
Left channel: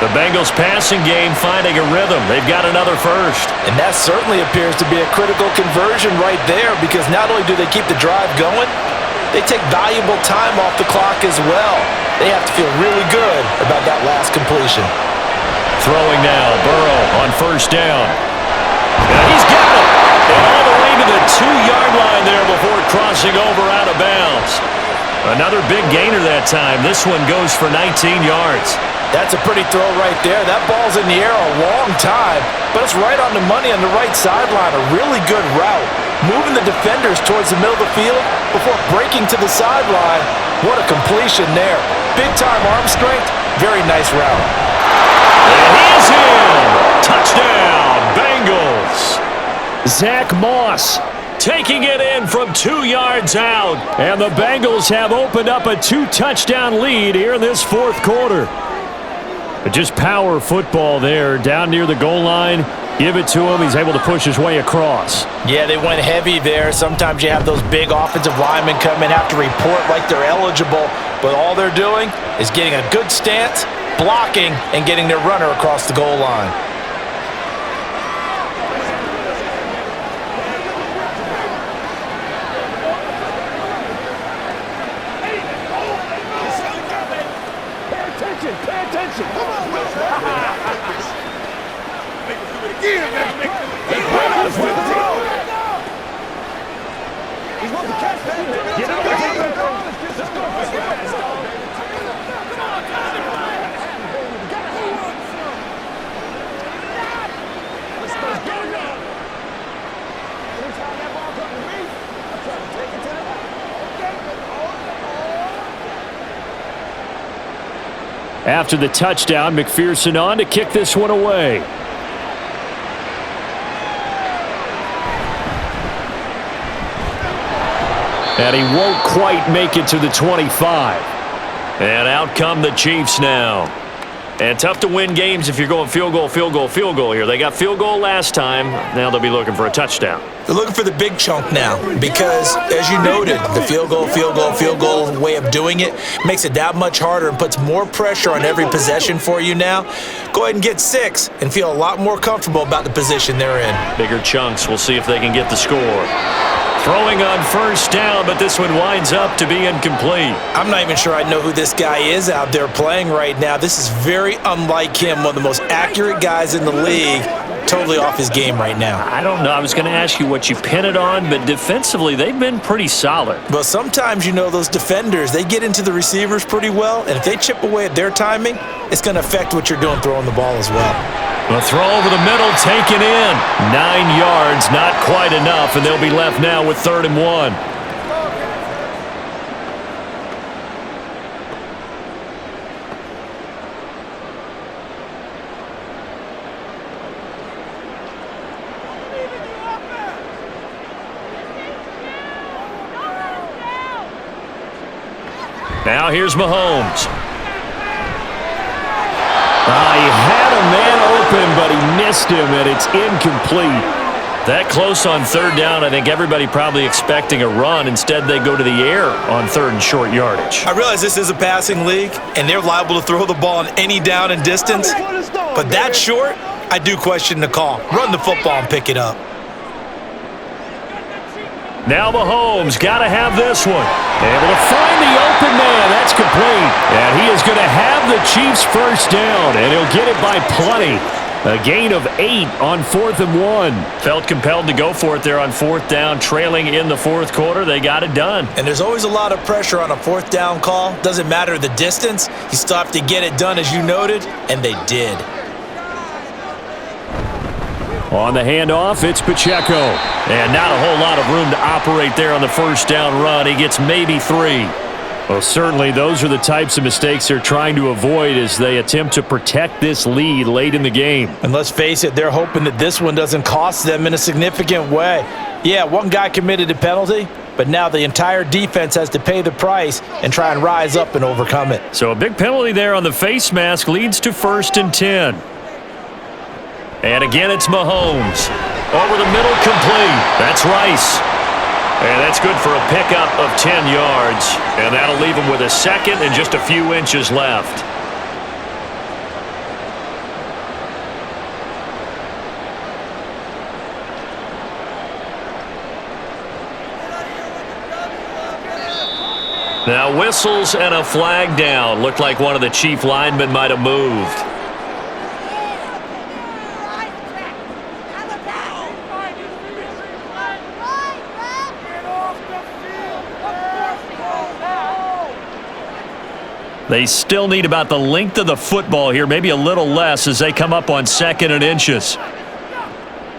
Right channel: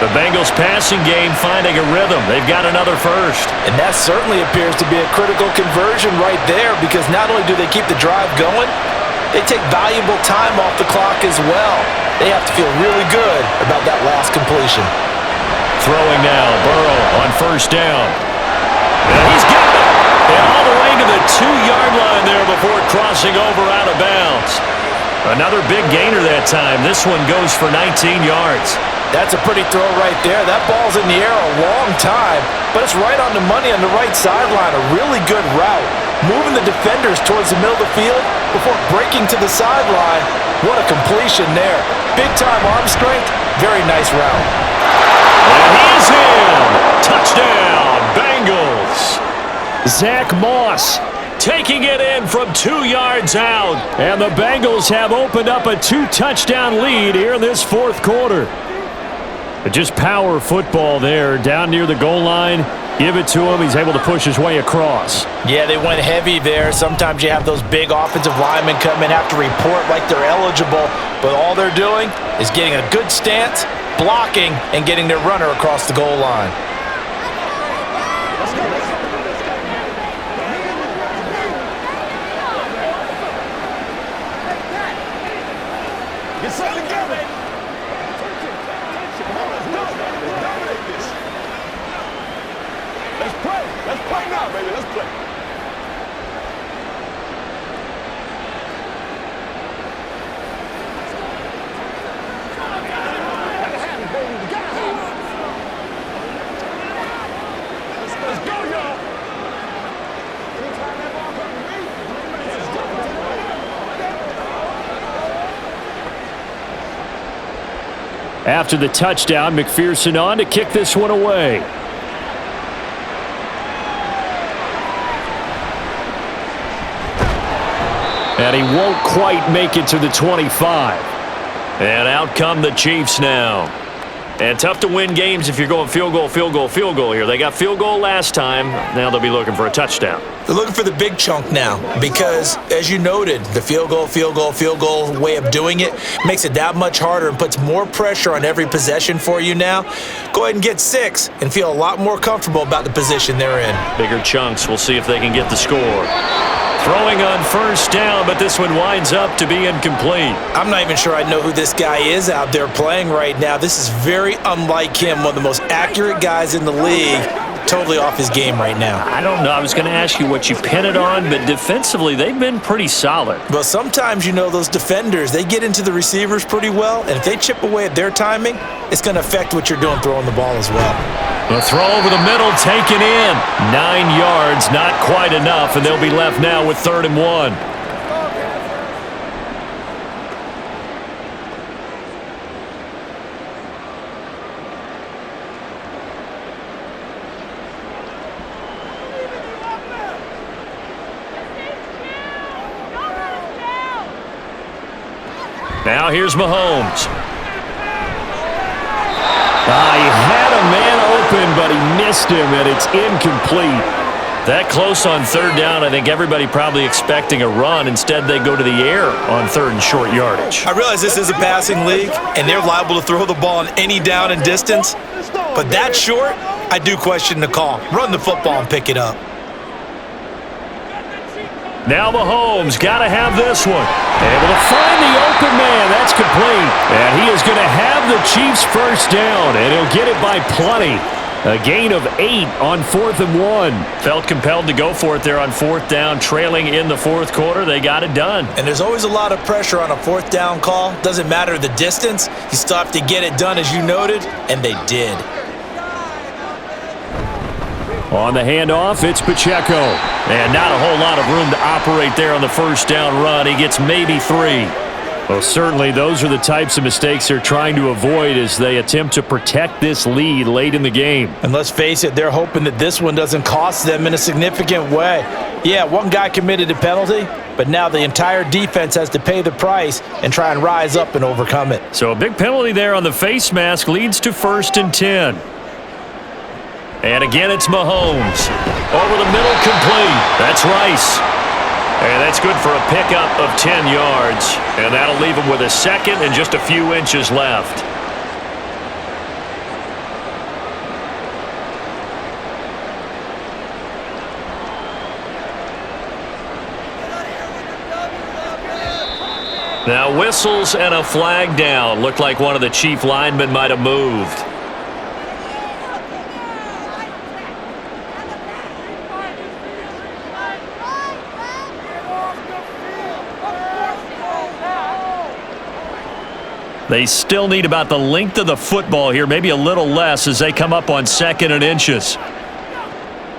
The Bengals passing game finding a rhythm. They've got another first. And that certainly appears to be a critical conversion right there, because not only do they keep the drive going, they take valuable time off the clock as well. They have to feel really good about that last completion. Throwing now, Burrow on first down. And he's got it. And all the way to the 2-yard line there before crossing over out of bounds. Another big gainer that time. This one goes for 19 yards. That's a pretty throw right there. That ball's in the air a long time, but it's right on the money on the right sideline. A really good route. Moving the defenders towards the middle of the field before breaking to the sideline. What a completion there. Big-time arm strength. Very nice route. And he is in. Touchdown, Bengals. Zach Moss taking it in from 2 yards out. And the Bengals have opened up a 2-touchdown lead here in this fourth quarter. But just power football there down near the goal line. Give it to him. He's able to push his way across. Yeah, they went heavy there. Sometimes you have those big offensive linemen come in, have to report like they're eligible. But all they're doing is getting a good stance, blocking, and getting their runner across the goal line. After the touchdown, McPherson on to kick this one away. And he won't quite make it to the 25. And out come the Chiefs now. And tough to win games if you're going field goal, field goal, field goal here. They got field goal last time. Now they'll be looking for a touchdown. They're looking for the big chunk now because, as you noted, the field goal way of doing it makes it that much harder and puts more pressure on every possession for you now. Go ahead and get 6 and feel a lot more comfortable about the position they're in. Bigger chunks. We'll see if they can get the score. Throwing on first down, but this one winds up to be incomplete. I'm not even sure I know who this guy is out there playing right now. This is very unlike him, one of the most accurate guys in the league. Totally off his game right now. I don't know. I was going to ask you what you pin it on, but defensively, they've been pretty solid. But sometimes, you know, those defenders, they get into the receivers pretty well, and if they chip away at their timing, it's going to affect what you're doing throwing the ball as well. A throw over the middle, taken in. 9 yards, not quite enough, and they'll be left now with 3rd and 1. Now here's Mahomes. He had a man open, but he missed him, and it's incomplete. That close on 3rd down, I think everybody probably expecting a run. Instead, they go to the air on 3rd and short yardage. I realize this is a passing league, and they're liable to throw the ball on any down and distance. But that short, I do question the call. Run the football and pick it up. Now Mahomes got to have this one. Able to find the open man. That's complete. And he is going to have the Chiefs first down, and he'll get it by plenty. A gain of 8 on 4th and 1. Felt compelled to go for it there on 4th down, trailing in the 4th quarter. They got it done. And there's always a lot of pressure on a 4th down call. Doesn't matter the distance. You still have to get it done, as you noted, and they did. On the handoff, it's Pacheco. And not a whole lot of room to operate there on the first down run. He gets maybe 3. Well, certainly those are the types of mistakes they're trying to avoid as they attempt to protect this lead late in the game. And let's face it, they're hoping that this one doesn't cost them in a significant way. Yeah, one guy committed a penalty, but now the entire defense has to pay the price and try and rise up and overcome it. So a big penalty there on the face mask leads to 1st and 10. And again, it's Mahomes. Over the middle, complete. That's Rice. And that's good for a pickup of 10 yards. And that'll leave him with a second and just a few inches left. Now whistles and a flag down. Looked like one of the chief linemen might have moved. They still need about the length of the football here, maybe a little less as they come up on 2nd and inches.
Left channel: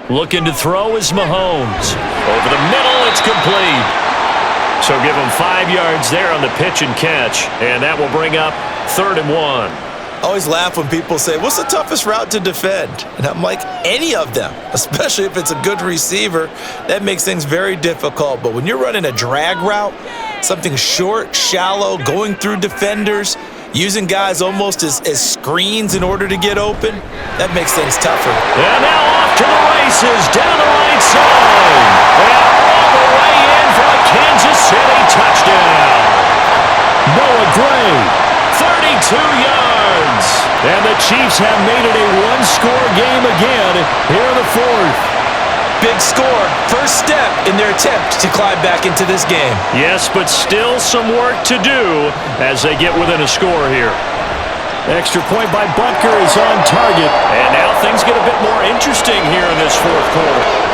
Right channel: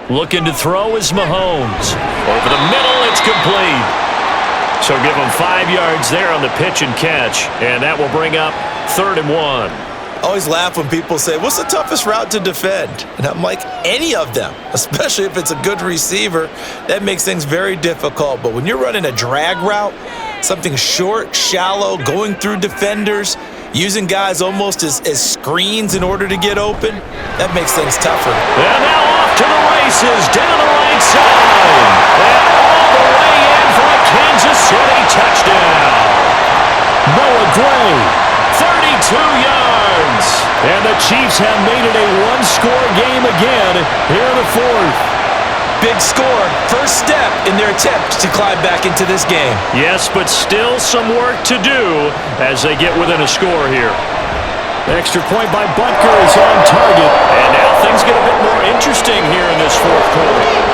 Looking to throw is Mahomes. Over the middle, it's complete. So give him 5 yards there on the pitch and catch, and that will bring up 3rd and 1. I always laugh when people say, what's the toughest route to defend? And I'm like, any of them, especially if it's a good receiver. That makes things very difficult. But when you're running a drag route, something short, shallow, going through defenders, using guys almost as screens in order to get open, that makes things tougher. And now off to the races, down the right side. And all the way in for a Kansas City touchdown. Noah Gray, 32 yards. And the Chiefs have made it a one-score game again here in the 4th. Big score, first step in their attempt to climb back into this game. Yes, but still some work to do as they get within a score here. Extra point by Butker is on target. And now things get a bit more interesting here in this 4th quarter.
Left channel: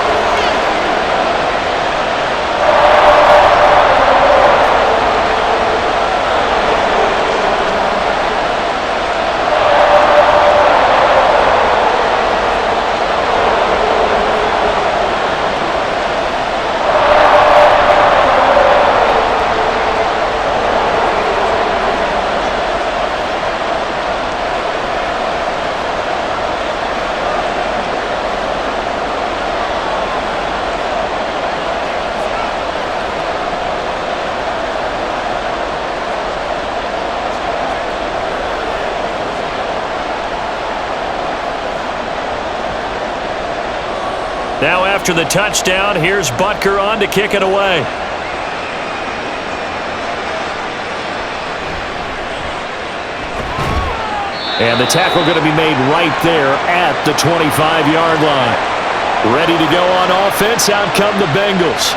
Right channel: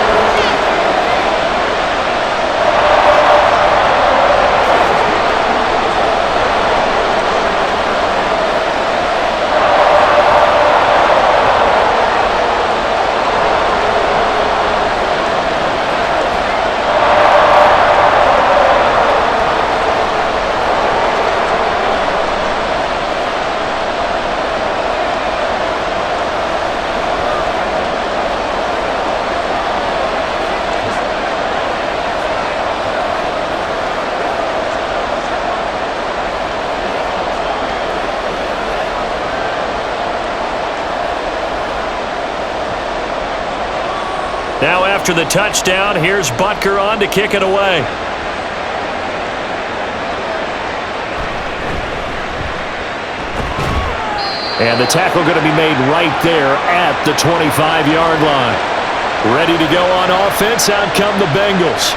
Now after the touchdown, here's Butker on to kick it away. And the tackle going to be made right there at the 25-yard line. Ready to go on offense, out come the Bengals.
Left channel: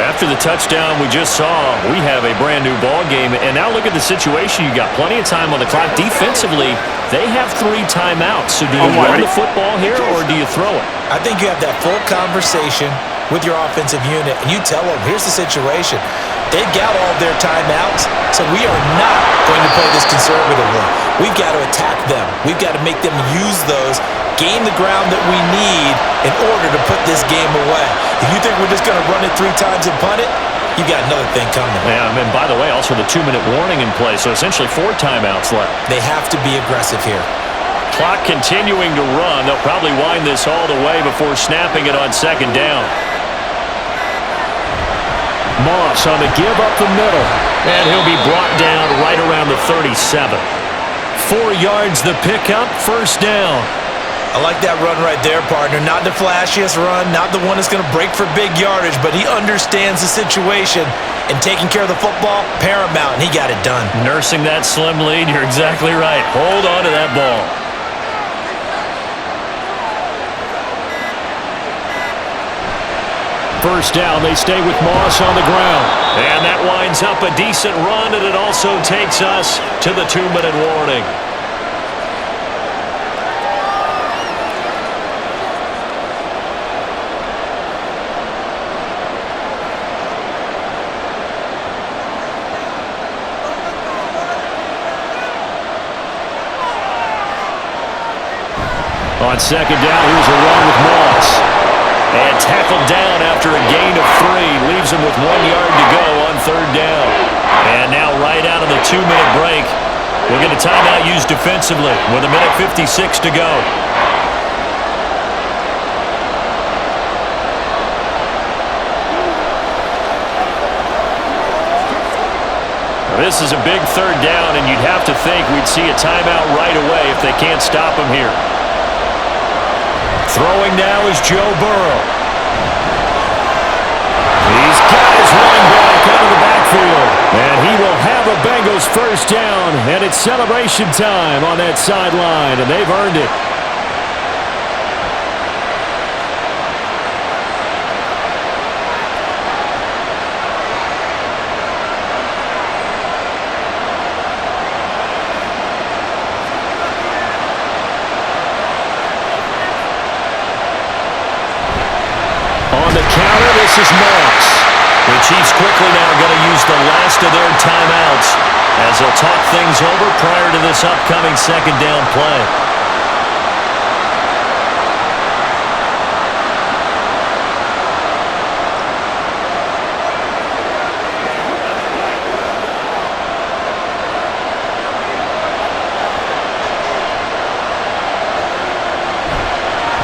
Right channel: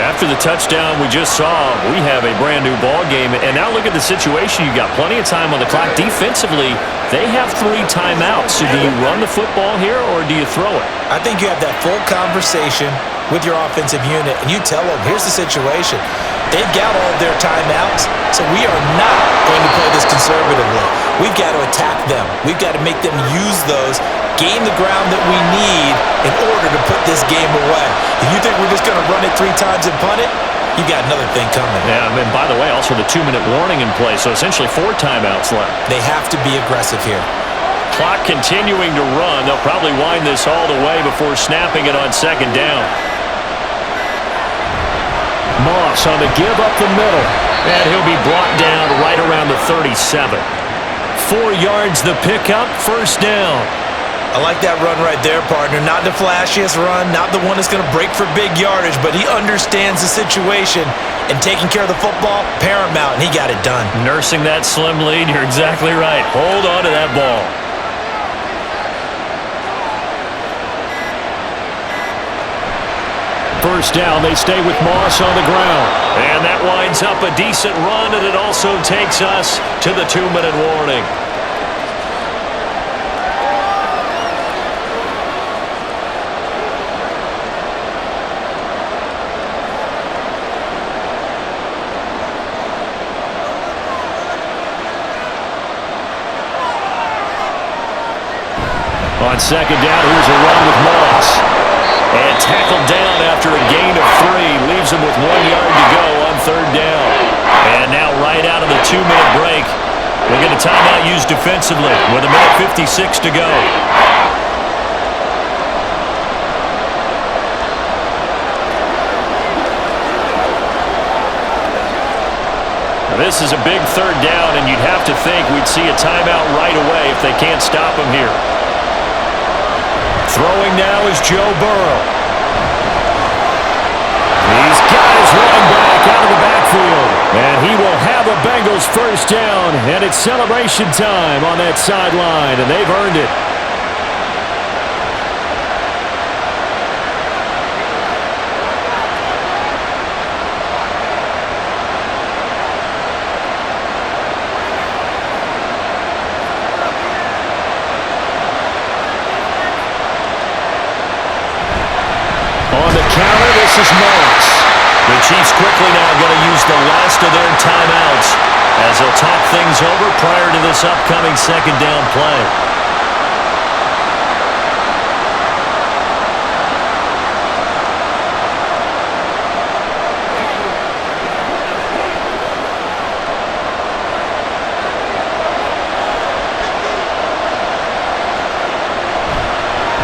After the touchdown we just saw, we have a brand new ball game. And now look at the situation. You got plenty of time on the clock. Defensively, they have 3 timeouts. So do you run the football here or do you throw it? I think you have that full conversation with your offensive unit, and you tell them, here's the situation. They've got all their timeouts, so we are not going to play this conservatively. We've got to attack them. We've got to make them use those, gain the ground that we need in order to put this game away. If you think we're just going to run it 3 times and punt it, you got another thing coming. Yeah, and by the way, also the 2-minute warning in play, so essentially 4 timeouts left. They have to be aggressive here. Clock continuing to run. They'll probably wind this all the way before snapping it on 2nd down. Moss on the give up the middle. And he'll be brought down right around the 37. 4 yards the pickup, 1st down. I like that run right there, partner. Not the flashiest run, not the one that's going to break for big yardage, but he understands the situation, and taking care of the football, paramount, and he got it done. Nursing that slim lead, you're exactly right. Hold on to that ball. First down, they stay with Moss on the ground. And that winds up a decent run, and it also takes us to the 2-minute warning. On 2nd down, here's a run with Moss. And tackled down after a gain of 3. Leaves him with 1 yard to go on 3rd down. And now right out of the 2-minute break, we'll get a timeout used defensively with 1:56 to go. Now this is a big 3rd down, and you'd have to think we'd see a timeout right away if they can't stop him here. Throwing now is Joe Burrow. He's got his running back out of the backfield. And he will have a Bengals first down. And it's celebration time on that sideline, and they've earned it. On the counter, this is Moss. The Chiefs quickly now going to use the last of their timeouts as they'll talk things over prior to this upcoming second down play.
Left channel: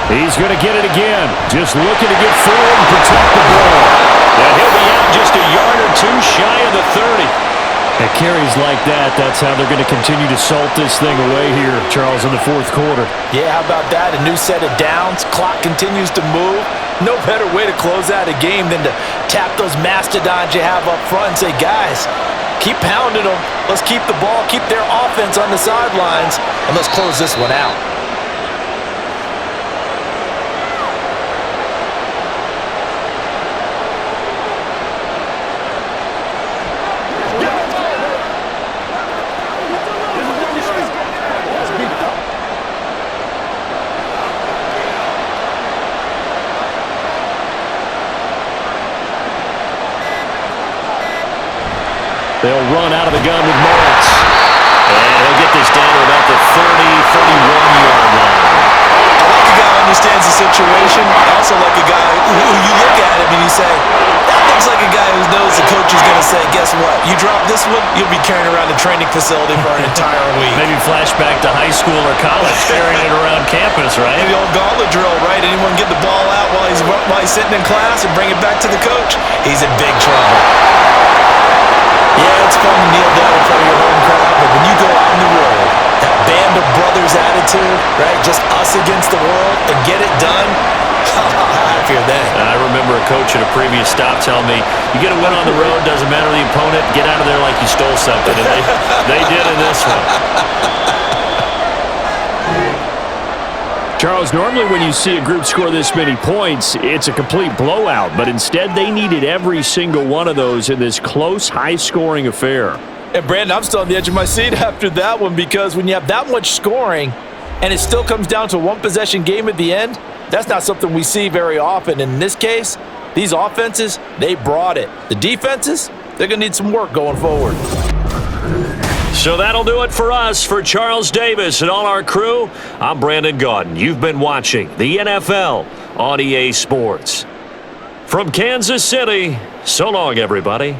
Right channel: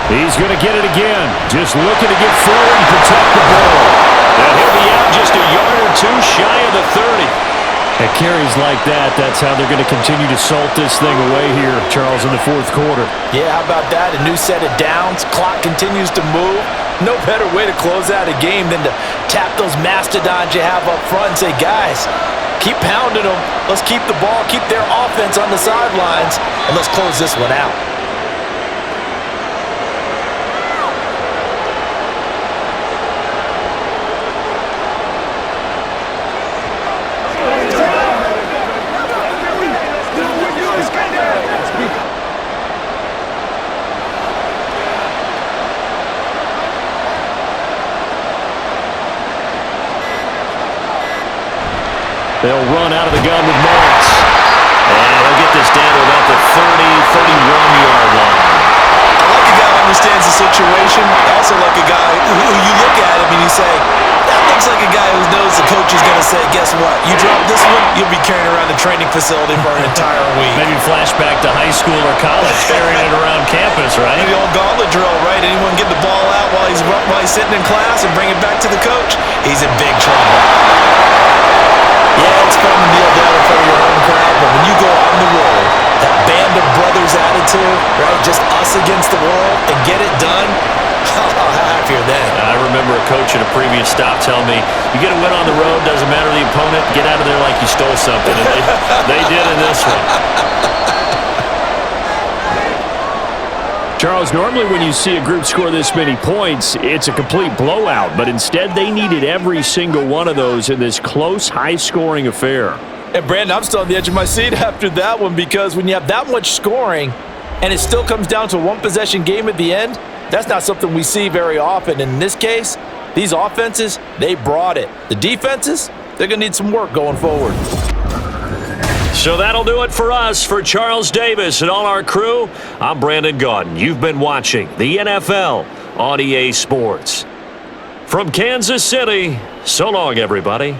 He's going to get it again. Just looking to get forward and protect the ball. And he'll be out just a yard or two shy of the 30. At carries like that, that's how they're going to continue to salt this thing away here, Charles, in the fourth quarter. Yeah, how about that? A new set of downs. Clock continues to move. No better way to close out a game than to tap those mastodons you have up front and say, guys, keep pounding them. Let's keep the ball, keep their offense on the sidelines, and let's close this one out. They'll run out of the gun with Moss. And he'll get this down to about the 31-yard line. I like a guy who understands the situation. I also like a guy who you look at him and you say, that looks like a guy who knows the coach is going to say, guess what? You drop this one, you'll be carrying around the training facility for an entire week. Maybe flashback to high school or college, carrying it around campus, right? The old gauntlet drill, right? Anyone get the ball out while he's sitting in class and bring it back to the coach? He's in big trouble. Yeah, it's fun to kneel down in front of your home crowd, but when you go out on the road, that band of brothers attitude, right? Just us against the world and get it done. How happy are they? I remember a coach at a previous stop telling me, you get a win on the road, doesn't matter the opponent, get out of there like you stole something. And they did in this one. Charles, normally when you see a group score this many points, it's a complete blowout. But instead, they needed every single one of those in this close, high-scoring affair. And, Brandon, I'm still on the edge of my seat after that one because when you have that much scoring and it still comes down to a one-possession game at the end, that's not something we see very often. In this case, these offenses, they brought it. The defenses, they're going to need some work going forward. So that'll do it for us. For Charles Davis and all our crew, I'm Brandon Gaudin. You've been watching the NFL on EA Sports. From Kansas City, so long, everybody.